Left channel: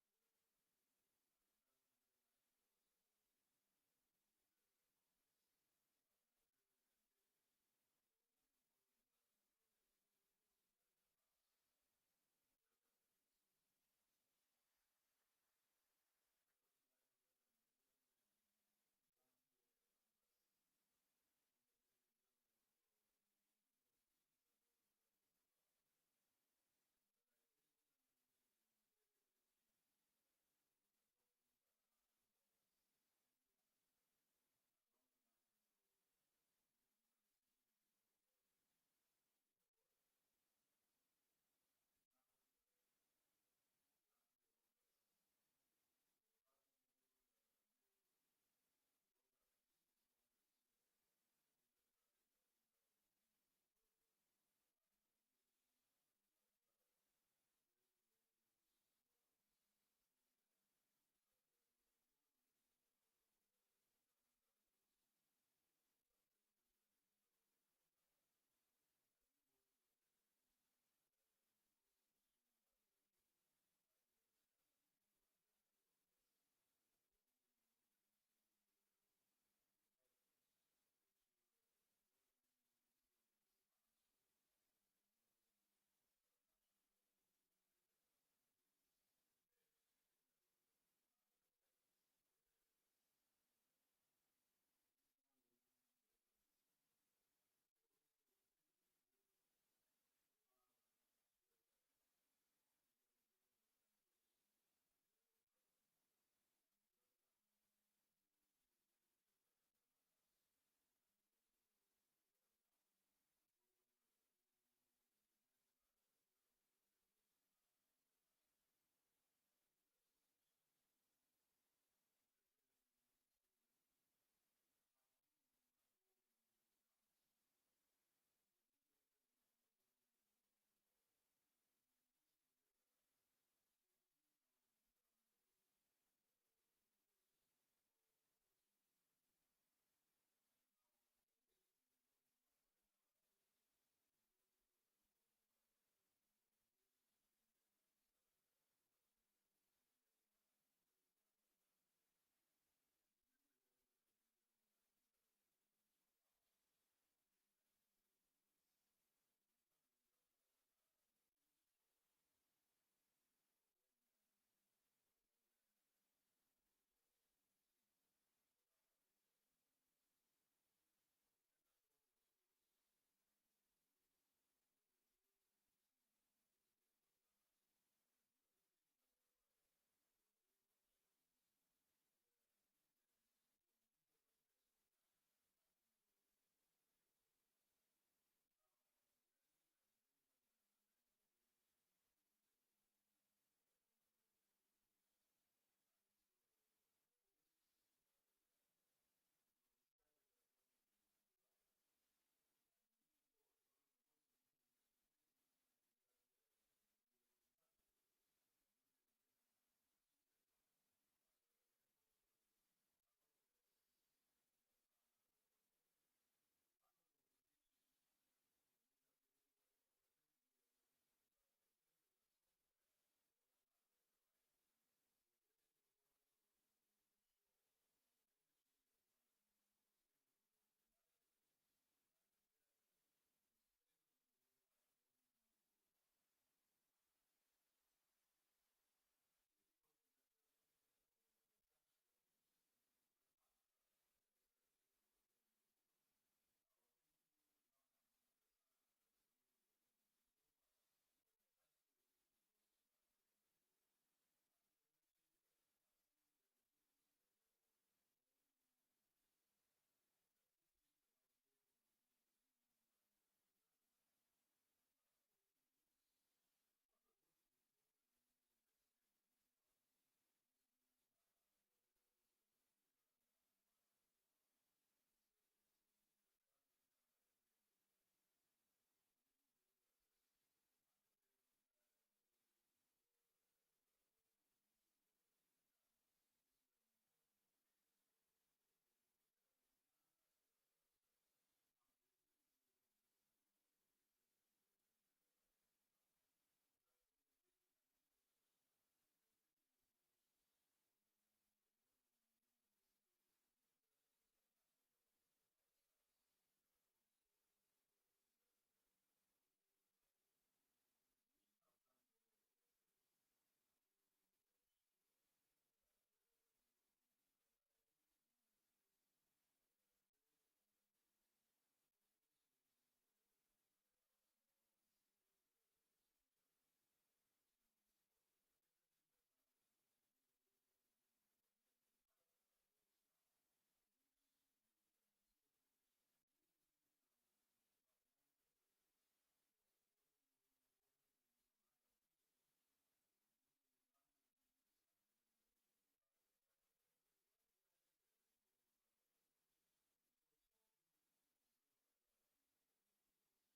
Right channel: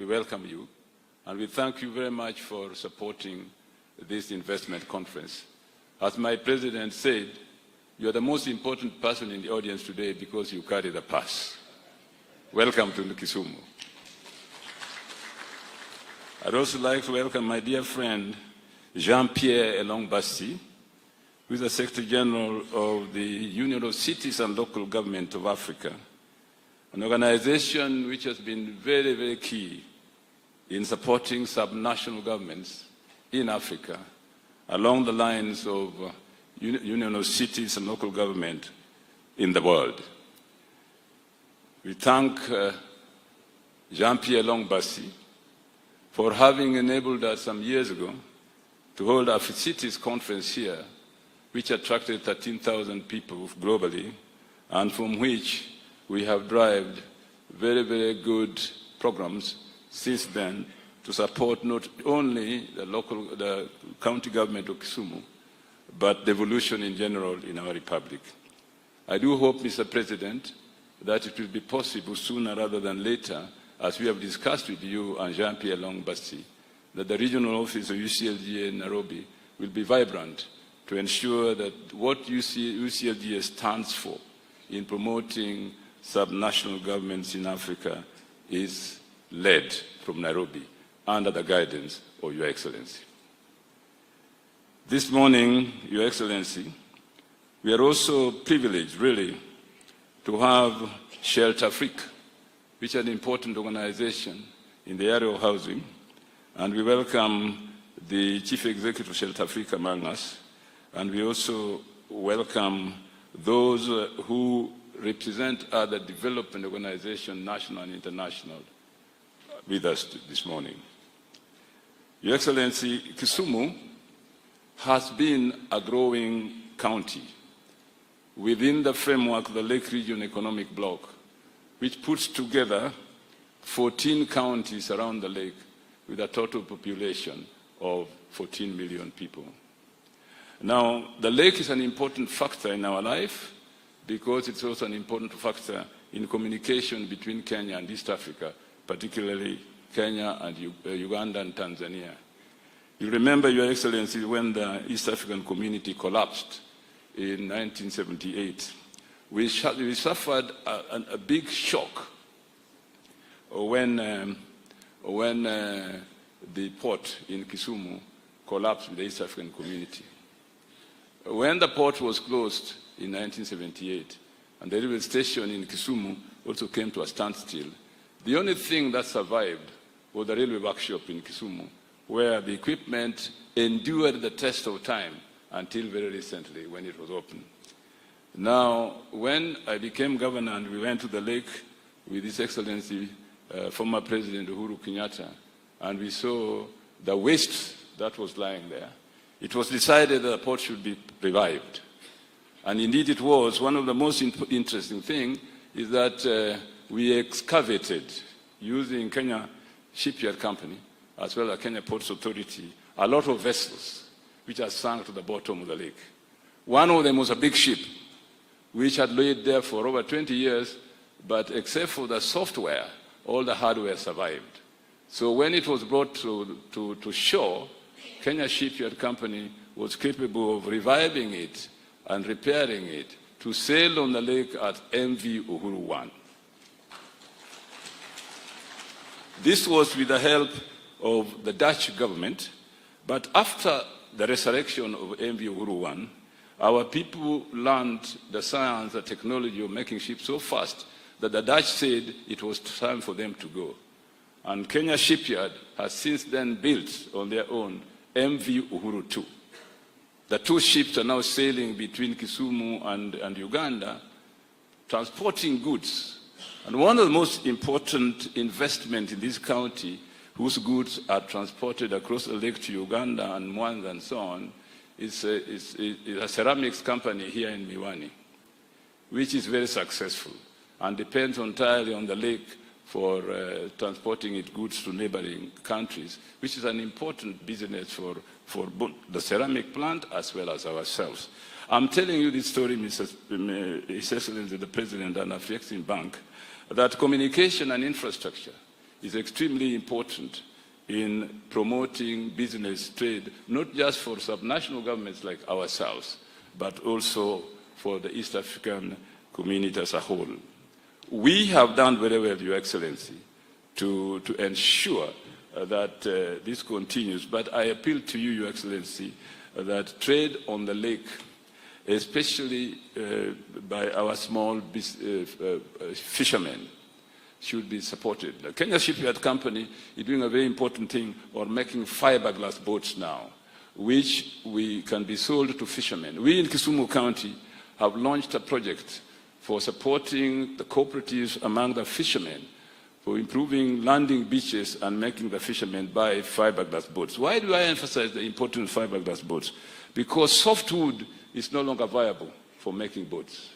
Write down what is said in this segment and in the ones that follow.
we welcome you, and we thank you very much for supporting this investment conference. As my president said, you are the most important person in the audience today because you carry the purse. Welcome to Kisumu. I'd also like to welcome my dear friend, Jean-Pierre Elongbassi, who is the Secretary General of the Union of Cities and Local Government of Africa, an organization which has been very, very key in supporting subnational governments in Africa along the lines of Union of Cities and Local Government in the world. We thank Jean-Pierre Elongbassi for having enabled us some years ago to hold our cities conference here, which attracted 13,000 people globally, and from which we have derived very, very good programs since then to support not only the county government of Kisumu, but the evolution in general in our republic. I do hope, Mr. President, that it will be possible sooner rather than later, as we have discussed with you and Jean-Pierre Elongbassi, that the regional office of UCLGA in Nairobi will be vibrant to ensure that what UCLGA stands for in promoting subnational governments in Africa is led from Nairobi under the guidance of Your Excellency. This morning, Your Excellency, we are also privileged, really, to have Shelter Africa, which is an important organization in the area of housing, and we welcome the Chief Executive of Shelter Africa among us, and we also welcome those who represent other development organizations, national and international, with us this morning. Your Excellency, Kisumu has been a growing county within the framework of the Lake Region Economic Bloc, which puts together 14 counties around the lake with a total population of 14 million people. Now, the lake is an important factor in our life because it's also an important factor in communication between Kenya and East Africa, particularly Kenya and Uganda and Tanzania. You remember, Your Excellency, when the East African community collapsed in 1978, we suffered a big shock when the port in Kisumu collapsed with the East African community. When the port was closed in 1978, and the railway station in Kisumu also came to a standstill, the only thing that survived was the railway workshop in Kisumu, where the equipment endured the test of time until very recently when it was opened. Now, when I became governor and we went to the lake with His Excellency, former President Uhuru Kenyatta, and we saw the waste that was lying there, it was decided that the port should be revived. And indeed it was. One of the most interesting things is that we excavated, using Kenya Shipyard Company, as well as Kenya Ports Authority, a lot of vessels which had sunk to the bottom of the lake. One of them was a big ship, which had laid there for over 20 years, but except for the software, all the hardware survived. So when it was brought to shore, Kenya Shipyard Company was capable of reviving it and repairing it to sail on the lake at MV Uhuru 1. This was with the help of the Dutch government, but after the resurrection of MV Uhuru 1, our people learned the science, the technology of making ships so fast that the Dutch said it was time for them to go. And Kenya Shipyard has since then built on their own MV Uhuru 2. The two ships are now sailing between Kisumu and Uganda, transporting goods. And one of the most important investments in this county, whose goods are transported across the lake to Uganda and Mwanza and so on, is a ceramics company here in Miwani, which is very successful and depends entirely on the lake for transporting its goods to neighboring countries, which is an important business for both the ceramic plant as well as ourselves. I'm telling you this story, His Excellency the President and Afrexim Bank, that communication and infrastructure is extremely important in promoting business trade, not just for subnational governments like ourselves, but also for the East African community as a whole. We have done very well, Your Excellency, to ensure that this continues. But I appeal to you, Your Excellency, that trade on the lake, especially by our small fishermen, should be supported. The Kenya Shipyard Company is doing a very important thing on making fiberglass boats now, which can be sold to fishermen. We in Kisumu County have launched a project for supporting the cooperatives among the fishermen, for improving landing beaches and making the fishermen buy fiberglass boats. Why do I emphasize the importance of fiberglass boats? Because softwood is no longer viable for making boats.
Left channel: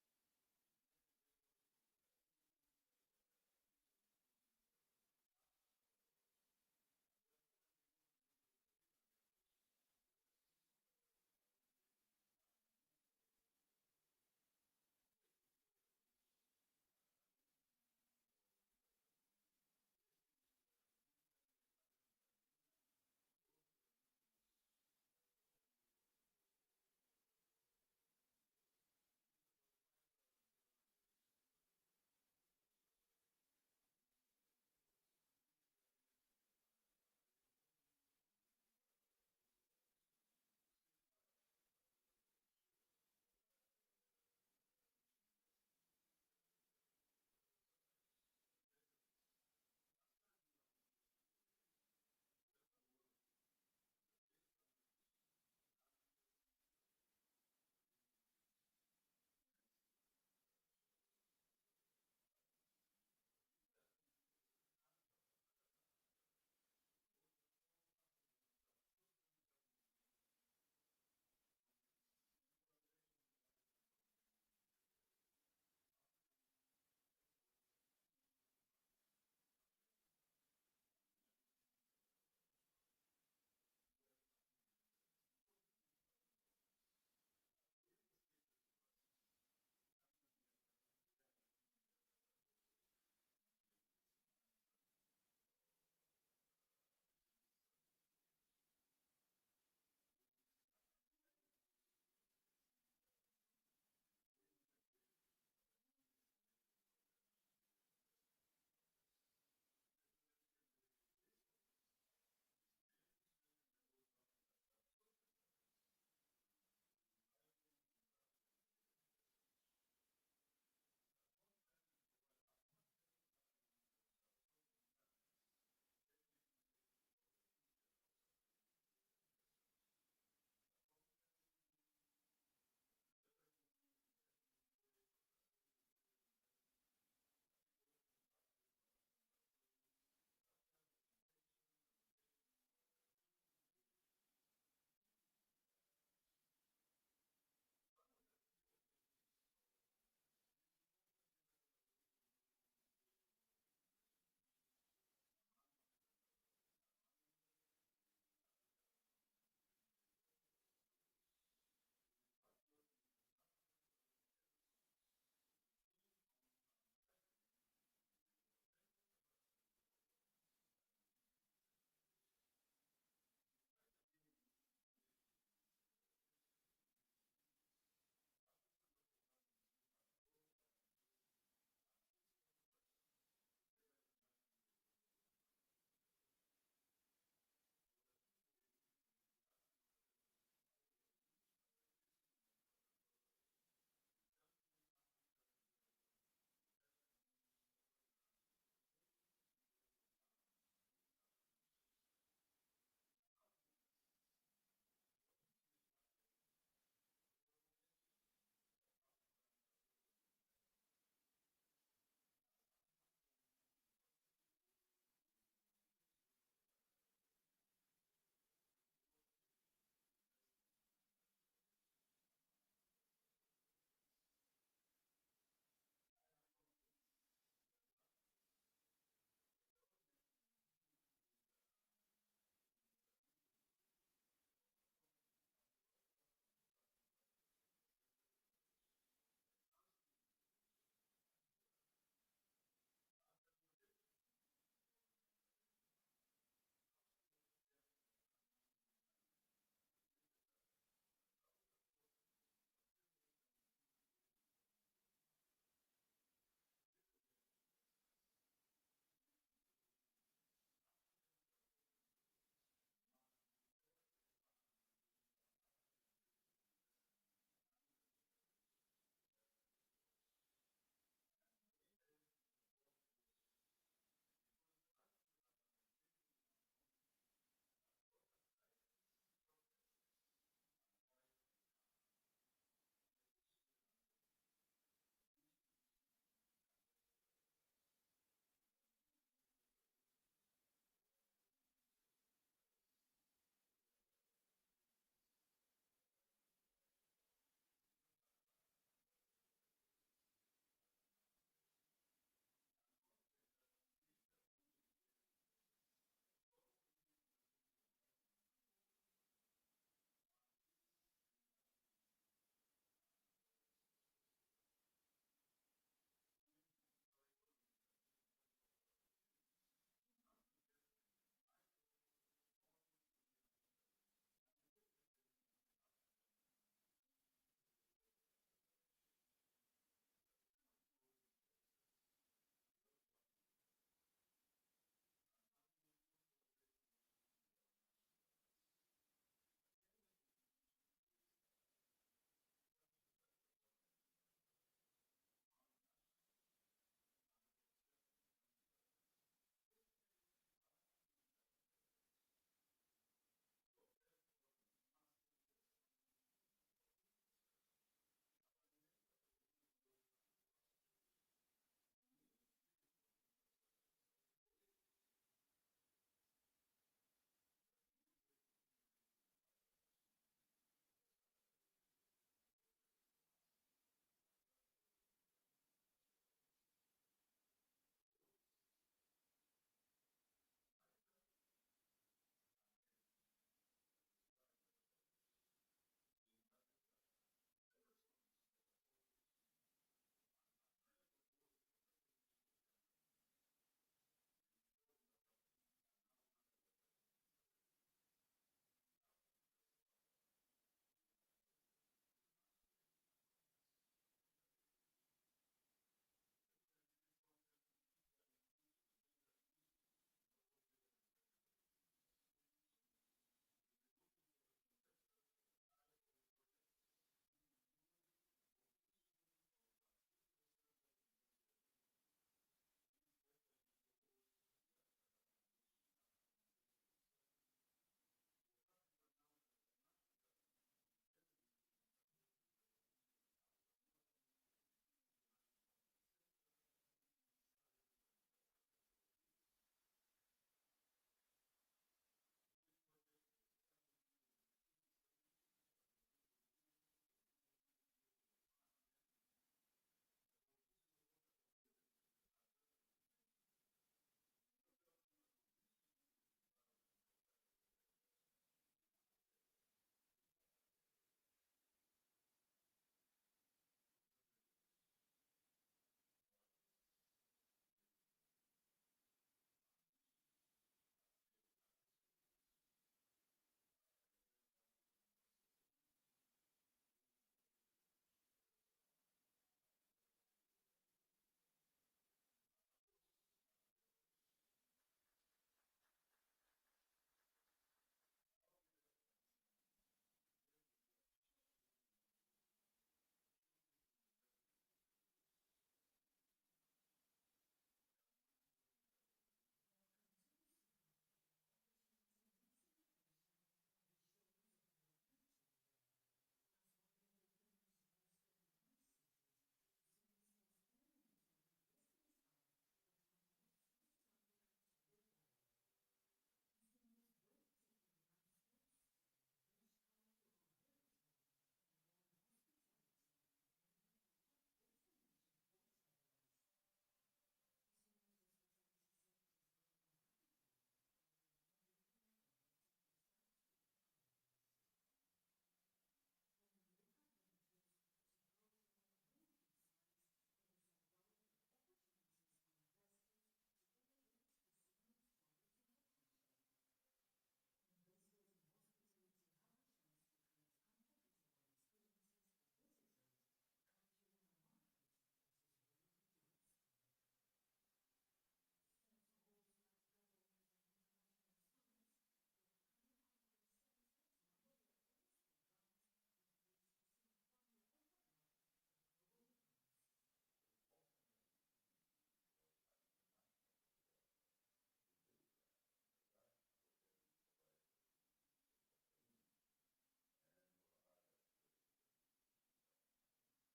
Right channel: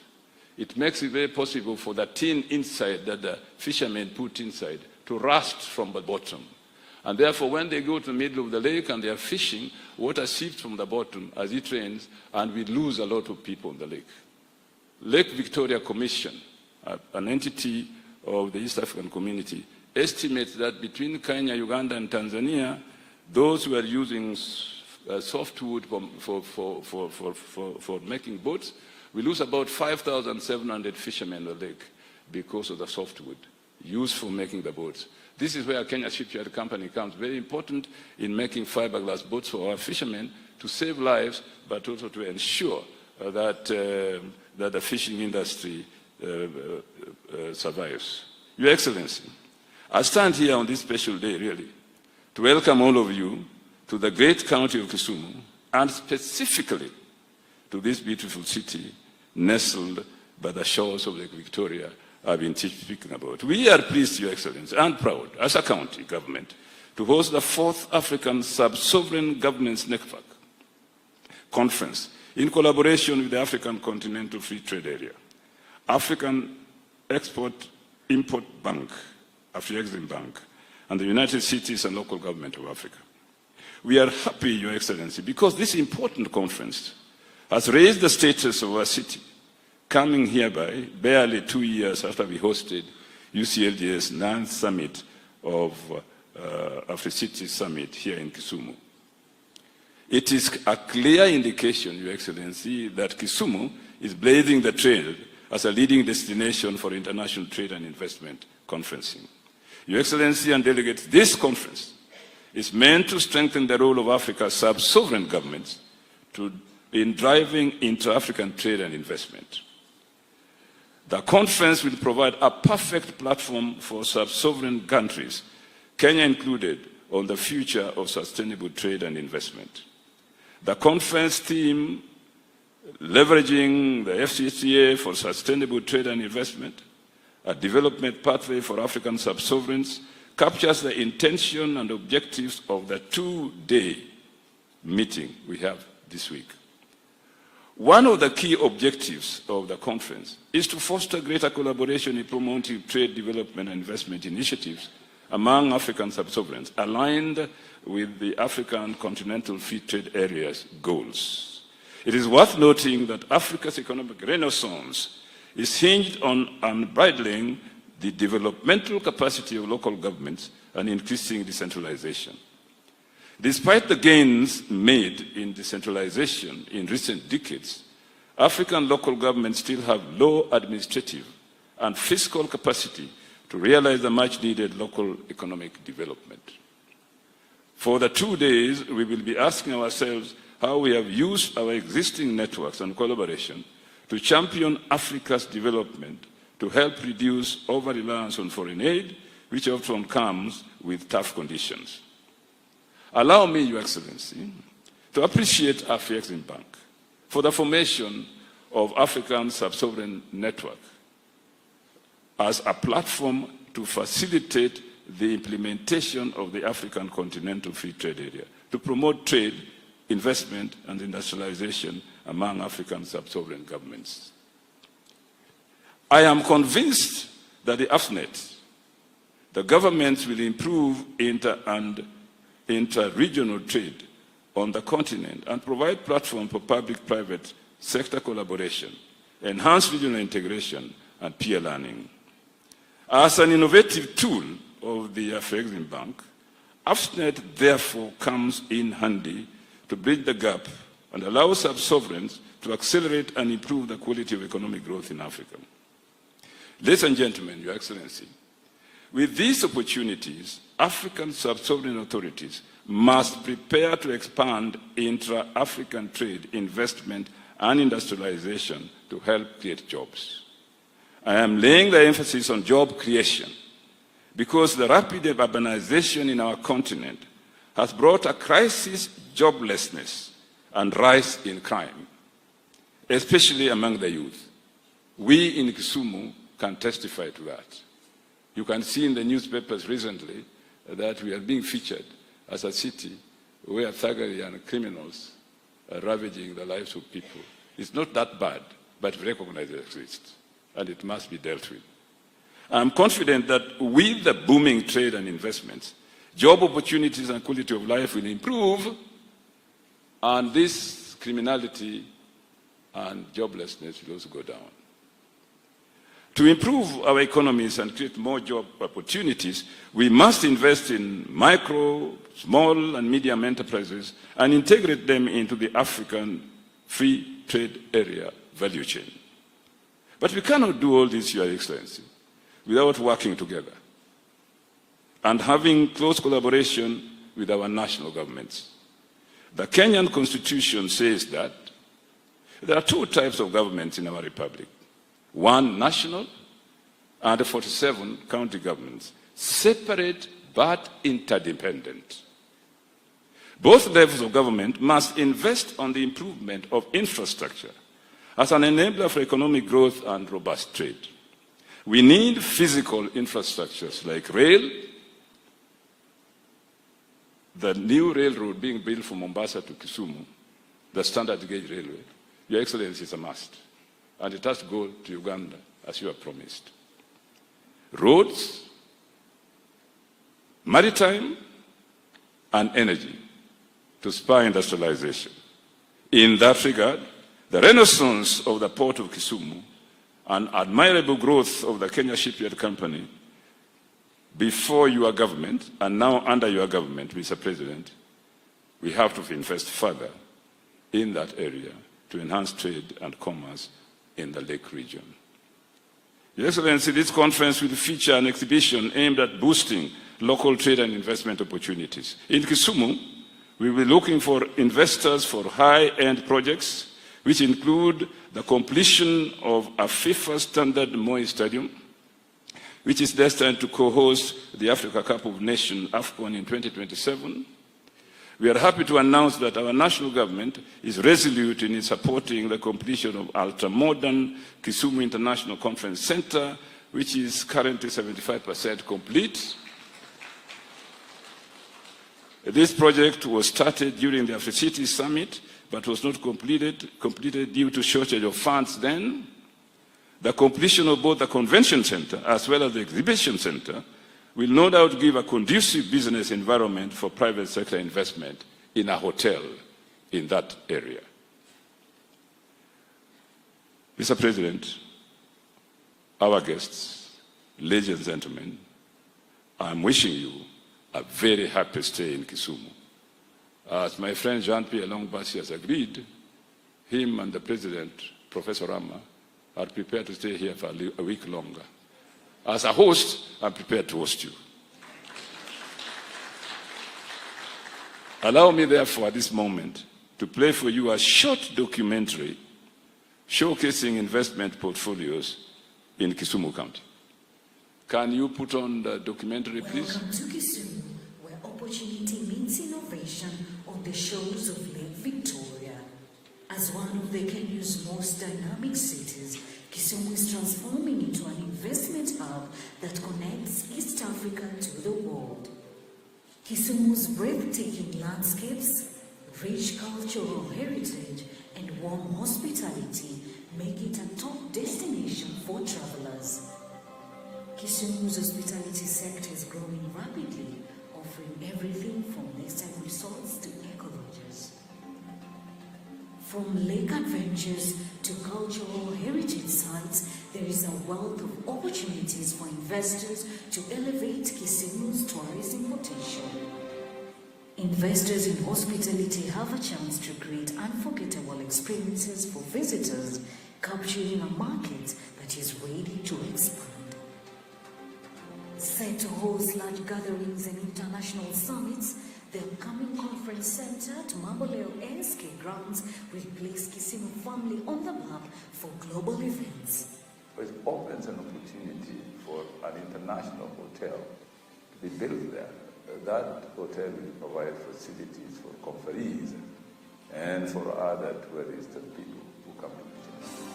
It makes it very possible for the tin inside that the fishermen put inside to rust from the bottom. And therefore, when they go to the middle of the lake and they are fishing, water seeps from the bottom as it rains, and we lose a lot of people in the lake. Lake Victoria Commission, an entity of the East African community, estimates that between Kenya, Uganda, and Tanzania, those who are using softwood for making boats, we lose about 5,700 fishermen in the lake because of the softwood used for making the boats. This is where Kenya Shipyard Company comes very important in making fiberglass boats for our fishermen to save lives, but also to ensure that the fishing industry survives. Your Excellency, I stand here on this special day, really, to welcome all of you to the great county of Kisumu, and specifically to this beautiful city nestled by the shores of Lake Victoria I've been speaking about. We are pleased, Your Excellency, and proud, as a county government, to host the 4th African Sub-Sovereign Governance Network Conference in collaboration with the African Continental Free Trade Area, African Export-Import Bank, Afrexim Bank, and the United Cities and Local Government of Africa. We are happy, Your Excellency, because this important conference has raised the status of our city, coming hereby barely 2 years after we hosted UCLG's 9th summit of Afri-City Summit here in Kisumu. It is a clear indication, Your Excellency, that Kisumu is blazing the trail as a leading destination for international trade and investment conferencing. Your Excellency and delegates, this conference is meant to strengthen the role of Africa's sub-sovereign governments in driving intra-African trade and investment. The conference will provide a perfect platform for sub-sovereign countries, Kenya included, on the future of sustainable trade and investment. The conference theme, leveraging the FCCA for sustainable trade and investment, a development pathway for African sub-sovereigns, captures the intention and objectives of the 2-day meeting we have this week. One of the key objectives of the conference is to foster greater collaboration in promoting trade development and investment initiatives among African sub-sovereigns, aligned with the African Continental Free Trade Area's goals. It is worth noting that Africa's economic renaissance is hinged on unbridling the developmental capacity of local governments and increasing decentralization. Despite the gains made in decentralization in recent decades, African local governments still have low administrative and fiscal capacity to realize the much-needed local economic development. For the 2 days, we will be asking ourselves how we have used our existing networks and collaboration to champion Africa's development to help reduce over-reliance on foreign aid, which often comes with tough conditions. Allow me, Your Excellency, to appreciate Afrexim Bank for the formation of African Sub-Sovereign Network as a platform to facilitate the implementation of the African Continental Free Trade Area, to promote trade, investment, and industrialization among African sub-sovereign governments. I am convinced that the AFNet, the governments will improve inter-regional trade on the continent and provide platform for public-private sector collaboration, enhance regional integration, and peer learning. As an innovative tool of the Afrexim Bank, AFSNet therefore comes in handy to bridge the gap and allow sub-sovereigns to accelerate and improve the quality of economic growth in Africa. Ladies and gentlemen, Your Excellency, with these opportunities, African sub-sovereign authorities must prepare to expand intra-African trade, investment, and industrialization to help create jobs. I am laying the emphasis on job creation because the rapid urbanization in our continent has brought a crisis, joblessness, and rise in crime, especially among the youth. We in Kisumu can testify to that. You can see in the newspapers recently that we are being featured as a city where thuggery and criminals are ravaging the lives of people. It's not that bad, but we recognize it exists, and it must be dealt with. I'm confident that with the booming trade and investments, job opportunities and quality of life will improve, and this criminality and joblessness will also go down. To improve our economies and create more job opportunities, we must invest in micro, small, and medium enterprises and integrate them into the African free trade area value chain. But we cannot do all this, Your Excellency, without working together and having close collaboration with our national governments. The Kenyan Constitution says that there are two types of governments in our republic. One national and 47 county governments, separate but interdependent. Both levels of government must invest on the improvement of infrastructure as an enabler for economic growth and robust trade. We need physical infrastructures like rail, the new railroad being built from Mombasa to Kisumu, the standard gauge railway. Your Excellency, is a must. And it has to go to Uganda, as you have promised. Roads, maritime, and energy to spur industrialization. In that regard, the renaissance of the port of Kisumu and admirable growth of the Kenya Shipyard Company before your government and now under your government, Mr. President, we have to invest further in that area to enhance trade and commerce in the Lake region. Your Excellency, this conference will feature an exhibition aimed at boosting local trade and investment opportunities. In Kisumu, we will be looking for investors for high-end projects, which include the completion of a FIFA standard Moi Stadium, which is destined to co-host the Africa Cup of Nations, AFCON, in 2027. We are happy to announce that our national government is resolute in supporting the completion of ultra-modern Kisumu International Conference Center, which is currently 75% complete. This project was started during the AfriCity Summit, but was not completed due to shortage of funds then. The completion of both the convention center as well as the exhibition center will no doubt give a conducive business environment for private sector investment in a hotel in that area. Mr. President, our guests, ladies and gentlemen, I'm wishing you a very happy stay in Kisumu. As my friend Jean-Pierre Longbasi has agreed, him and the President, Professor Rama, are prepared to stay here for a week longer. As a host, I'm prepared to host you. Allow me, therefore, at this moment, to play for you a short documentary showcasing investment portfolios in Kisumu County. Can you put on the documentary, please? Welcome to Kisumu, where opportunity meets innovation on the shores of Lake Victoria. As one of the Kenya's most dynamic cities, Kisumu is transforming into an investment hub that connects East Africa to the world. Kisumu's breathtaking landscapes, rich cultural heritage, and warm hospitality make it a top destination for travelers. Kisumu's hospitality sector is growing rapidly, offering everything from lakeside resorts to eco-lodges. From lake adventures to cultural heritage sites, there is a wealth of opportunities for investment investors to elevate Kisumu's tourism potential. Investors in hospitality have a chance to create unforgettable experiences for visitors, capturing a market that is ready to expand. Set to host large gatherings and international summits, the upcoming conference center at Mamboleo ASK grounds will place Kisumu family on the map for global events. It opens an opportunity for an international hotel to be built there. That hotel will provide facilities for conferees and for other tourists and people who come to Kisumu.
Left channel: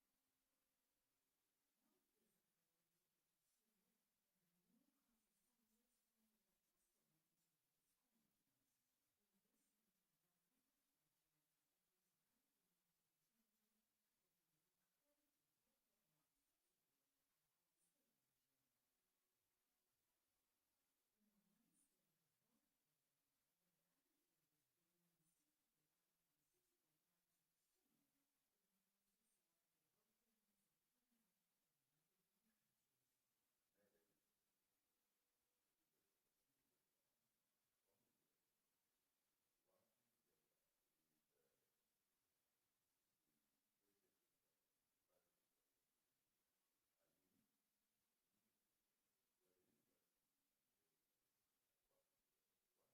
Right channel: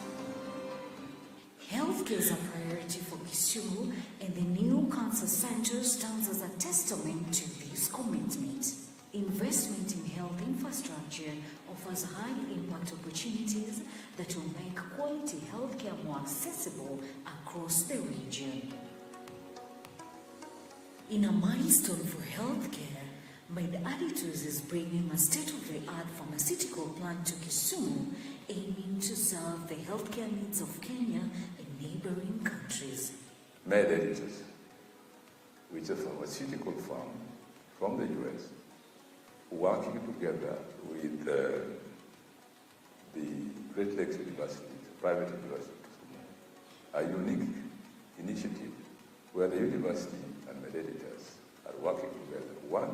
Healthcare is a priority for Kisumu, and the new cancer center stands as a testament to this commitment. Investment in health infrastructure offers high-impact opportunities that will make quality healthcare more accessible across the region. In a milestone for healthcare, MedAdditors is bringing a state-of-the-art pharmaceutical plant to Kisumu, aiming to serve the healthcare needs of Kenya and neighboring countries. MedAdditors, which is a pharmaceutical firm from the US, working together with the Great Lakes University, private university, a unique initiative where the university and MedAdditors are working together. One,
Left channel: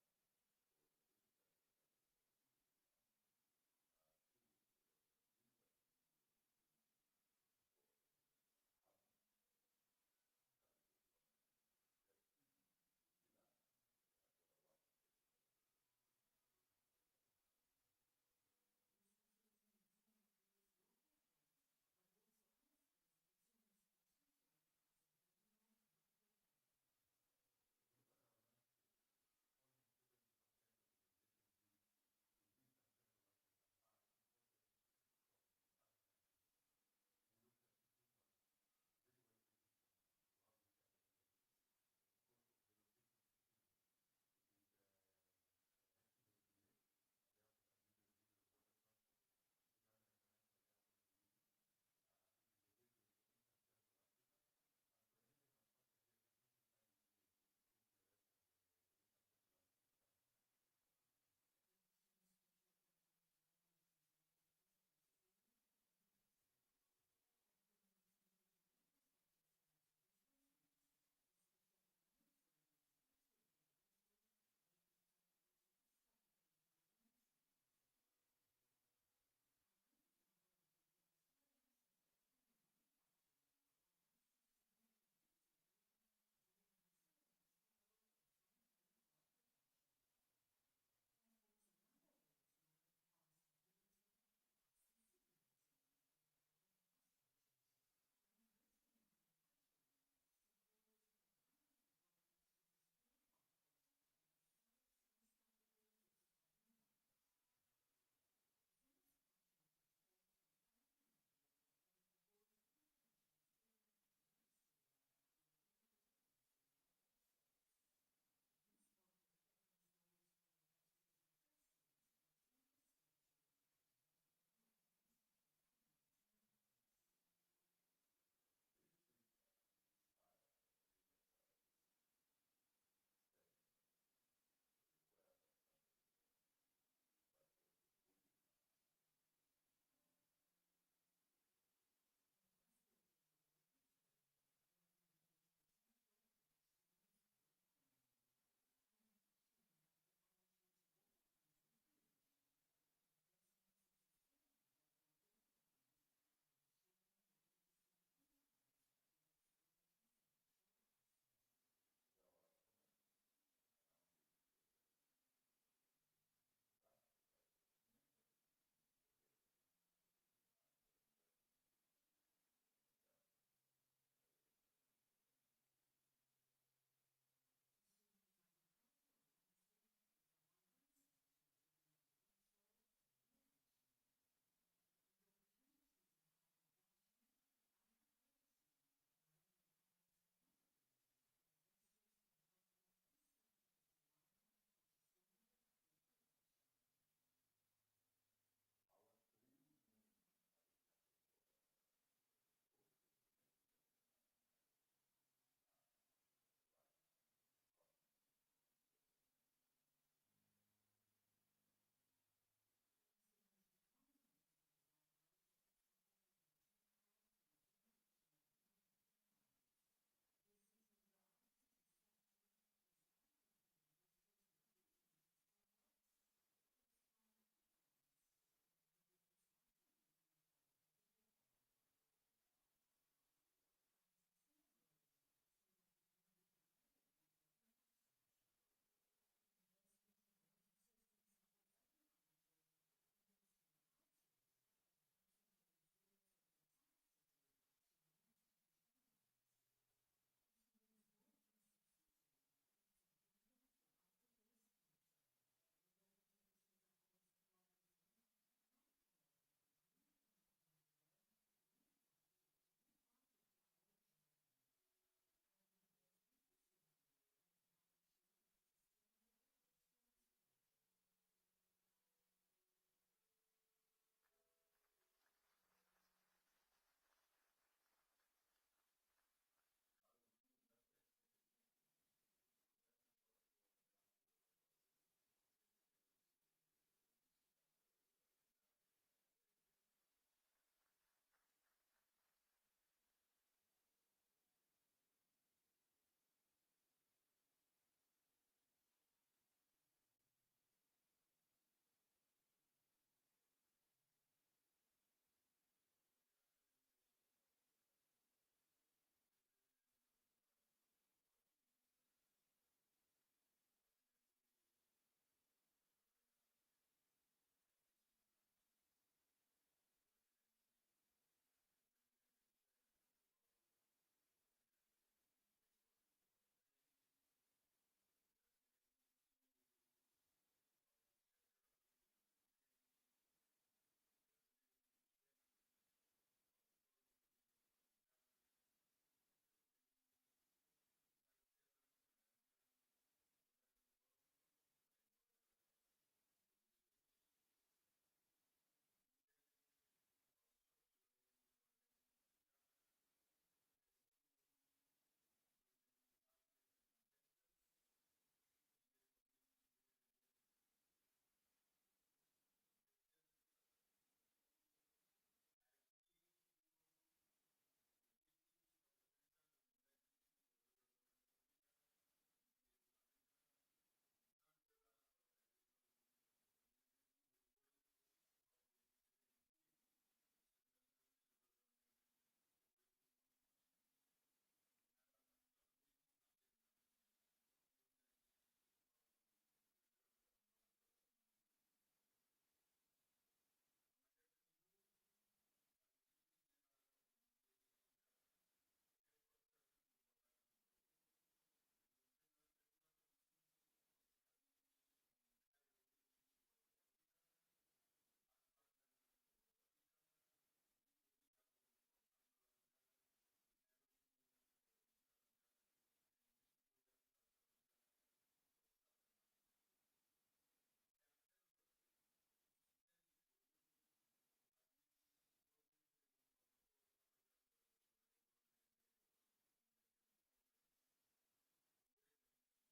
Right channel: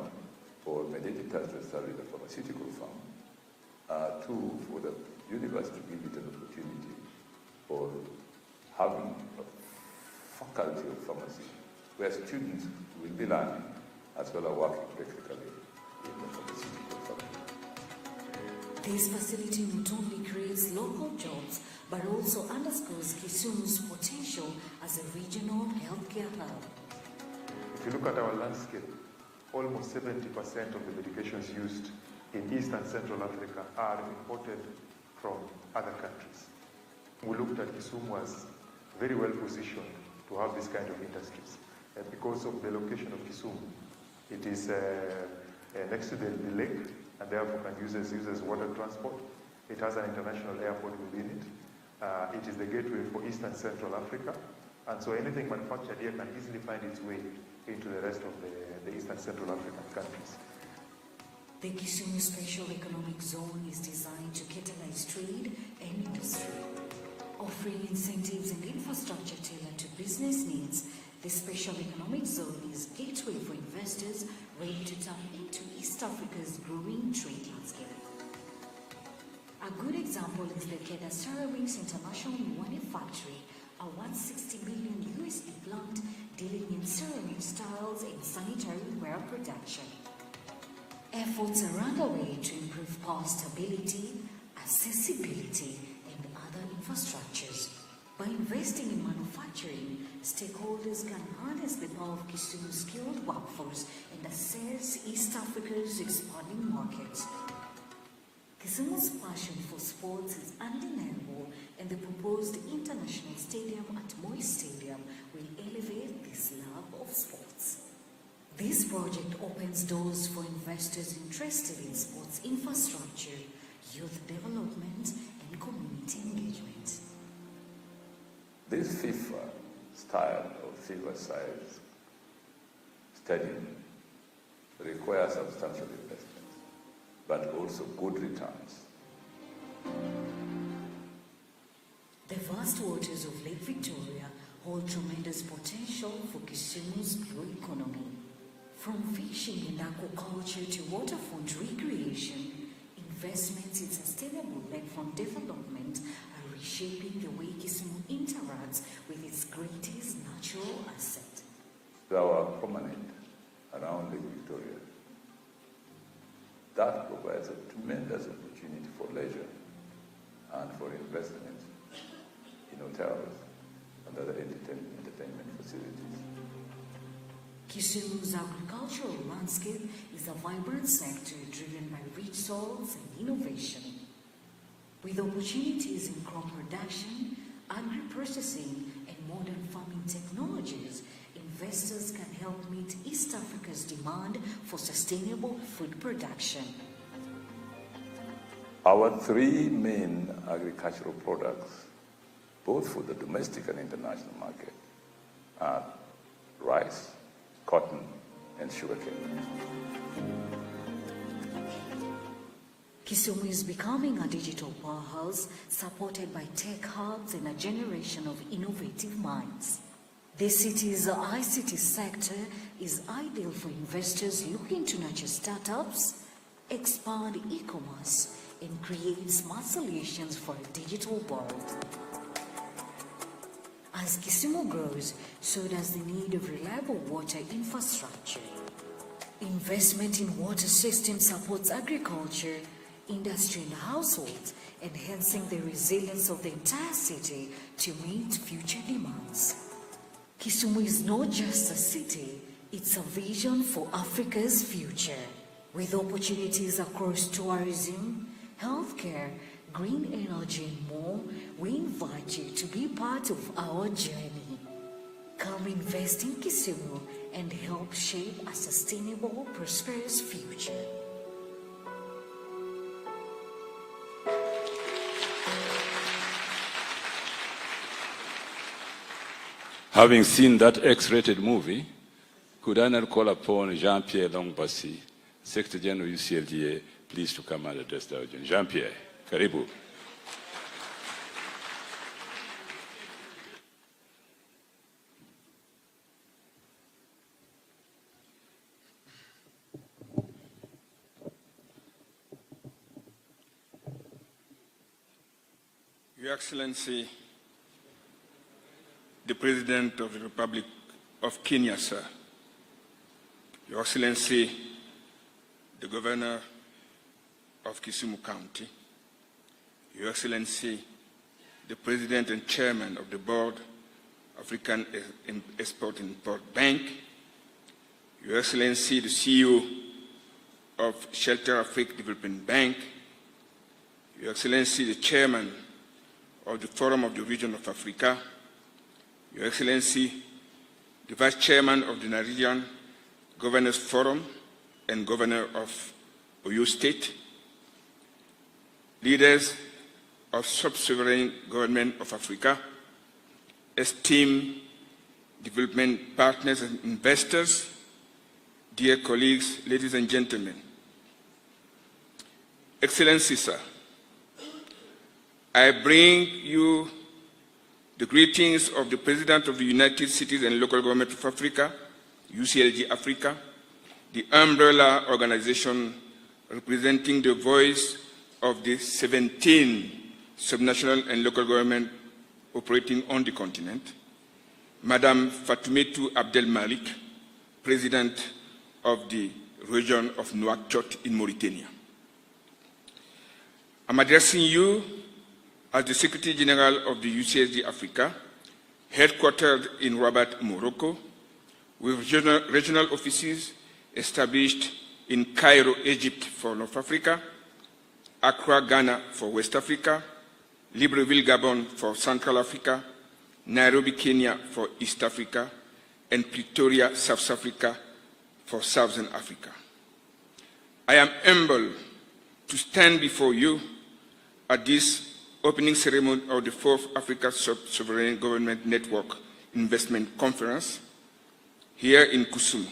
for MedAdditors to establish a pharmaceutical firm. Two, for the university to give it an opportunity for having a faculty of pharmacy where students will be learning as well as working practically in the pharmaceutical firm. This facility not only creates local jobs, but also underscores Kisumu's potential as a regional healthcare hub. If you look at our landscape, almost 70% of the medications used in East and Central Africa are imported from other countries. We looked at Kisumu as very well positioned to have this kind of industries. And because of the location of Kisumu, it is next to the lake, and therefore uses water transport. It has an international airport within it. It is the gateway for East and Central Africa. And so anything manufactured here can easily find its way into the rest of the East and Central African countries. The Kisumu Special Economic Zone is designed to catalyze trade and industry. Offering incentives and infrastructure tailored to business needs, the Special Economic Zone is a gateway for investors ready to tap into East Africa's growing trade landscape. A good example is the Keda Ceramics International Miwani Factory, a $160 million USD plant dealing in ceramic styles and sanitary ware production. Efforts are underway to improve power stability, accessibility, and other infrastructures. By investing in manufacturing, stakeholders can harness the power of Kisumu's skilled workforce and assess East Africa's expanding markets. Kisumu's passion for sports is undeniable, and the proposed international stadium at Moi Stadium will elevate this love of sports. This project opens doors for investors interested in sports infrastructure, youth development, and community engagement. This FIFA style of FIFA-size stadium requires substantial investment, but also good returns. The vast waters of Lake Victoria hold tremendous potential for Kisumu's blue economy. From fishing and aquaculture to waterfront recreation, investments in sustainable lakefront development are reshaping the way Kisumu interacts with its greatest natural asset. Our promenade around Lake Victoria, that provides a tremendous opportunity for leisure and for investment in hotels and other entertainment facilities. Kisumu's agricultural landscape is a vibrant sector driven by rich soils and innovation. With opportunities in crop production, agri-processing, and modern farming technologies, investors can help meet East Africa's demand for sustainable food production. Our three main agricultural products, both for the domestic and international market, are rice, cotton, and sugarcane. Kisumu is becoming a digital powerhouse supported by tech hubs and a generation of innovative minds. The city's ICT sector is ideal for investors looking to nurture startups, expand e-commerce, and create smart solutions for a digital world. As Kisumu grows, so does the need of reliable water infrastructure. Investment in water systems supports agriculture, industry and households, enhancing the resilience of the entire city to meet future demands. Kisumu is not just a city, it's a vision for Africa's future. With opportunities across tourism, healthcare, green energy and more, we invite you to be part of our journey. Come invest in Kisumu and help shape a sustainable, prosperous future. Having seen that X-rated movie, could I not call upon Jean-Pierre Longbasi, Secretary General UCLGA, please to come and address the audience. Jean-Pierre, karibu. Your Excellency, the President of the Republic of Kenya, sir, Your Excellency, the Governor of Kisumu County, Your Excellency, the President and Chairman of the Board, African Export-Import Bank, Your Excellency, the CEO of Shelter Africa Development Bank, Your Excellency, the Chairman of the Forum of the Region of Africa, Your Excellency, the Vice Chairman of the Nigerian Governors Forum and Governor of Oyo State, leaders of sub-sovereign government of Africa, esteemed development partners and investors, dear colleagues, ladies and gentlemen. Excellency, sir, I bring you the greetings of the President of the United Cities and Local Government of Africa, UCLG Africa, the umbrella organization representing the voice of the 17 subnational and local government operating on the continent, Madam Fatoumata Abdel Malik, President of the region of Nouakchott in Mauritania. I'm addressing you as the Secretary General of the UCSD Africa, headquartered in Rabat, Morocco, with regional offices established in Cairo, Egypt for North Africa, Accra, Ghana for West Africa, Libreville, Gabon for Central Africa, Nairobi, Kenya for East Africa, and Pretoria, South Africa for Southern Africa. I am humbled to stand before you at this opening ceremony of the 4th Africa Sovereign Government Network Investment Conference here in Kisumu.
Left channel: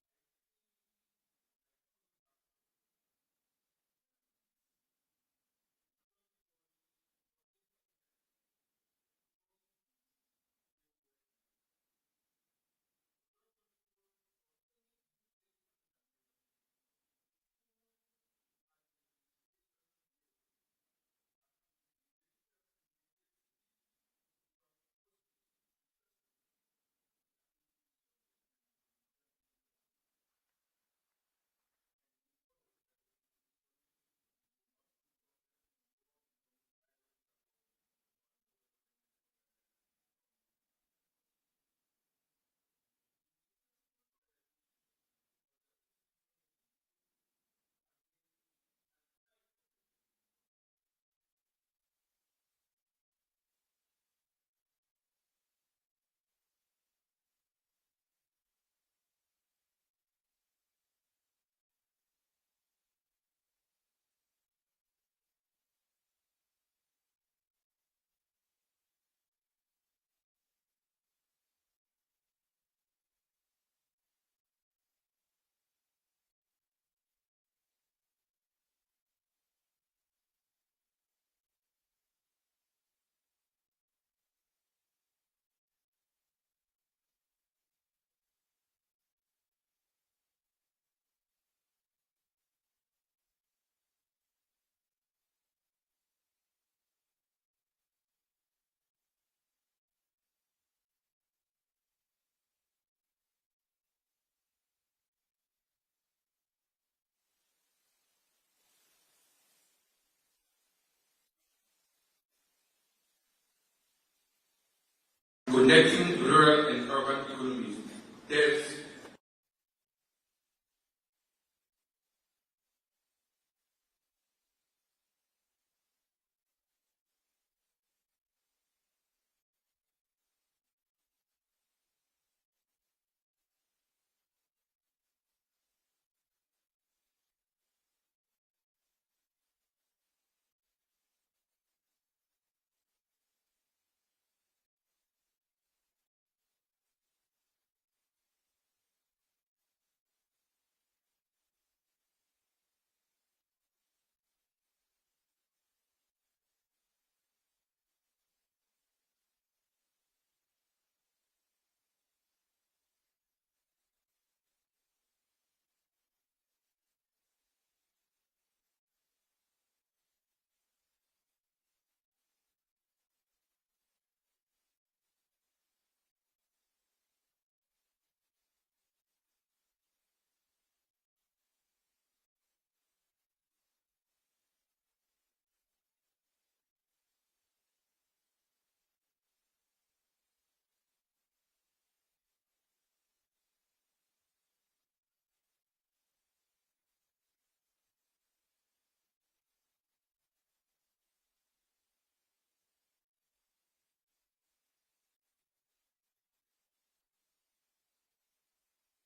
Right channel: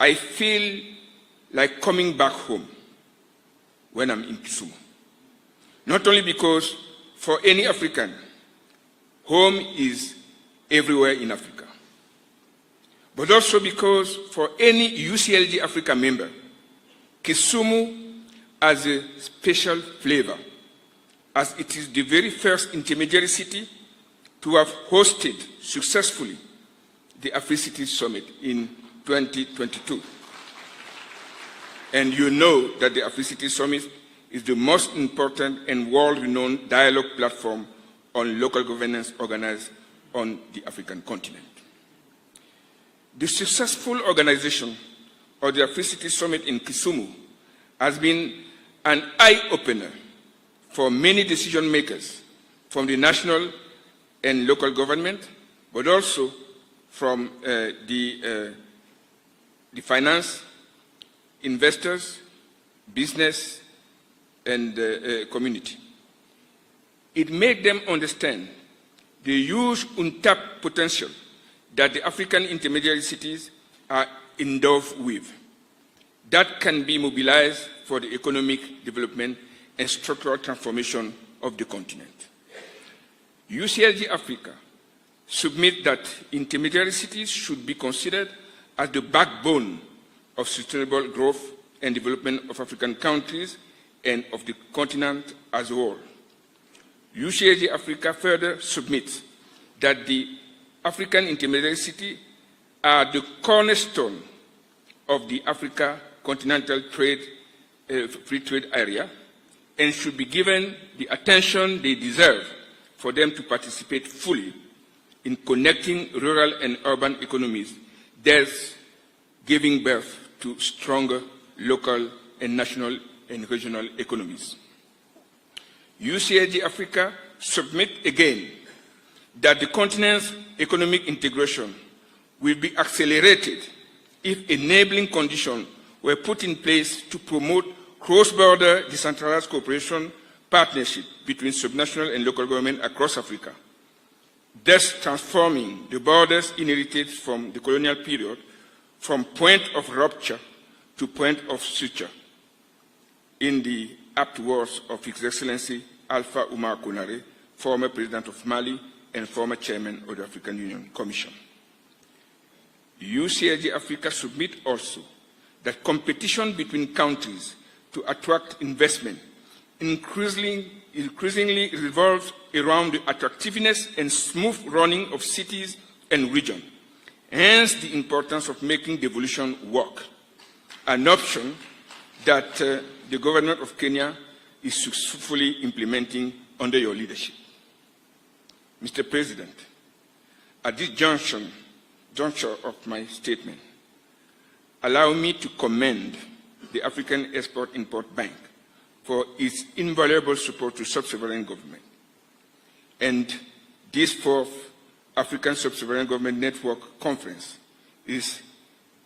I feel like coming back home when I'm in Kisumu. Not only because for any African, home is everywhere in Africa, but also because for any UCLG Africa member, Kisumu has a special flavor, as it is the very first intermediary city to have hosted successfully the Africity Summit in 2022. And you know that the Africity Summit is the most important and world-renowned dialogue platform on local governance organized on the African continent. The successful organization of the Africity Summit in Kisumu has been an eye-opener for many decision makers from the national and local government, but also from the finance, investors, business, and community. It made them understand the huge untapped potential that the African intermediary cities are endowed with that can be mobilized for the economic development and structural transformation of the continent. UCLG Africa submit that intermediary cities should be considered as the backbone of sustainable growth and development of African countries and of the continent as a whole. UCLG Africa further submits that the African intermediary cities are the cornerstone of the Africa continental free trade area and should be given the attention they deserve for them to participate fully in connecting rural and urban economies, thus giving birth to stronger local and national and regional economies. UCLG Africa submit again that the continent's economic integration will be accelerated if enabling conditions were put in place to promote cross-border decentralized cooperation partnership between subnational and local government across Africa, thus transforming the borders inherited from the colonial period from point of rupture to point of suture, in the apt words of His Excellency Alpha Oumar Konaré, former President of Mali and former Chairman of the African Union Commission. UCLG Africa submit also that competition between countries to attract investment increasingly revolves around the attractiveness and smooth running of cities and regions, hence the importance of making devolution work, an option that the government of Kenya is successfully implementing under your leadership. Mr. President, at this juncture of my statement, allow me to commend the African Export-Import Bank for its invaluable support to sub-sovereign government. And this fourth African Sub-Sovereign Government Network Conference is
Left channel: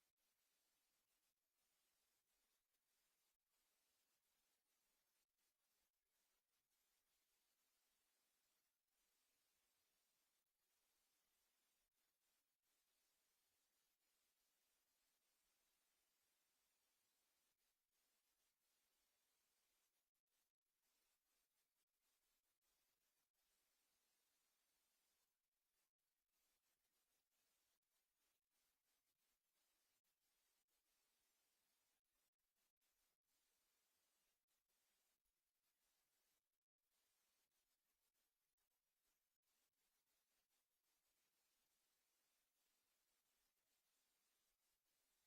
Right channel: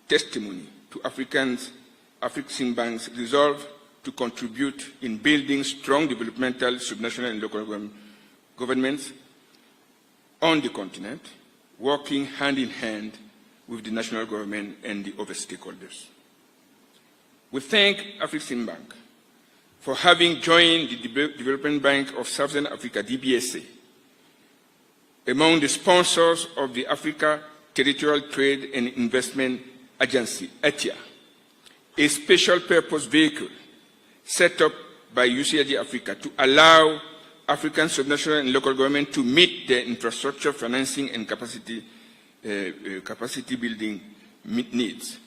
testimony to African Bank's resolve to contribute in building strong developmental subnational and local governments on the continent, working hand in hand with the national government and the other stakeholders. We thank African Bank for having joined the Development Bank of Southern Africa, DBSA, among the sponsors of the Africa Territorial Trade and Investment Agency, ATIA, a special purpose vehicle set up by UCLG Africa to allow African subnational and local government to meet their infrastructure financing and capacity building needs.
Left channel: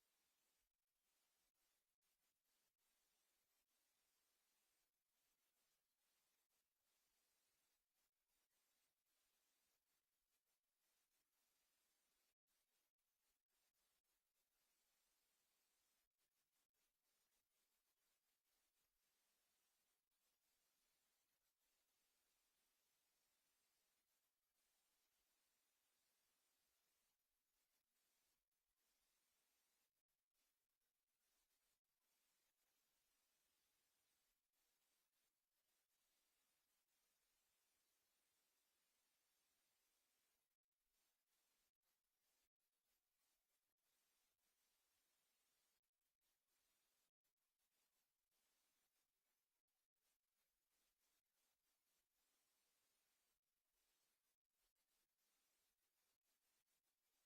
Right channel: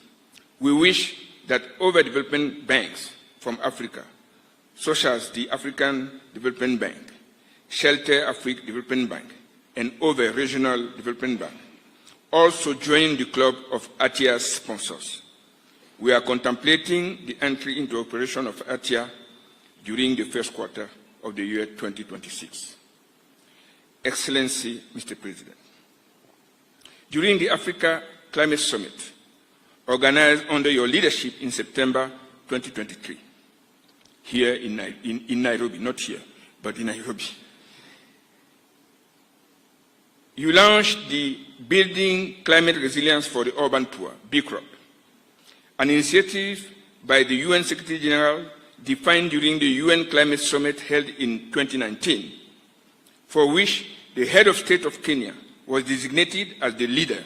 We wish that other development banks from Africa, such as the African Development Bank, Shelter Africa Development Bank, and other regional development banks, also join the club of ATIA's sponsors. We are contemplating the entry into operation of ATIA during the first quarter of the year 2026. Excellency, Mr. President, during the Africa Climate Summit, organized under your leadership in September 2023, here in Nairobi, not here, but in Nairobi, you launched the Building Climate Resilience for the Urban Poor, BCROP, an initiative by the UN Secretary General defined during the UN Climate Summit held in 2019, for which the head of state of Kenya was designated as the leader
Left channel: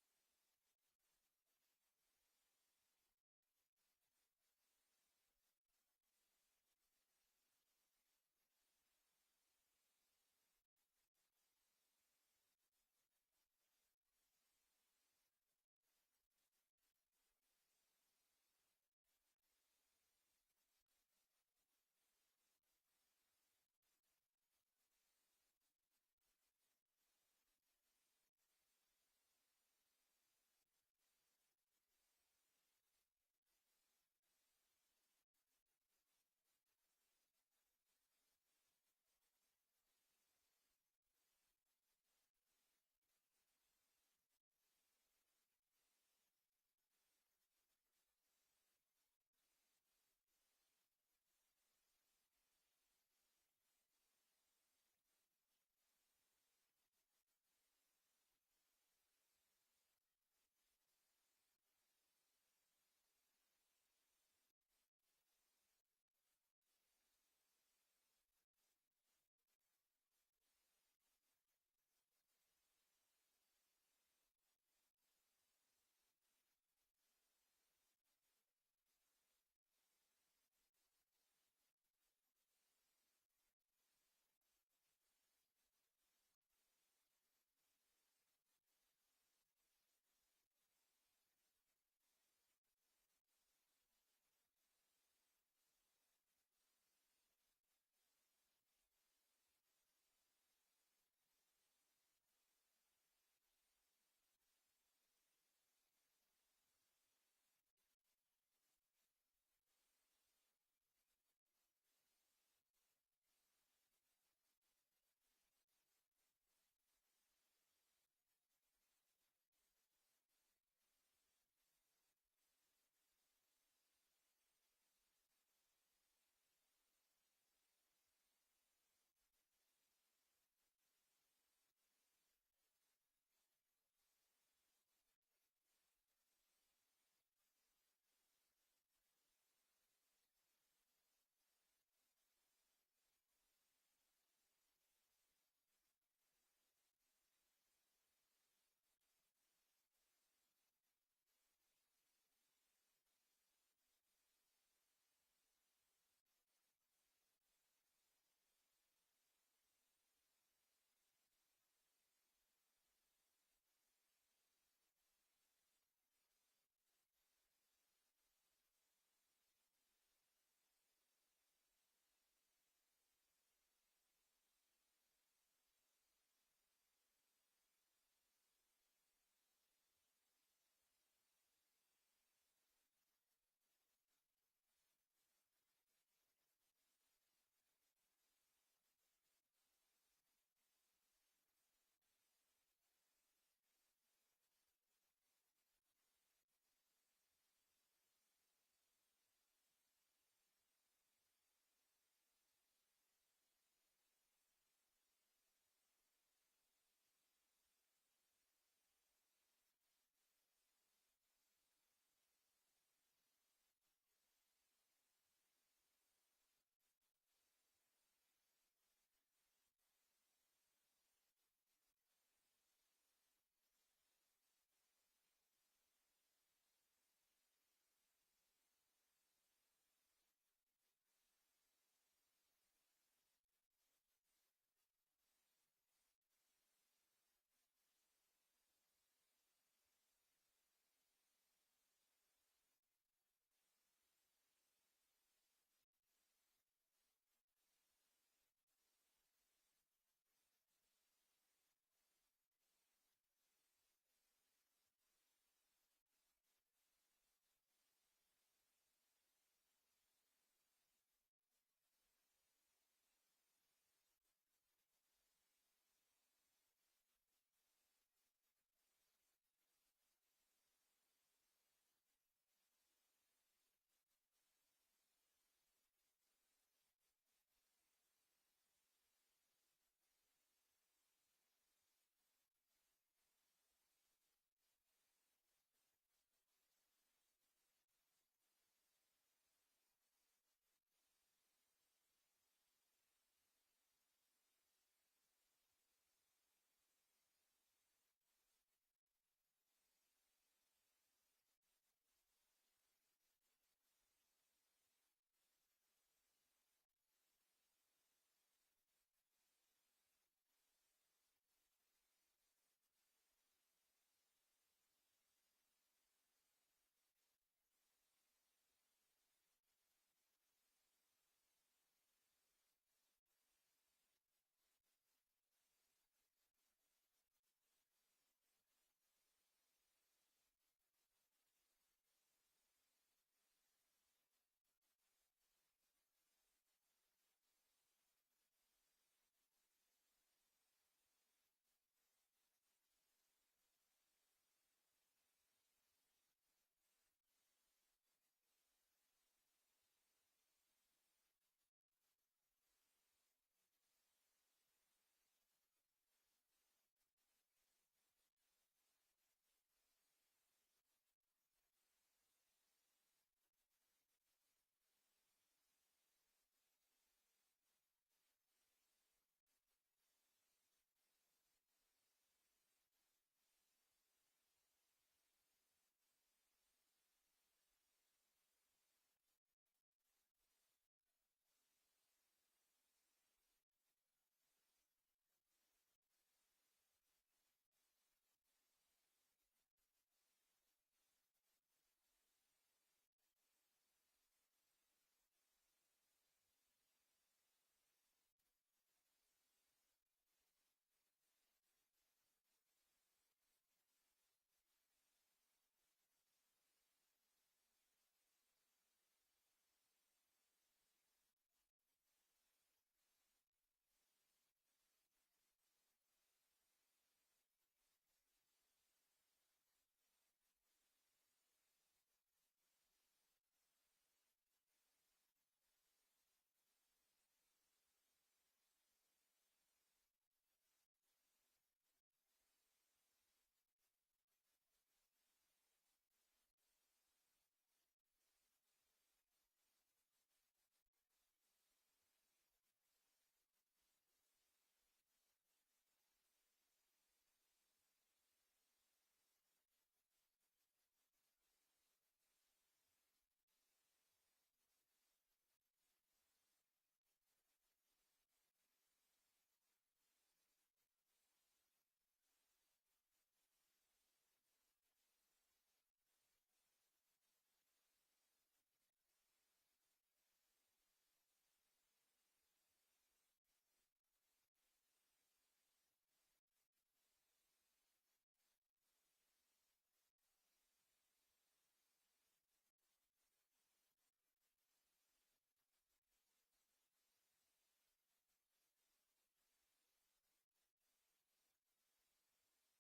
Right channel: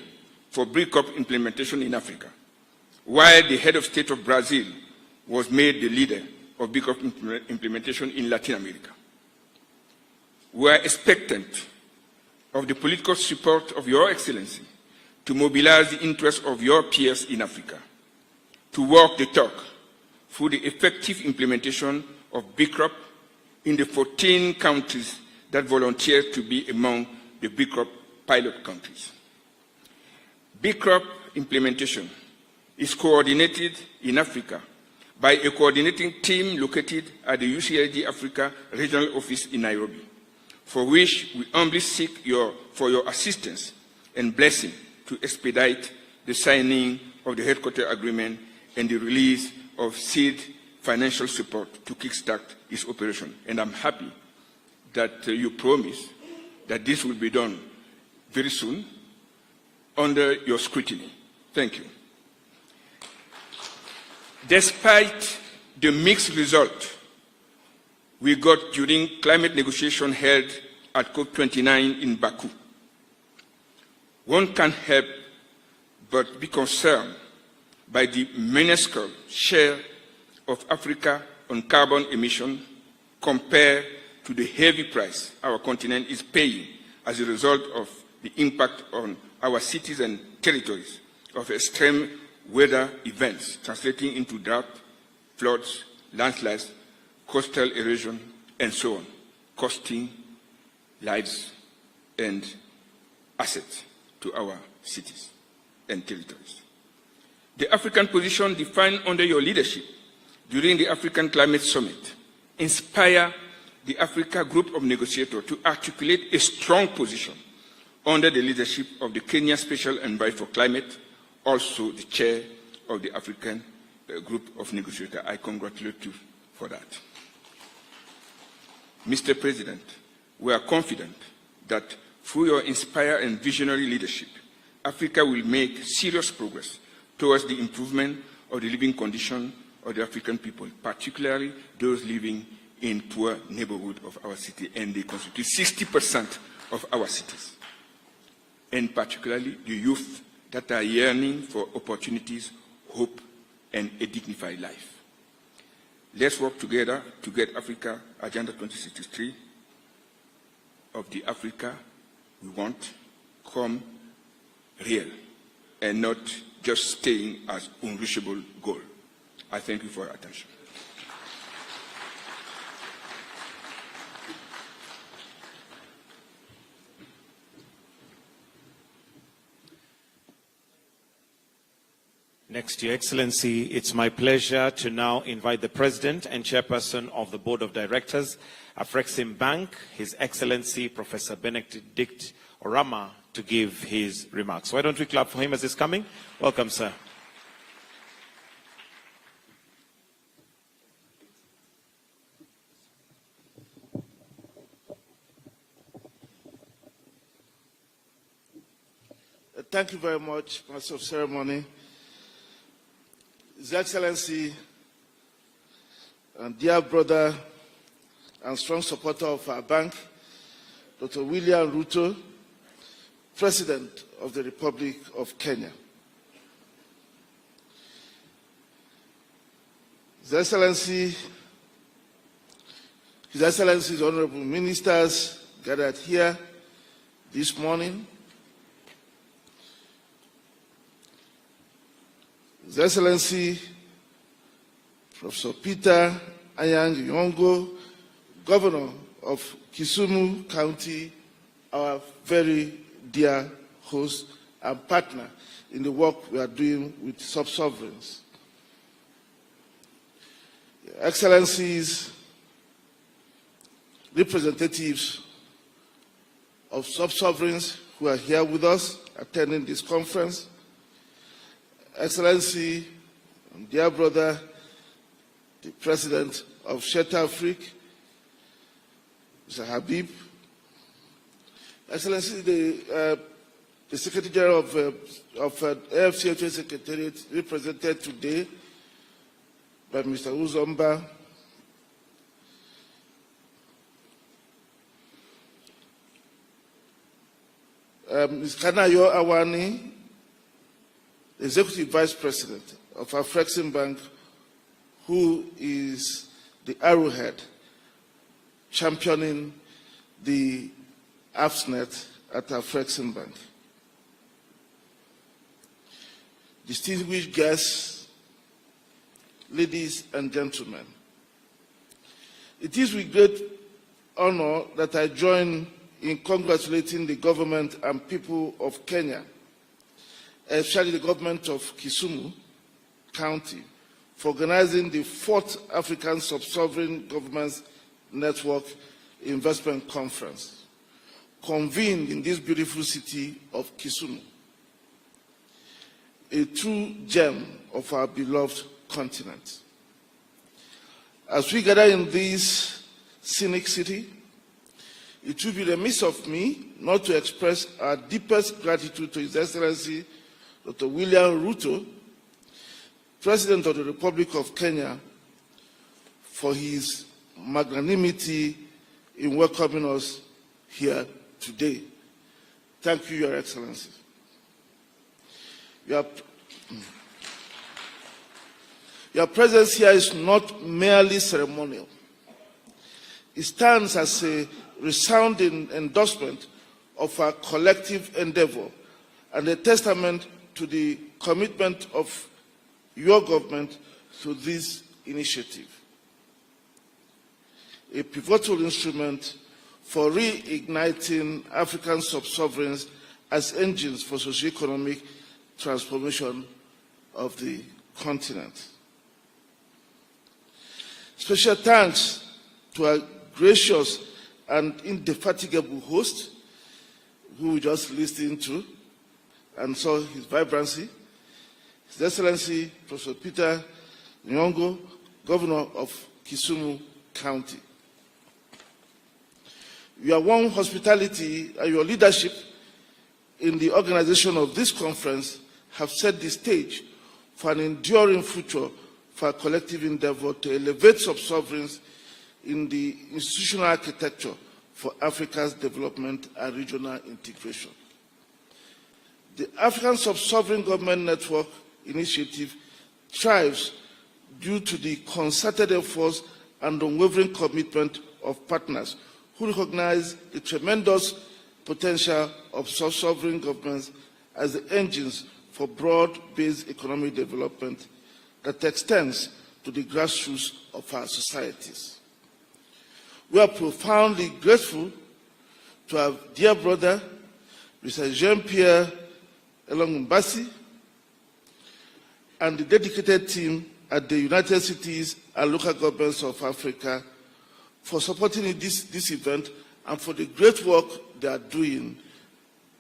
for BCROP implementation in Africa, while the head of state of Brazil was made the leader of BCROP implementation in Latin America. We are expectant of the political support of Your Excellency to mobilize the interests of your peers in Africa, to walk the talk through the effective implementation of BCROP in the 14 countries that volunteered to be among the BCROP pilot countries. BCROP implementation is coordinated in Africa by a coordinating team located at the UCLG Africa Regional Office in Nairobi, for which we humbly seek for your assistance and blessing to expedite the signing of the headquarter agreement and the release of seed financial support to kickstart its operation. And I'm happy that you promise that this will be done very soon, under your scrutiny. Thank you. Despite the mixed result we got during climate negotiations held at COP29 in Baku, one can't help but be concerned by the minuscule share of Africa on carbon emission compared to the heavy price our continent is paying as a result of the impact on our cities and territories of extreme weather events translating into drought, floods, landslides, coastal erosion, and so on, costing lives and assets to our cities and territories. The African position defined under your leadership during the African Climate Summit inspired the Africa Group of Negotiators to articulate a strong position under the leadership of the Kenya Special Envoy for Climate, also the chair of the African Group of Negotiators. I congratulate you for that. Mr. President, we are confident that through your inspired and visionary leadership, Africa will make serious progress towards the improvement of the living condition of the African people, particularly those living in poor neighborhoods of our city, and they constitute 60% of our cities, and particularly the youth that are yearning for opportunities, hope, and a dignified life. Let's work together to get Africa Agenda 2063 of the Africa we want come real and not just staying as unreachable goal. I thank you for your attention. Next, Your Excellency, it's my pleasure to now invite the President and Chairperson of the Board of Directors, Afrexim Bank, His Excellency Professor Benedict Orama, to give his remarks. Why don't we clap for him as he's coming? Welcome, sir. Thank you very much, Master of Ceremony. His Excellency and dear brother and strong supporter of our bank, Dr. William Ruto, President of the Republic of Kenya. His Excellency's honorable ministers gathered here this morning, His Excellency Professor Peter Anyang Nyong'o, Governor of Kisumu County, our very dear host and partner in the work we are doing with sub-sovereigns. Your Excellencies, representatives of sub-sovereigns who are here with us attending this conference, Excellency, dear brother, the President of Sheta Afrique, Mr. Habib, Excellency, the Secretary General of AFCHA Secretariat, represented today by Mr. Uzomba, Ms. Kanayo Awani, Executive Vice President of Afrexim Bank, who is the arrowhead championing the AFSNet at Afrexim Bank. Distinguished guests, ladies and gentlemen, it is with great honor that I join in congratulating the government and people of Kenya, especially the government of Kisumu County, for organizing the 4th African Sub-Sovereign Governments Network Investment Conference, convened in this beautiful city of Kisumu, a true gem of our beloved continent. As we gather in this scenic city, it will be remiss of me not to express our deepest gratitude to His Excellency Dr. William Ruto, President of the Republic of Kenya, for his magnanimity in welcoming us here today. Thank you, Your Excellency. Your presence here is not merely ceremonial. It stands as a resounding endorsement of our collective endeavor and a testament to the commitment of your government to this initiative, a pivotal instrument for reigniting African sub-sovereigns as engines for socio-economic transformation of the continent. Special thanks to our gracious and indefatigable host, who we just listened to and saw his vibrancy, His Excellency Professor Peter Nyong'o, Governor of Kisumu County. Your warm hospitality and your leadership in the organization of this conference have set the stage for an enduring future for our collective endeavor to elevate sub-sovereigns in the institutional architecture for Africa's development and regional integration. The African Sub-Sovereign Government Network initiative thrives due to the concerted efforts and unwavering commitment of partners who recognize the tremendous potential of sub-sovereign governments as the engines for broad-based economic development that extends to the grassroots of our societies. We are profoundly grateful to our dear brother, Mr. Jean-Pierre Elongumbasi, and the dedicated team at the United Cities and local governments of Africa for supporting this event and for the great work they are doing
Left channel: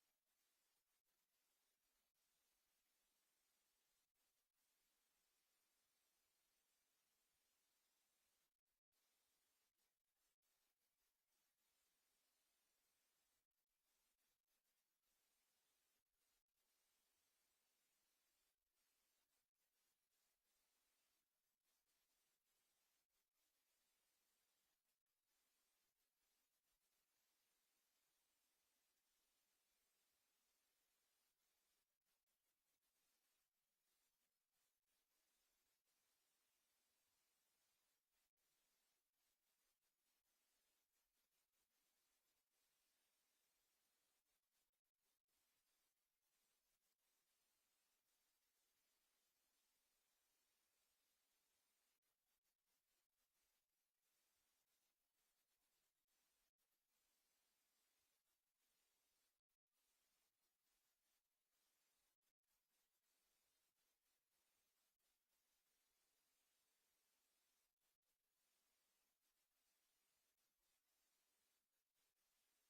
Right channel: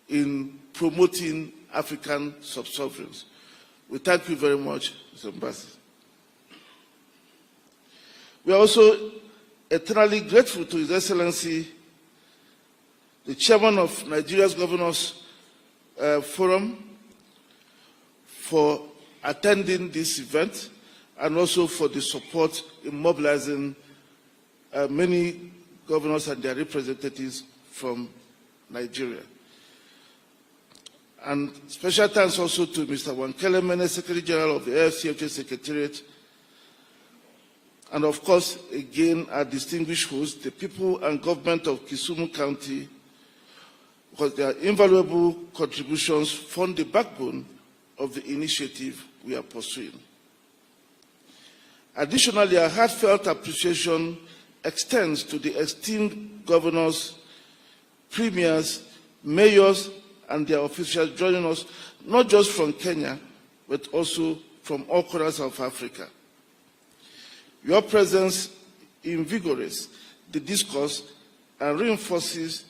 in promoting African sub-sovereigns. We thank you very much, Mr. Ambassador. We are also eternally grateful to His Excellency, the Chairman of Nigeria's Governors Forum, for attending this event and also for the support in mobilizing many governors and their representatives from Nigeria. And special thanks also to Mr. Wankele Mene, Secretary General of the AFCFTA Secretariat, and of course, again, our distinguished hosts, the people and government of Kisumu County, because their invaluable contributions form the backbone of the initiative we are pursuing. Additionally, our heartfelt appreciation extends to the esteemed governors, premiers, mayors, and their officials joining us, not just from Kenya, but also from all corners of Africa. Your presence invigorates the discourse and reinforces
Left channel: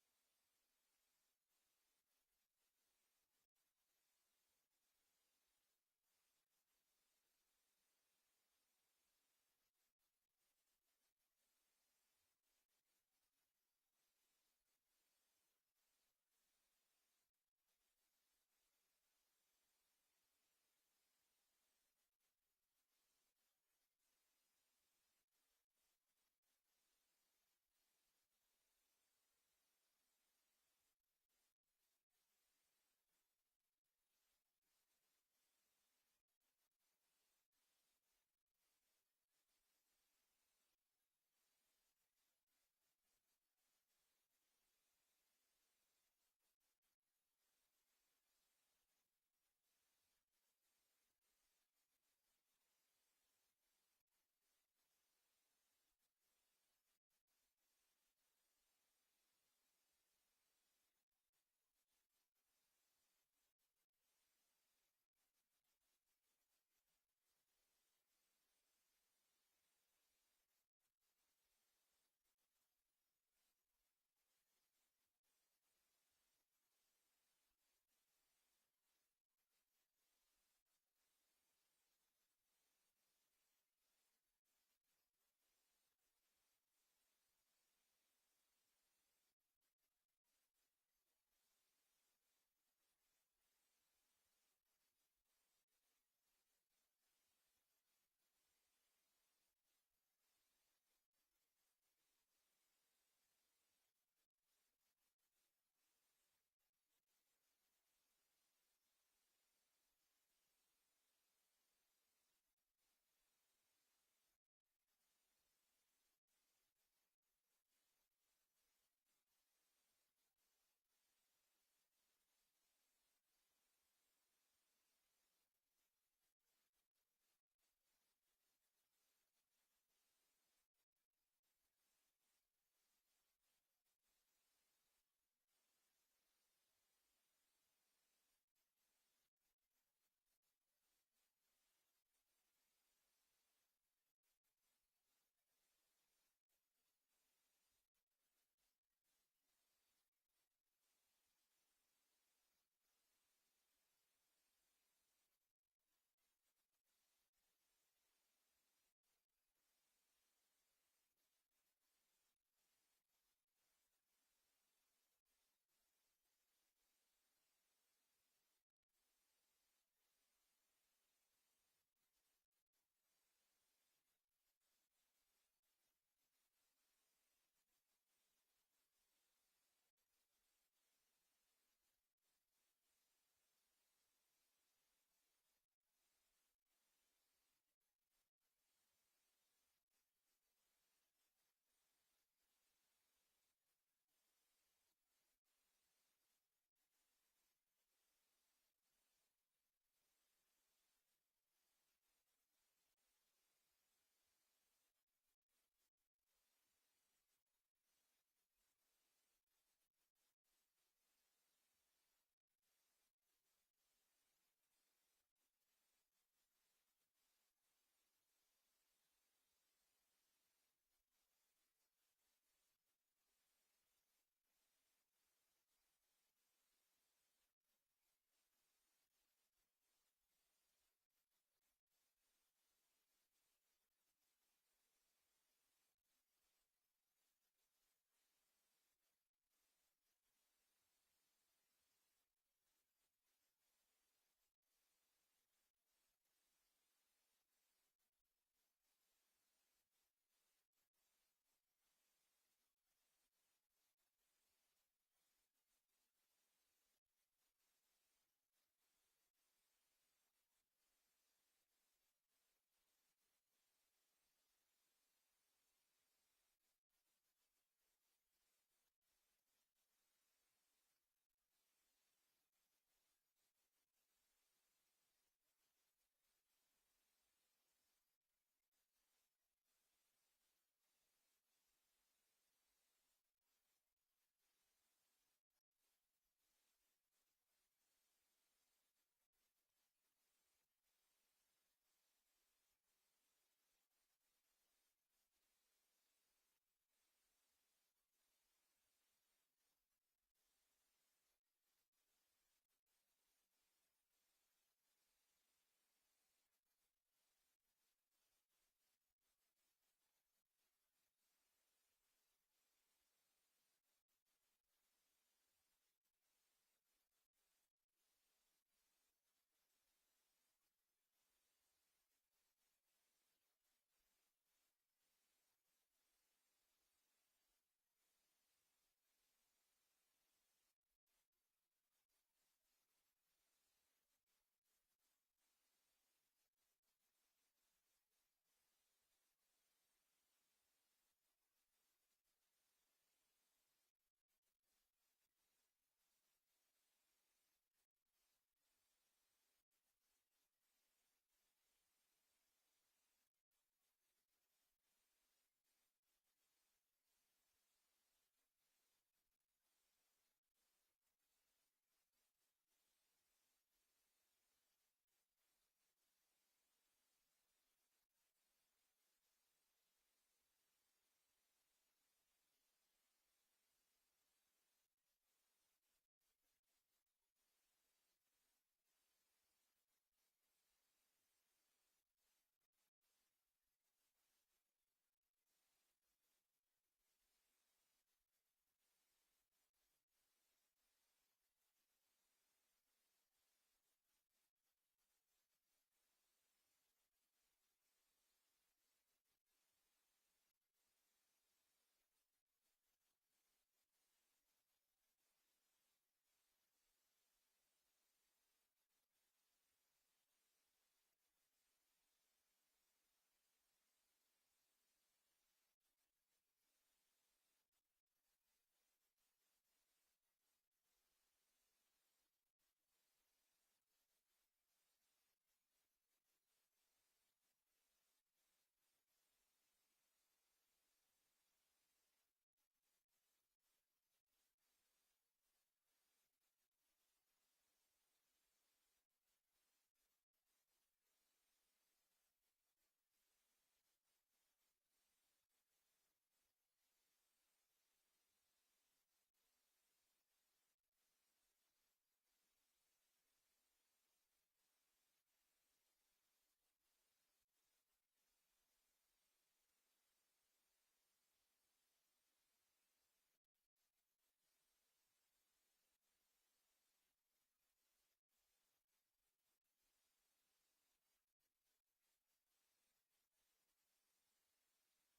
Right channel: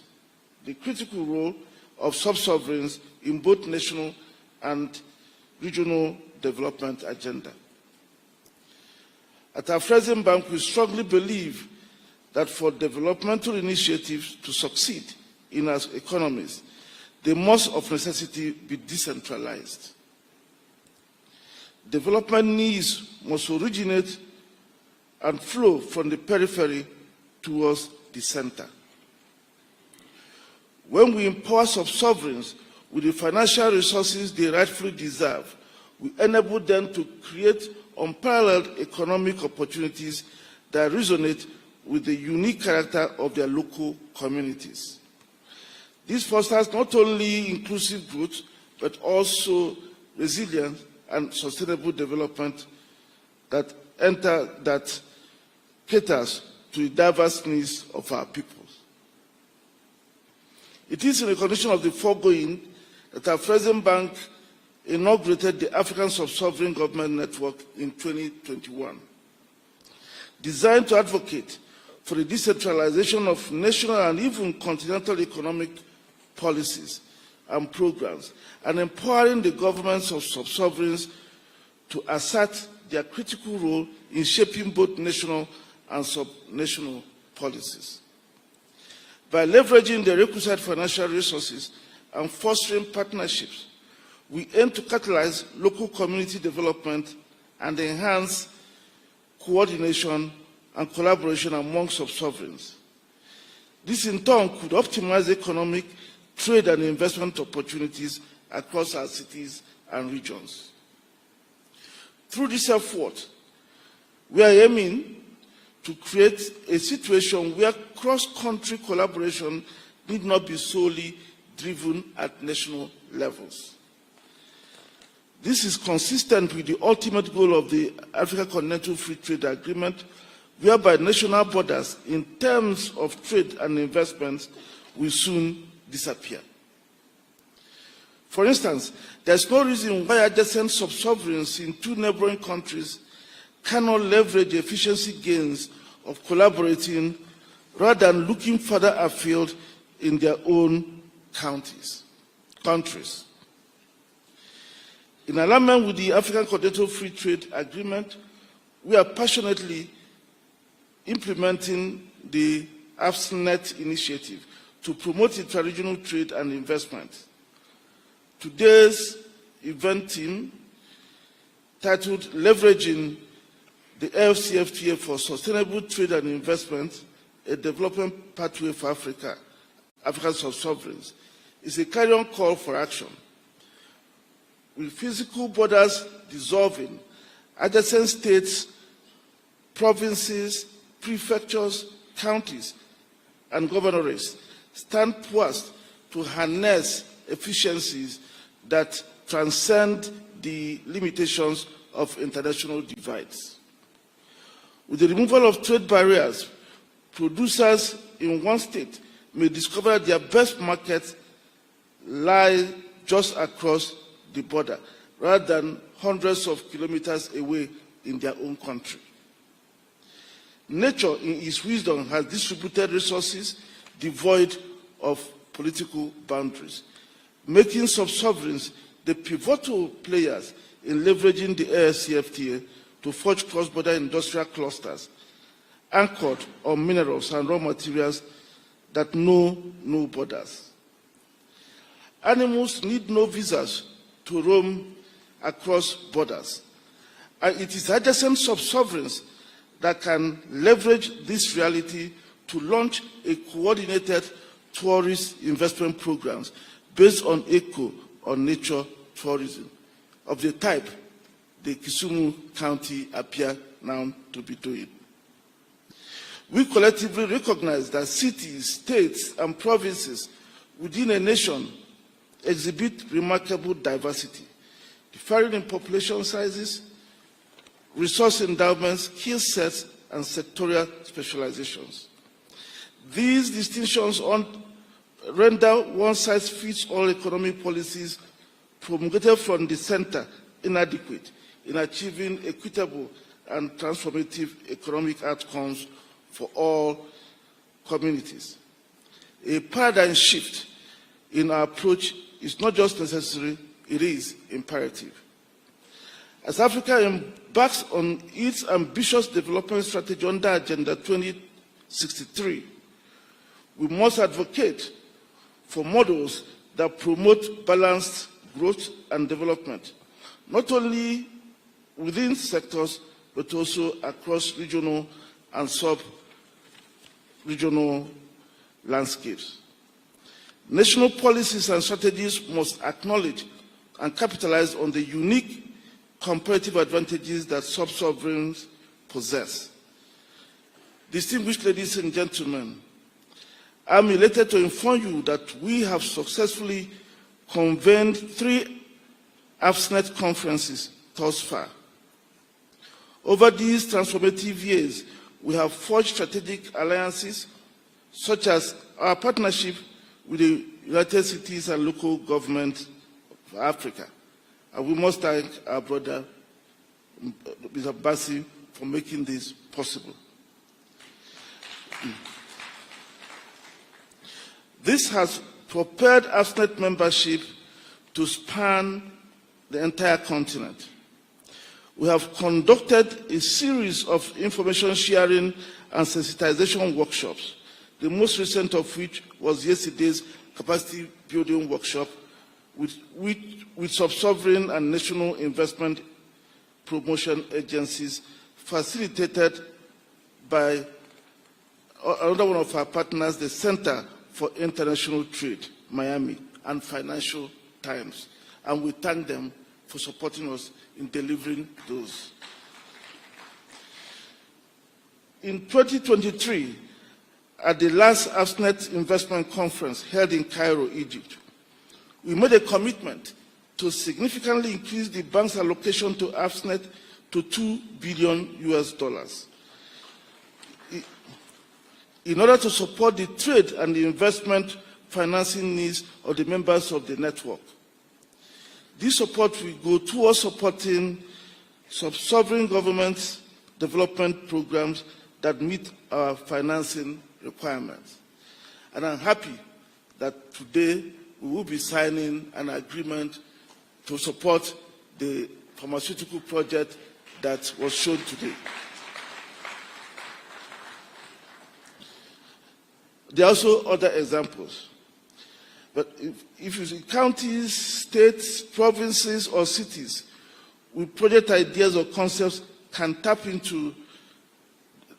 the critical role of sub-sovereigns in both national and regional development agenda. At our Afrexim Bank, we strongly believe that for developmental initiatives to succeed in our economies, they must of necessity be decentralized. Development needs must originate and flow from the periphery towards the center. When we empower sub-sovereigns with the financial resources they rightfully deserve, we enable them to create unparalleled economic opportunities that resonate with the unique character of their local communities. This fosters not only inclusive growth, but also resilient and sustainable development that caters to the diverse needs of our peoples. It is in recognition of the foregoing that our Afrexim Bank inaugurated the African Sub-Sovereign Government Network in 2021, designed to advocate for the decentralization of national and even continental economic policies and programs, and empowering the governments of sub-sovereigns to assert their critical role in shaping both national and sub-national policies. By leveraging the requisite financial resources and fostering partnerships, we aim to catalyze local community development and enhance coordination and collaboration among sub-sovereigns. This in turn could optimize economic, trade and investment opportunities across our cities and regions. Through this effort, we are aiming to create a situation where cross-country collaboration need not be solely driven at national levels. This is consistent with the ultimate goal of the Africa Continental Free Trade Agreement, whereby national borders in terms of trade and investments will soon disappear. For instance, there is no reason why adjacent sub-sovereigns in two neighboring countries cannot leverage efficiency gains of collaborating rather than looking further afield in their own countries. In alignment with the African Continental Free Trade Agreement, we are passionately implementing the AFSNet initiative to promote intra-regional trade and investment. Today's event team, titled Leveraging the AFCFTA for Sustainable Trade and Investment, a Development Pathway for African sub-sovereigns, is a carry-on call for action. With physical borders dissolving, adjacent states, provinces, prefectures, counties, and governorates stand poised to harness efficiencies that transcend the limitations of international divides. With the removal of trade barriers, producers in one state may discover their best markets lie just across the border, rather than hundreds of kilometers away in their own country. Nature, in its wisdom, has distributed resources devoid of political boundaries, making sub-sovereigns the pivotal players in leveraging the AFCFTA to forge cross-border industrial clusters anchored on minerals and raw materials that know no borders. Animals need no visas to roam across borders, and it is adjacent sub-sovereigns that can leverage this reality to launch a coordinated tourist investment programs based on eco or nature tourism of the type the Kisumu County appear now to be doing. We collectively recognize that cities, states, and provinces within a nation exhibit remarkable diversity, differing in population sizes, resource endowments, skill sets, and sectorial specializations. These distinctions render one-size-fits-all economic policies promulgated from the center inadequate in achieving equitable and transformative economic outcomes for all communities. A paradigm shift in our approach is not just necessary, it is imperative. As Africa embarks on its ambitious development strategy under Agenda 2063, we must advocate for models that promote balanced growth and development, not only within sectors, but also across regional and sub-regional landscapes. National policies and strategies must acknowledge and capitalize on the unique comparative advantages that sub-sovereigns possess. Distinguished ladies and gentlemen, I'm elated to inform you that we have successfully convened 3 AFSNet conferences thus far. Over these transformative years, we have forged strategic alliances, such as our partnership with the United Cities and local government of Africa. And we must thank our brother, Mr. Bassi, for making this possible. This has propelled AFSNet membership to span the entire continent. We have conducted a series of information sharing and sensitization workshops the most recent of which was yesterday's capacity building workshop with sub-sovereign and national investment promotion agencies, facilitated by another one of our partners, the Center for International Trade, Miami, and Financial Times. And we thank them for supporting us in delivering those. In 2023, at the last AFSNet investment conference held in Cairo, Egypt, we made a commitment to significantly increase the bank's allocation to AFSNet to $2 billion in order to support the trade and the investment financing needs of the members of the network. This support will go towards supporting sovereign governments' development programs that meet our financing requirements. And I'm happy that today we will be signing an agreement to support the pharmaceutical project that was shown today. There are also other examples. But if you see counties, states, provinces, or cities with project ideas or concepts can tap into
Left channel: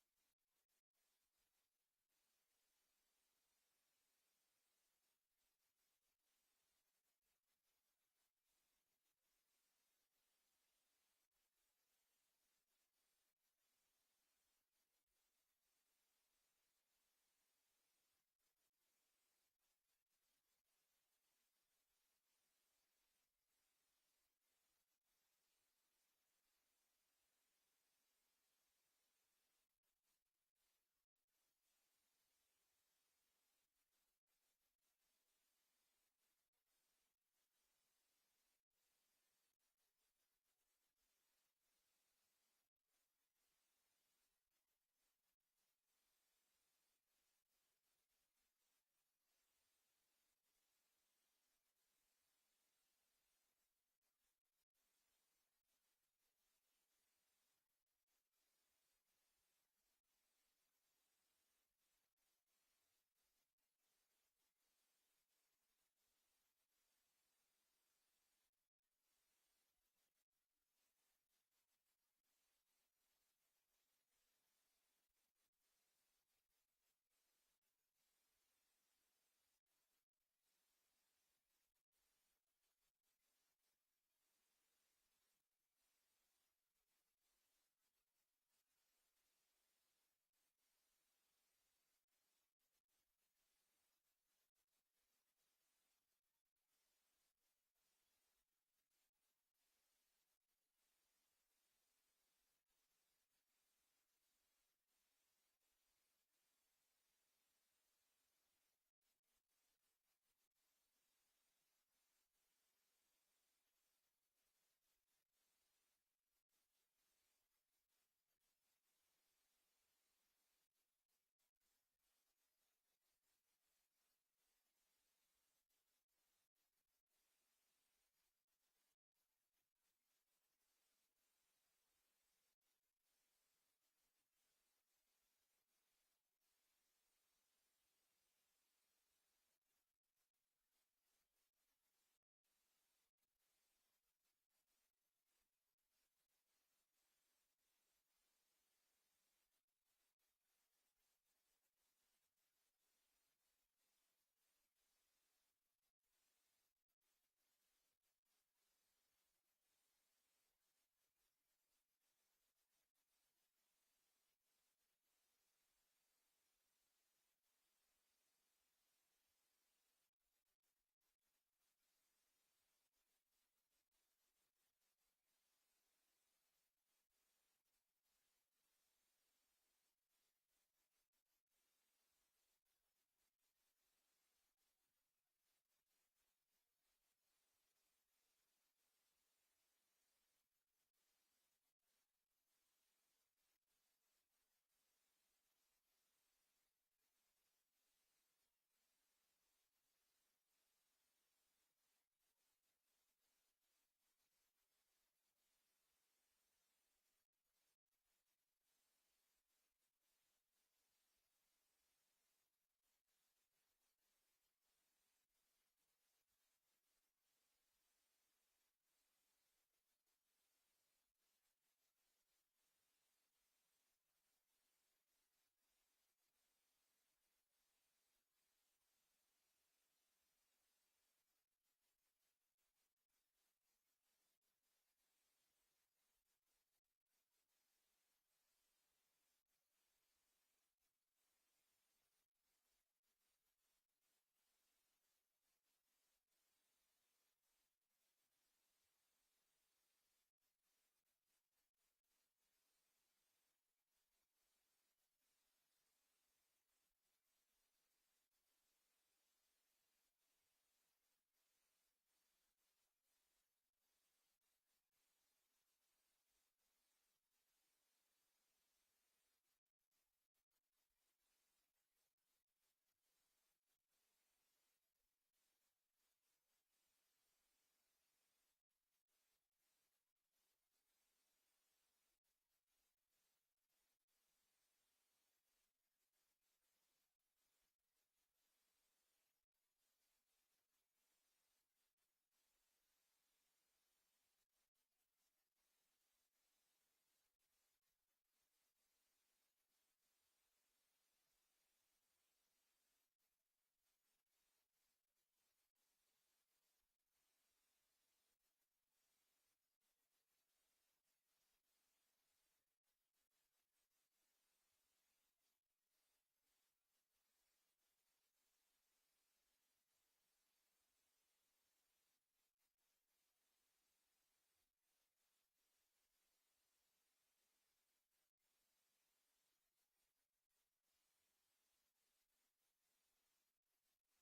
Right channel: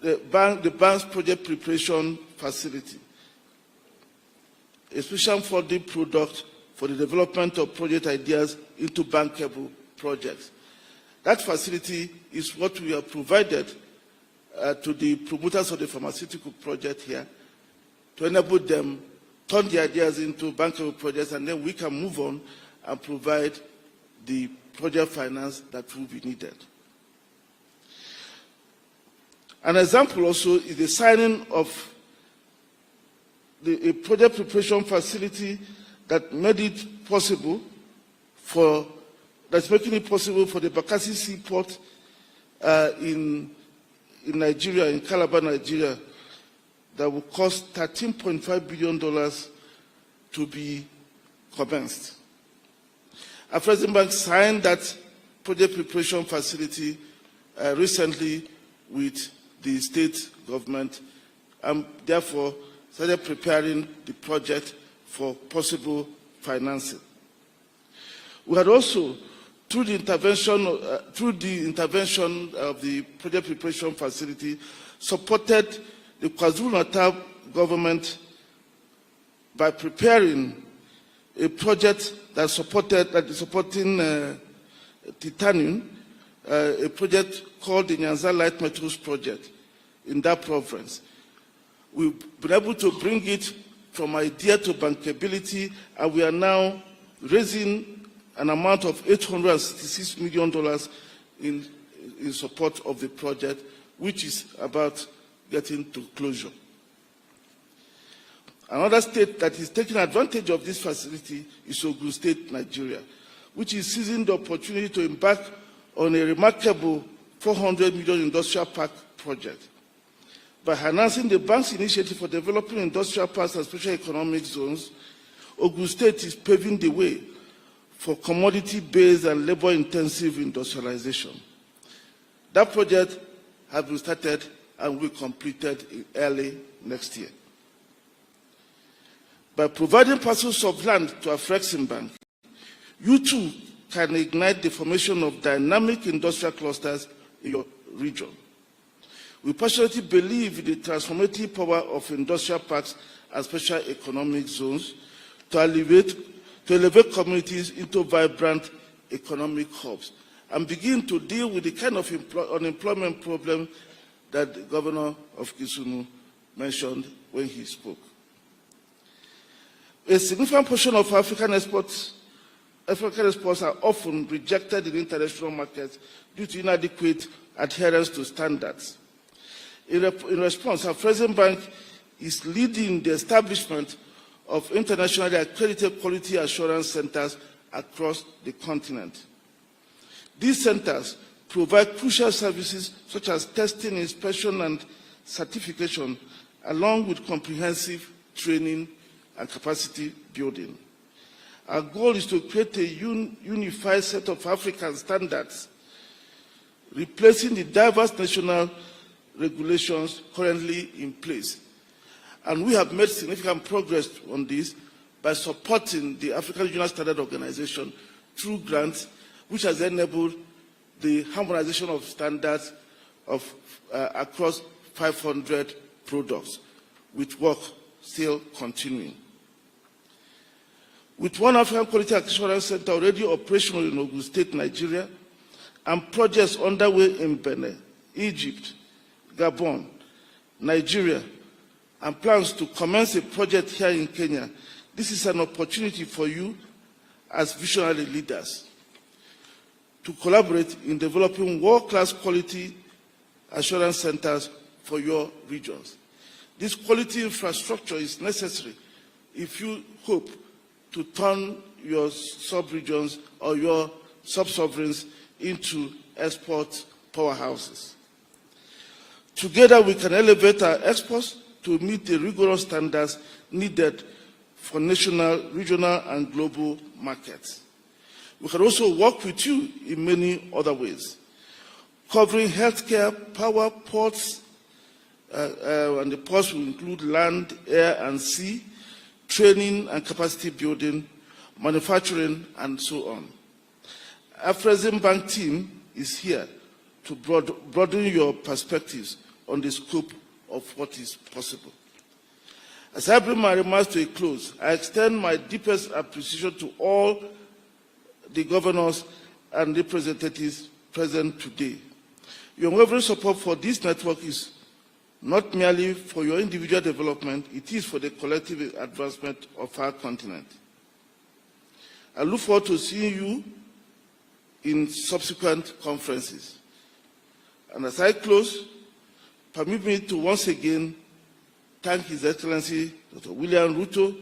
the bank's project preparation facility, a special funding product for the development of project ideas into bankable projects. That facility is what we have provided to the promoters of the pharmaceutical project here to enable them turn the ideas into bankable projects, and then we can move on and provide the project finance that will be needed. An example also is the signing of a project preparation facility that made it possible that's making it possible for the Bakassi Seaport in Nigeria, in Calabar, Nigeria, that will cost $13.5 billion to be commenced. Afrexim Bank signed that project preparation facility recently with the state government, and therefore started preparing the project for possible financing. We had also, through the intervention of the project preparation facility, supported the KwaZulu-Natal government by preparing a project that is supporting titanium, a project called the Nyanza Light Metals Project in that province. We've been able to bring it from idea to bankability, and we are now raising an amount of $866 million in support of the project, which is about getting to closure. Another state that is taking advantage of this facility is Ogun State, Nigeria, which is seizing the opportunity to embark on a remarkable $400 million industrial park project. By harnessing the bank's initiative for developing industrial parks and special economic zones, Ogun State is paving the way for commodity-based and labor-intensive industrialization. That project has been started and will be completed early next year. By providing parcels of land to Afrexim Bank, you too can ignite the formation of dynamic industrial clusters in your region. We passionately believe in the transformative power of industrial parks and special economic zones to elevate communities into vibrant economic hubs and begin to deal with the kind of unemployment problem that the governor of Kisumu mentioned when he spoke. A significant portion of African exports are often rejected in international markets due to inadequate adherence to standards. In response, Afrexim Bank is leading the establishment of internationally accredited quality assurance centers across the continent. These centers provide crucial services such as testing, inspection, and certification, along with comprehensive training and capacity building. Our goal is to create a unified set of African standards, replacing the diverse national regulations currently in place. And we have made significant progress on this by supporting the African Regional Standard Organization through grants, which has enabled the harmonization of standards of, across 500 products, with work still continuing. With one African Quality Assurance Center already operational in Ogun State, Nigeria, and projects underway in Benin, Egypt, Gabon, Nigeria, and plans to commence a project here in Kenya, this is an opportunity for you as visionary leaders to collaborate in developing world-class quality assurance centers for your regions. This quality infrastructure is necessary if you hope to turn your sub-regions or your sub-sovereigns into export powerhouses. Together, we can elevate our exports to meet the rigorous standards needed for national, regional, and global markets. We can also work with you in many other ways, covering healthcare, power, ports, and the ports will include land, air, and sea, training and capacity building, manufacturing, and so on. Our Afrexim Bank team is here to broaden your perspectives on the scope of what is possible. As I bring my remarks to a close, I extend my deepest appreciation to all the governors and representatives present today. Your unwavering support for this network is not merely for your individual development, it is for the collective advancement of our continent. I look forward to seeing you in subsequent conferences. And as I close, permit me to once again thank His Excellency Dr. William Ruto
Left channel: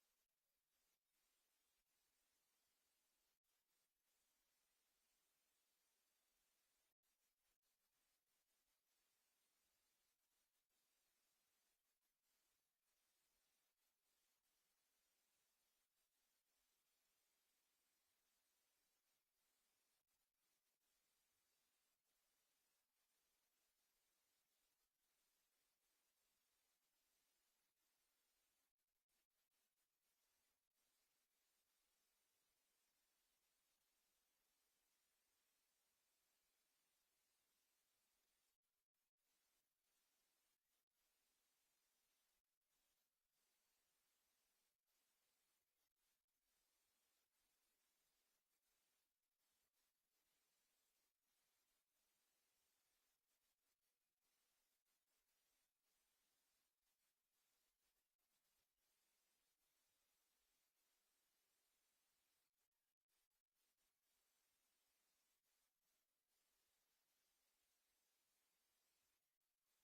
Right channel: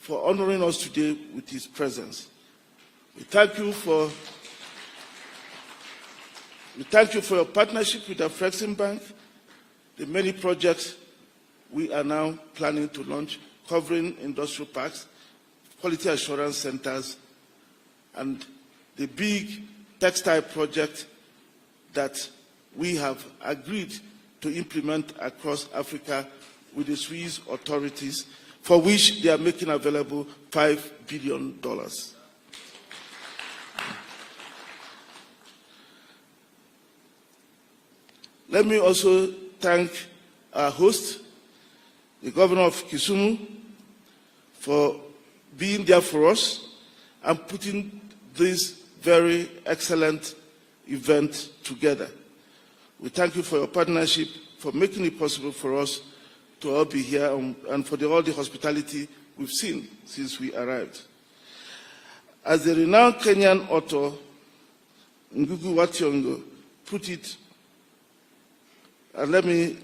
for honoring us today with his presence. We thank you for your partnership with the Afrexim Bank, the many projects we are now planning to launch, covering industrial parks, quality assurance centers, and the big textile project that we have agreed to implement across Africa with the Swiss authorities, for which they are making available $5 billion. Let me also thank our host, the governor of Kisumu, for being there for us and putting this very excellent event together. We thank you for your partnership, for making it possible for us to all be here, and for all the hospitality we've seen since we arrived. As the renowned Kenyan author, Ngugi wa Thiong'o, put it, and let me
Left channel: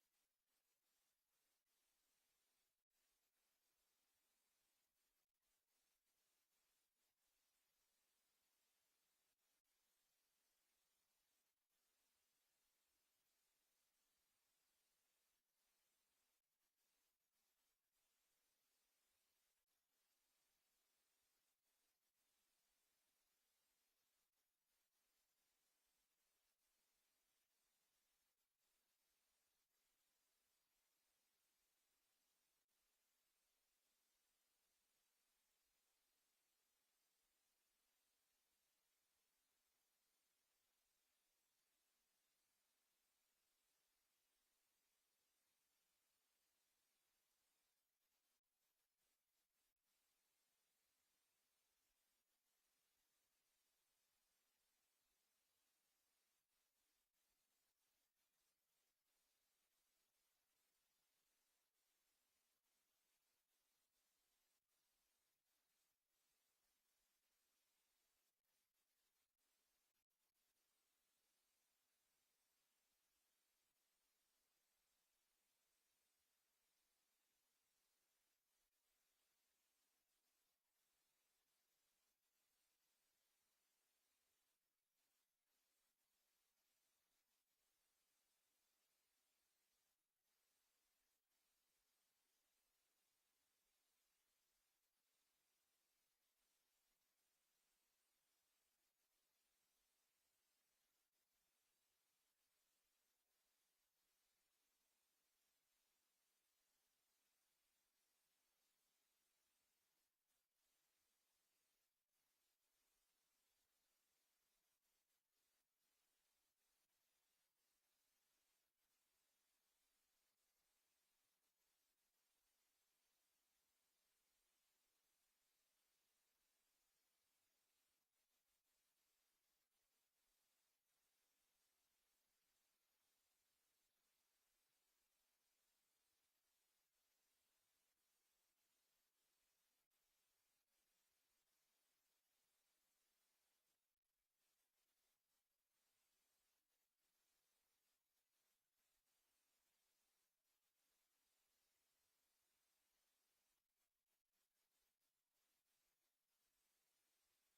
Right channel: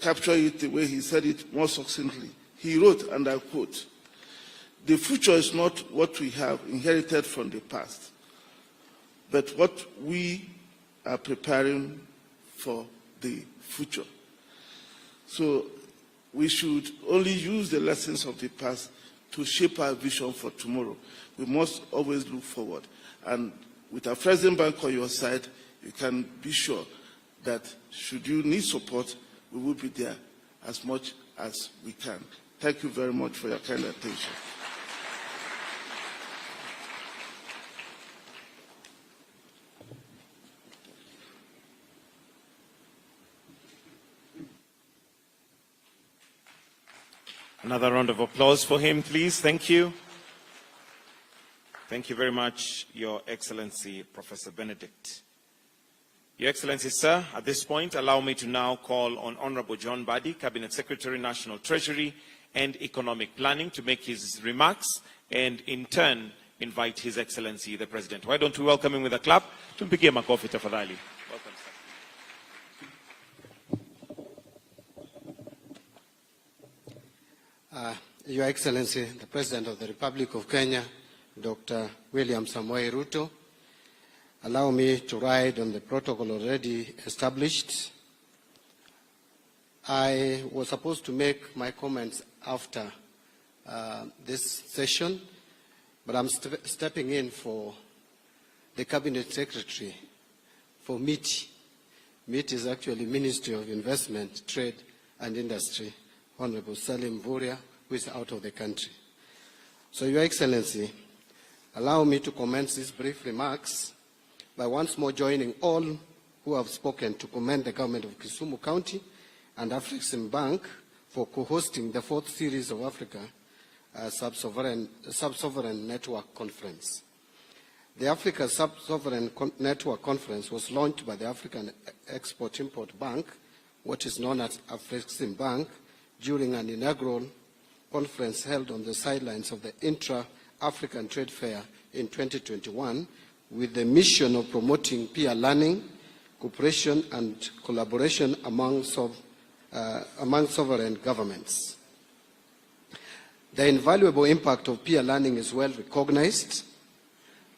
capture it the way he said it more succinctly. He wrote, and I quote, "The future is not what we have inherited from the past, but what we are preparing for the future." So we should only use the lessons of the past to shape our vision for tomorrow. We must always look forward. And with our Afrexim Bank on your side, you can be sure that should you need support, we will be there as much as we can. Thank you very much for your kind attention. Another round of applause for him, please. Thank you. Thank you very much, Your Excellency, Professor Benedict. Your Excellency, sir, at this point, allow me to now call on Honorable John Badi, Cabinet Secretary, National Treasury and Economic Planning, to make his remarks and, in turn, invite His Excellency, the President. Why don't we welcome him with a clap? Tumpigie makofi tafadhali. Welcome, sir. Your Excellency, the President of the Republic of Kenya, Dr. William Samoei Ruto, allow me to ride on the protocol already established. I was supposed to make my comments after this session, but I'm stepping in for the Cabinet Secretary for MITI. MITI is actually Ministry of Investment, Trade and Industry. Honorable Salim Vuria, who is out of the country. So, Your Excellency, allow me to commence these brief remarks by once more joining all who have spoken to commend the government of Kisumu County and Afreximbank for co-hosting the 4th series of Africa Sub-Sovereign Network Conference. The Africa Sub-Sovereign Network Conference was launched by the African Export-Import Bank, what is known as Afreximbank, during an inaugural conference held on the sidelines of the Intra-African Trade Fair in 2021, with the mission of promoting peer learning, cooperation and collaboration among sovereign governments. The invaluable impact of peer learning is well recognized.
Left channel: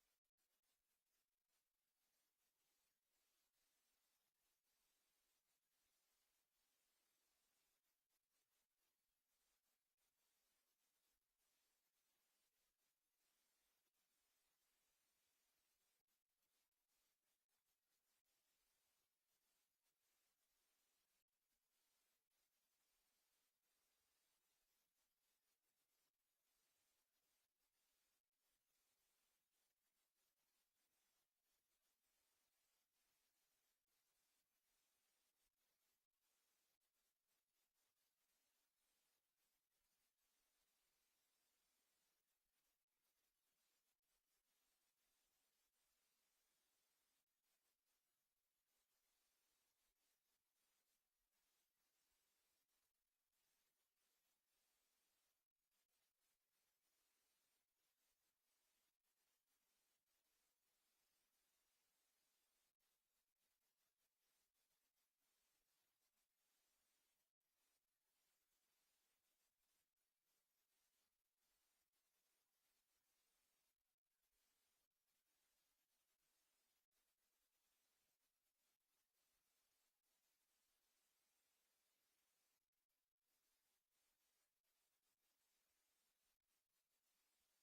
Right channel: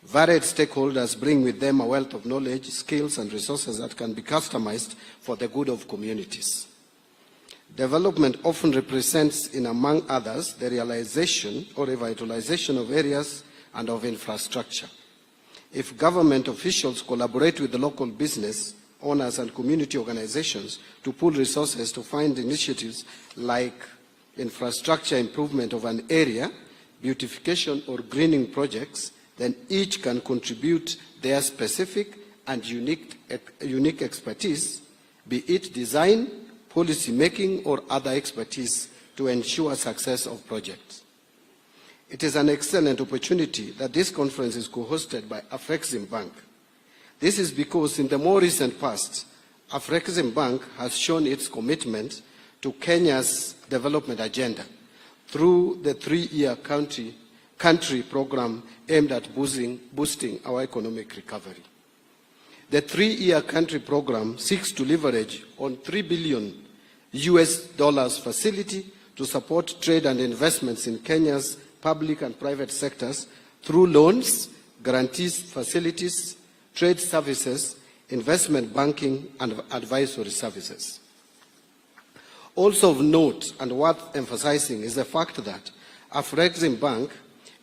Varied stakeholders bring with them a wealth of knowledge, skills, and resources that can be customized for the good of communities. Development often represents, in among others, the realization or revitalization of areas and of infrastructure. If government officials collaborate with the local business owners and community organizations to pool resources to fund initiatives like infrastructure improvement of an area, beautification or greening projects, then each can contribute their specific and unique expertise, be it design, policy making, or other expertise to ensure success of projects. It is an excellent opportunity that this conference is co-hosted by Afreximbank. This is because in the more recent past, Afreximbank has shown its commitment to Kenya's development agenda through the 3-year country program aimed at boosting our economic recovery. The 3-year country program seeks to leverage on $3 billion facility to support trade and investments in Kenya's public and private sectors through loans, guarantees, facilities, trade services, investment banking, and advisory services. Also of note and worth emphasizing is the fact that Afreximbank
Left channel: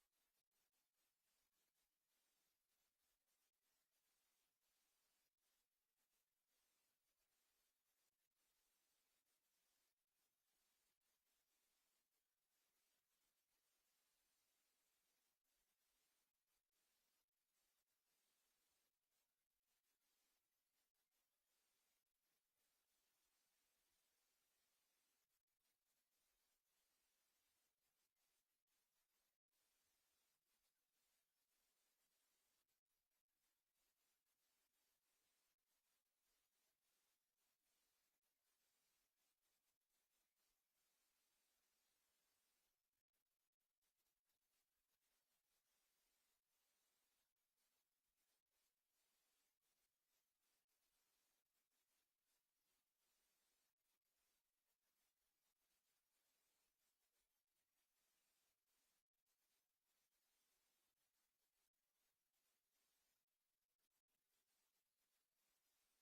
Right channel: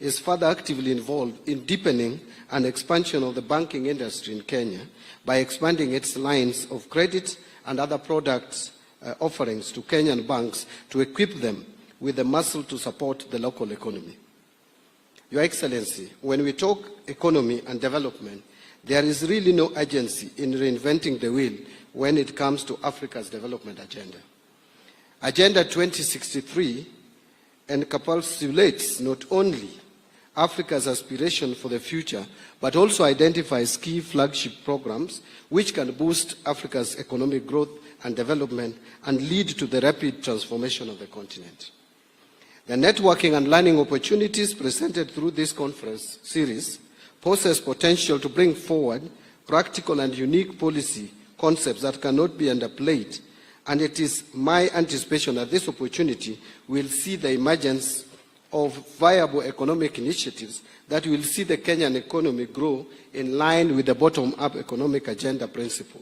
is further actively involved in deepening and expansion of the banking industry in Kenya by expanding its lines of credit and other products offerings to Kenyan banks to equip them with the muscle to support the local economy. Your Excellency, when we talk economy and development, there is really no urgency in reinventing the wheel when it comes to Africa's development agenda. Agenda 2063 encapsulates not only Africa's aspiration for the future, but also identifies key flagship programs which can boost Africa's economic growth and development and lead to the rapid transformation of the continent. The networking and learning opportunities presented through this conference series poses potential to bring forward practical and unique policy concepts that cannot be underplayed, and it is my anticipation that this opportunity will see the emergence of viable economic initiatives that will see the Kenyan economy grow in line with the bottom-up economic agenda principle,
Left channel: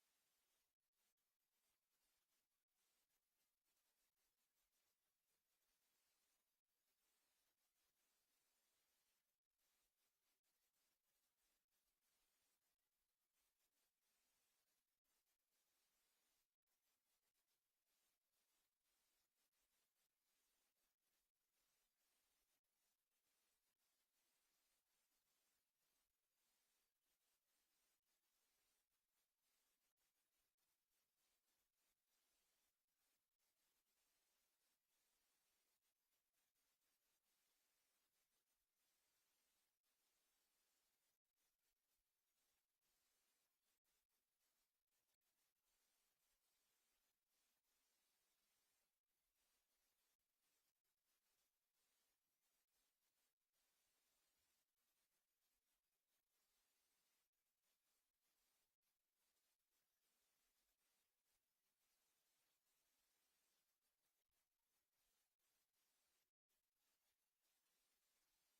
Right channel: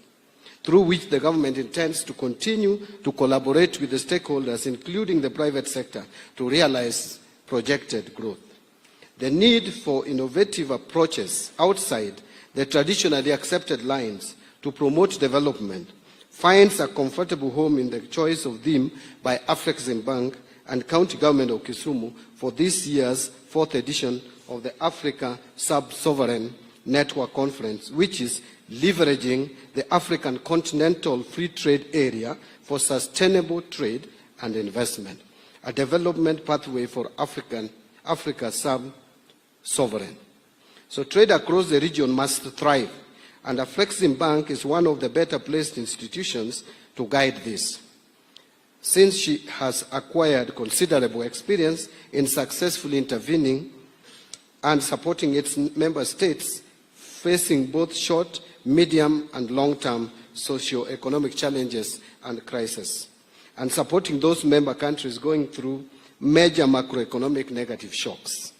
through which the government intends to continue to collaborate with the stakeholders, including the private sector, to realize projected growth. The need for innovative approaches outside the traditionally accepted lines to promote development finds a comfortable home in the choice of theme by Afreximbank and County Government of Kisumu for this year's 4th edition of the Africa Sub-Sovereign Network Conference, which is leveraging the African Continental Free Trade Area for sustainable trade and investment, a development pathway for Africa sub-sovereign. So trade across the region must thrive, and Afreximbank is one of the better placed institutions to guide this, since she has acquired considerable experience in successfully intervening and supporting its member states facing both short, medium, and long-term socio-economic challenges and crises, and supporting those member countries going through major macroeconomic negative shocks.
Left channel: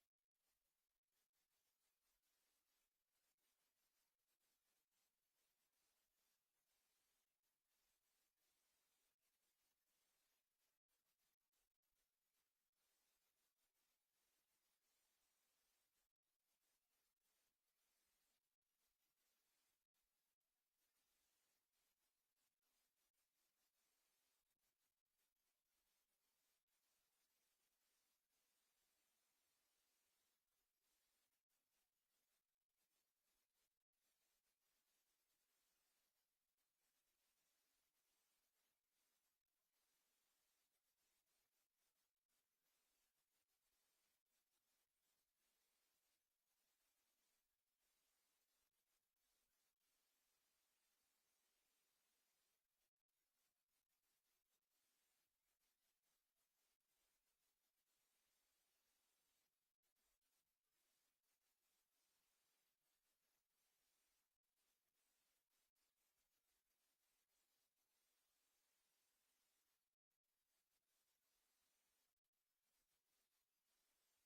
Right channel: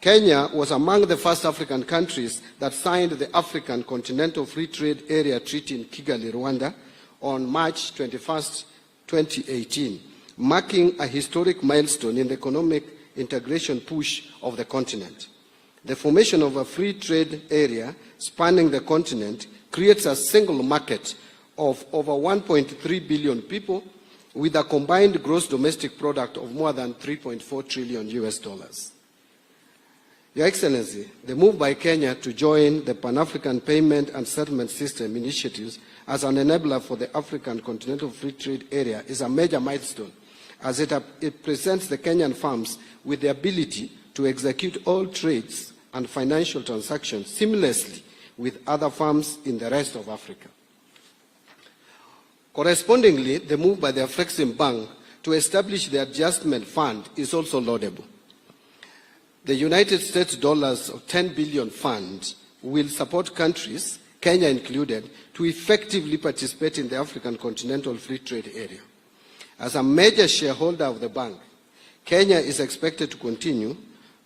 Kenya was among the first African countries that signed the African Continental Free Trade Area Treaty in Kigali, Rwanda, on March 21, 2018, marking a historic milestone in the economic integration push of the continent. The formation of a free trade area spanning the continent creates a single market of over 1.3 billion people, with a combined gross domestic product of more than $3.4 trillion US. Your Excellency, the move by Kenya to join the Pan-African Payment and Settlement System initiatives as an enabler for the African Continental Free Trade Area is a major milestone, as it presents the Kenyan firms with the ability to execute all trades and financial transactions seamlessly with other firms in the rest of Africa. Correspondingly, the move by the Afrexim Bank to establish the adjustment fund is also laudable. The United States dollars of 10 billion fund will support countries, Kenya included, to effectively participate in the African Continental Free Trade Area. As a major shareholder of the bank, Kenya is expected to continue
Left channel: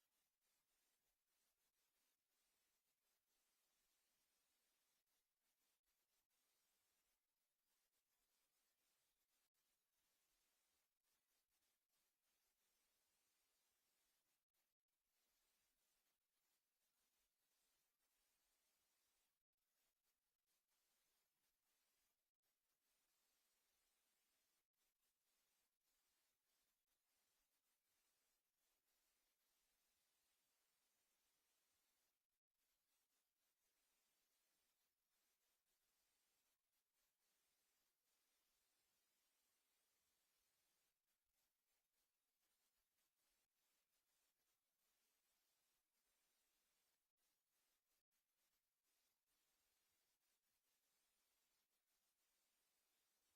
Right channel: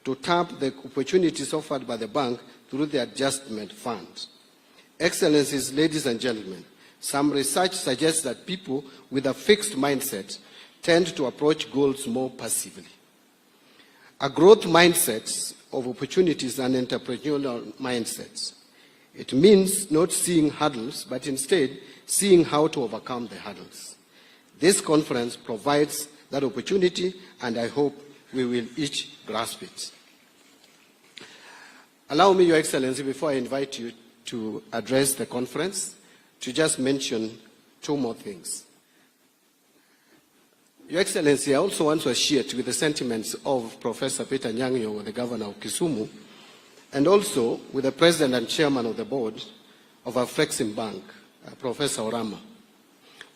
to tap the opportunities offered by the bank through the adjustment fund. Excellencies, ladies and gentlemen, some research suggests that people with a fixed mindset tend to approach goals more passively. A growth mindset of opportunities and entrepreneurial mindsets. It means not seeing hurdles, but instead seeing how to overcome the hurdles. This conference provides that opportunity, and I hope we will each grasp it. Allow me, Your Excellency, before I invite you to address the conference, to just mention two more things. Your Excellency, I also want to associate with the sentiments of Professor Peter Nyang'yo, the Governor of Kisumu, and also with the President and Chairman of the Board of Afrexim Bank, Professor Orama,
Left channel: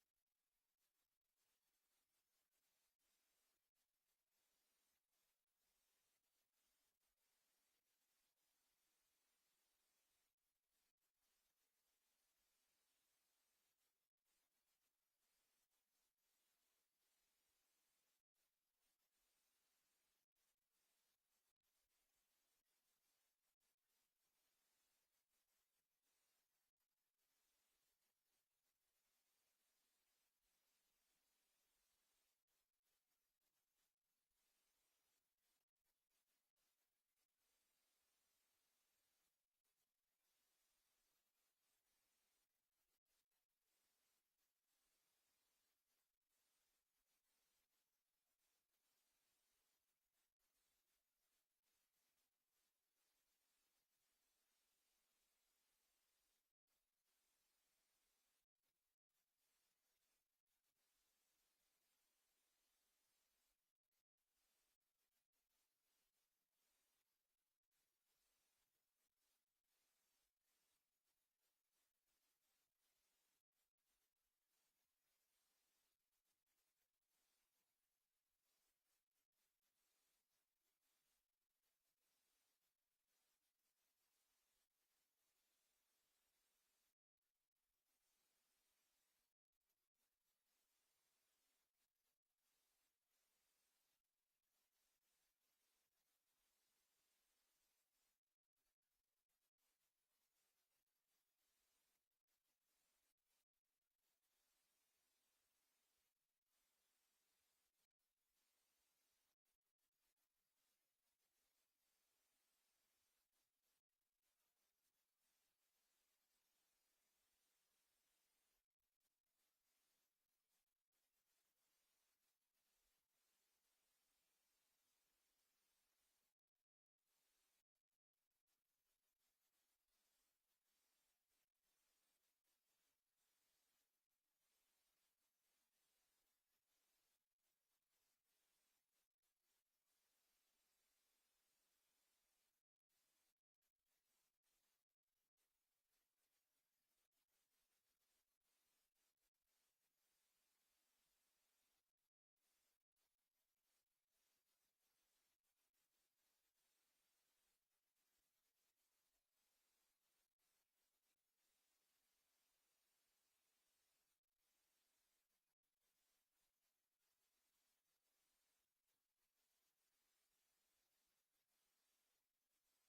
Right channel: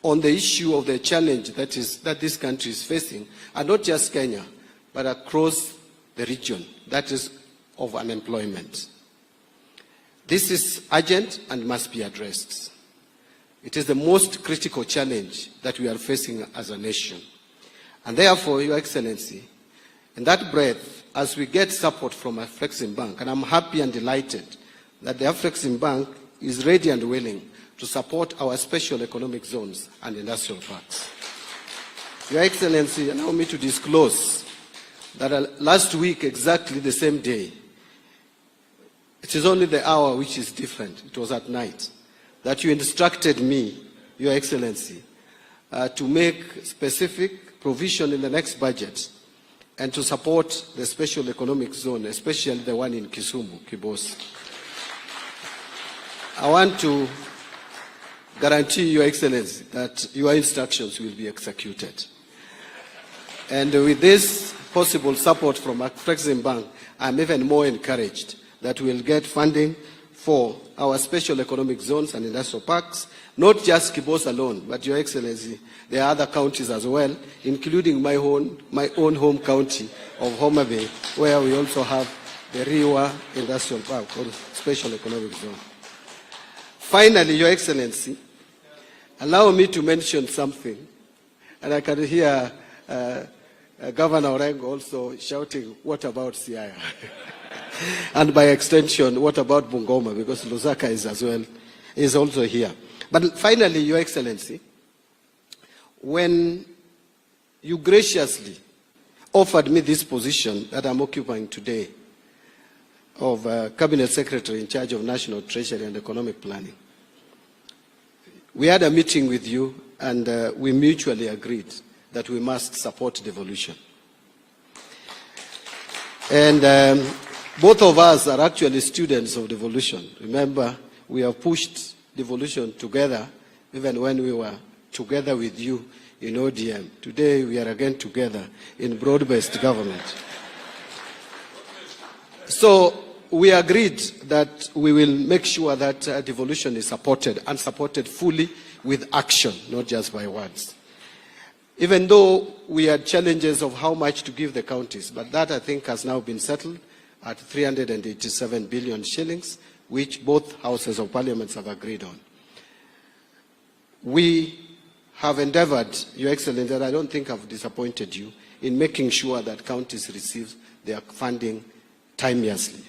on the issue of the challenge that this country is facing, and not just Kenya, but across the region, that is of unemployment. This is urgent and must be addressed. It is the most critical challenge that we are facing as a nation. And therefore, Your Excellency, in that breath, as we get support from Afrexim Bank, and I'm happy and delighted that the Afrexim Bank is ready and willing to support our special economic zones and industrial parks. Your Excellency, allow me to disclose that last week, exactly the same day, it is only the hour which is different, it was at night, that you instructed me, Your Excellency, to make specific provision in the next budget and to support the special economic zone, especially the one in Kisumu, Kibos. I want to guarantee, Your Excellency, that your instructions will be executed. And with this possible support from Afrexim Bank, I'm even more encouraged that we'll get funding for our special economic zones and industrial parks, not just Kibos alone, but Your Excellency, there are other counties as well, including my own home county of Homa Bay, where we also have the Riwa Industrial Park, or Special Economic Zone. Finally, Your Excellency, allow me to mention something, and I can hear Governor Orengo also shouting, what about Siaya? And by extension, what about Bungoma? Because Lusaka is also here. But finally, Your Excellency, when you graciously offered me this position that I'm occupying today of Cabinet Secretary in charge of National Treasury and Economic Planning, we had a meeting with you and we mutually agreed that we must support devolution. And both of us are actually students of devolution. Remember, we have pushed devolution together even when we were together with you in ODM. Today we are again together in broad-based government. So we agreed that we will make sure that devolution is supported and supported fully with action, not just by words. Even though we had challenges of how much to give the counties, but that I think has now been settled at 387 billion shillings, which both houses of parliament have agreed on. We have endeavored, Your Excellency, and I don't think I've disappointed you, in making sure that counties receive their funding timeously.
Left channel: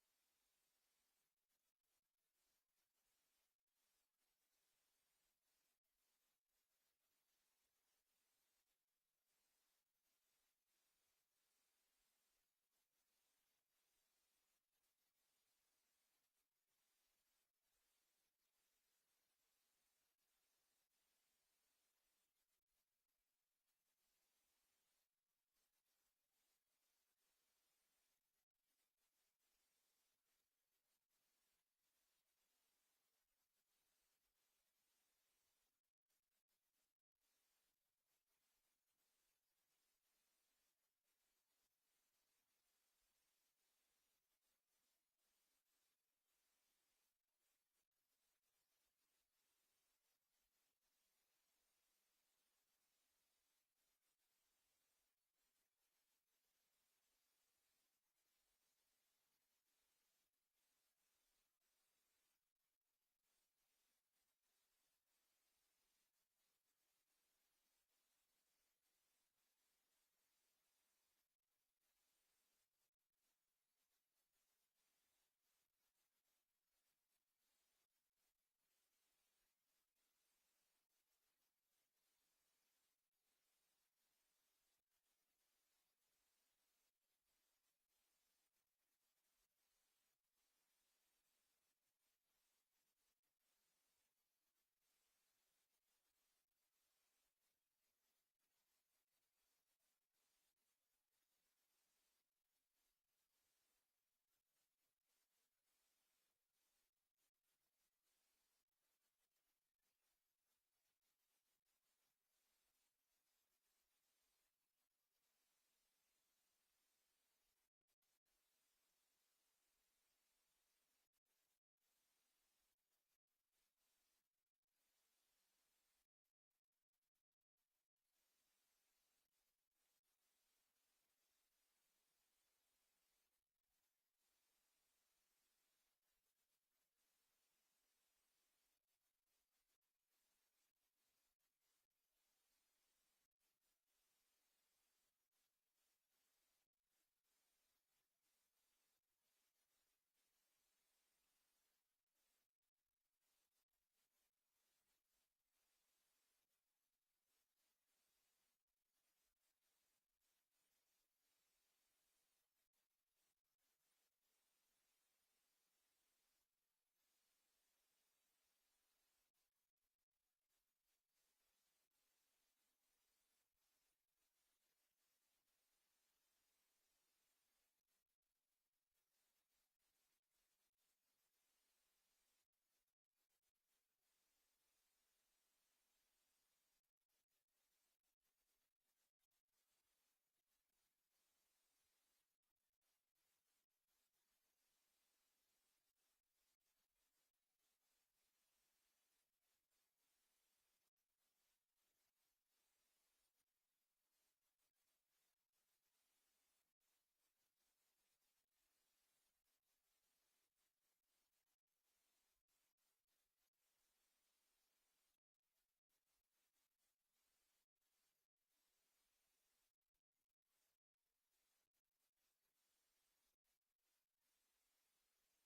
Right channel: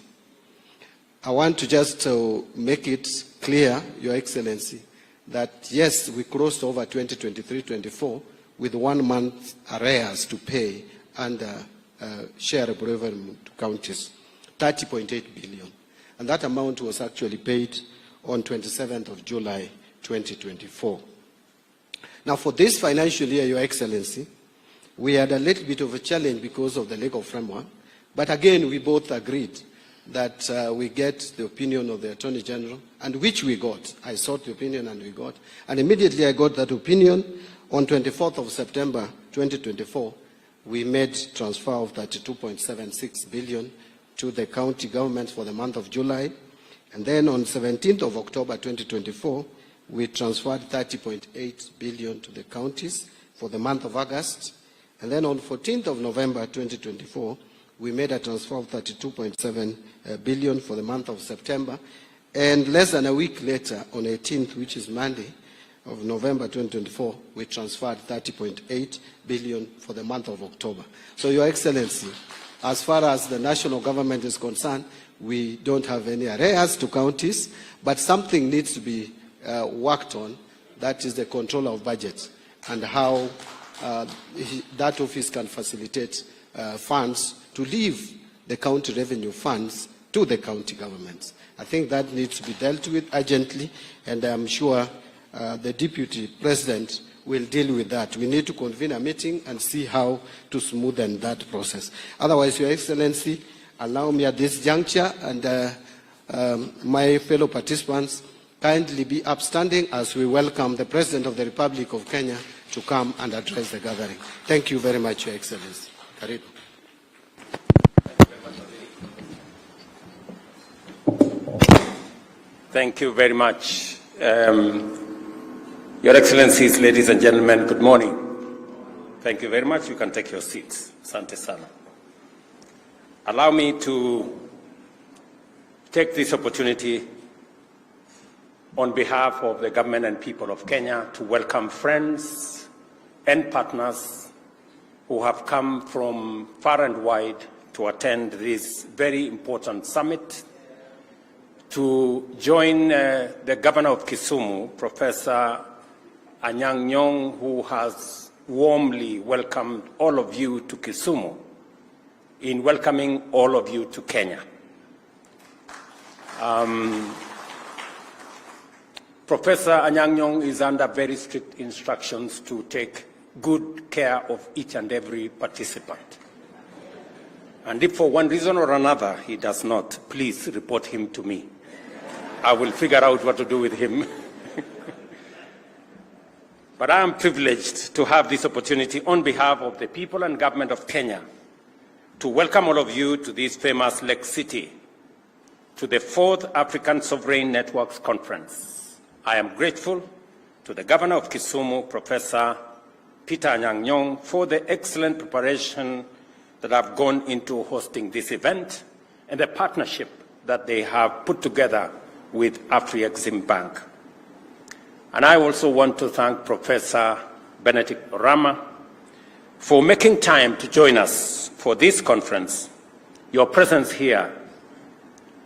I want to just make it clear, Your Excellency, that yes, we crossed over 2023-24 with 1 month arrears to pay and share of revenue to counties, 30.8 billion. And that amount was actually paid on 27th of July, 2024. Now, for this financial year, Your Excellency, we had a little bit of a challenge because of the legal framework. But again, we both agreed that we get the opinion of the Attorney General, and which we got. I sought the opinion and we got. And immediately I got that opinion. On 24th of September 2024, we made transfer of 32.76 billion to the county governments for the month of July. And then on 17th of October 2024, we transferred 30.8 billion to the counties for the month of August. And then on 14th of November 2024, we made a transfer of 32.7 billion for the month of September. And less than a week later, on 18th, which is Monday of November 2024, we transferred 30.8 billion for the month of October. So, Your Excellency, as far as the national government is concerned, we don't have any arrears to counties, but something needs to be worked on. That is the control of budget and how that office can facilitate funds to leave the county revenue funds to the county governments. I think that needs to be dealt with urgently, and I'm sure the Deputy President will deal with that. We need to convene a meeting and see how to smoothen that process. Otherwise, Your Excellency, allow me at this juncture and my fellow participants kindly be upstanding as we welcome the President of the Republic of Kenya to come and address the gathering. Thank you very much, Your Excellency. Karibu. Thank you very much. Your Excellencies, ladies and gentlemen, good morning. Thank you very much. You can take your seats. Asante sana. Allow me to take this opportunity on behalf of the government and people of Kenya to welcome friends and partners who have come from far and wide to attend this very important summit, to join the governor of Kisumu, Professor Anyang' Nyong'o, who has warmly welcomed all of you to Kisumu, in welcoming all of you to Kenya. Professor Anyang' Nyong'o is under very strict instructions to take good care of each and every participant. And if for one reason or another he does not, please report him to me. I will figure out what to do with him. But I am privileged to have this opportunity on behalf of the people and government of Kenya to welcome all of you to this famous Lake City, to the 4th African Sovereign Networks Conference. I am grateful to the governor of Kisumu, Professor Peter Anyang' Nyong'o, for the excellent preparation that have gone into hosting this event and the partnership that they have put together with Afrexim Bank. And I also want to thank Professor Benedict Orama for making time to join us for this conference. Your presence here,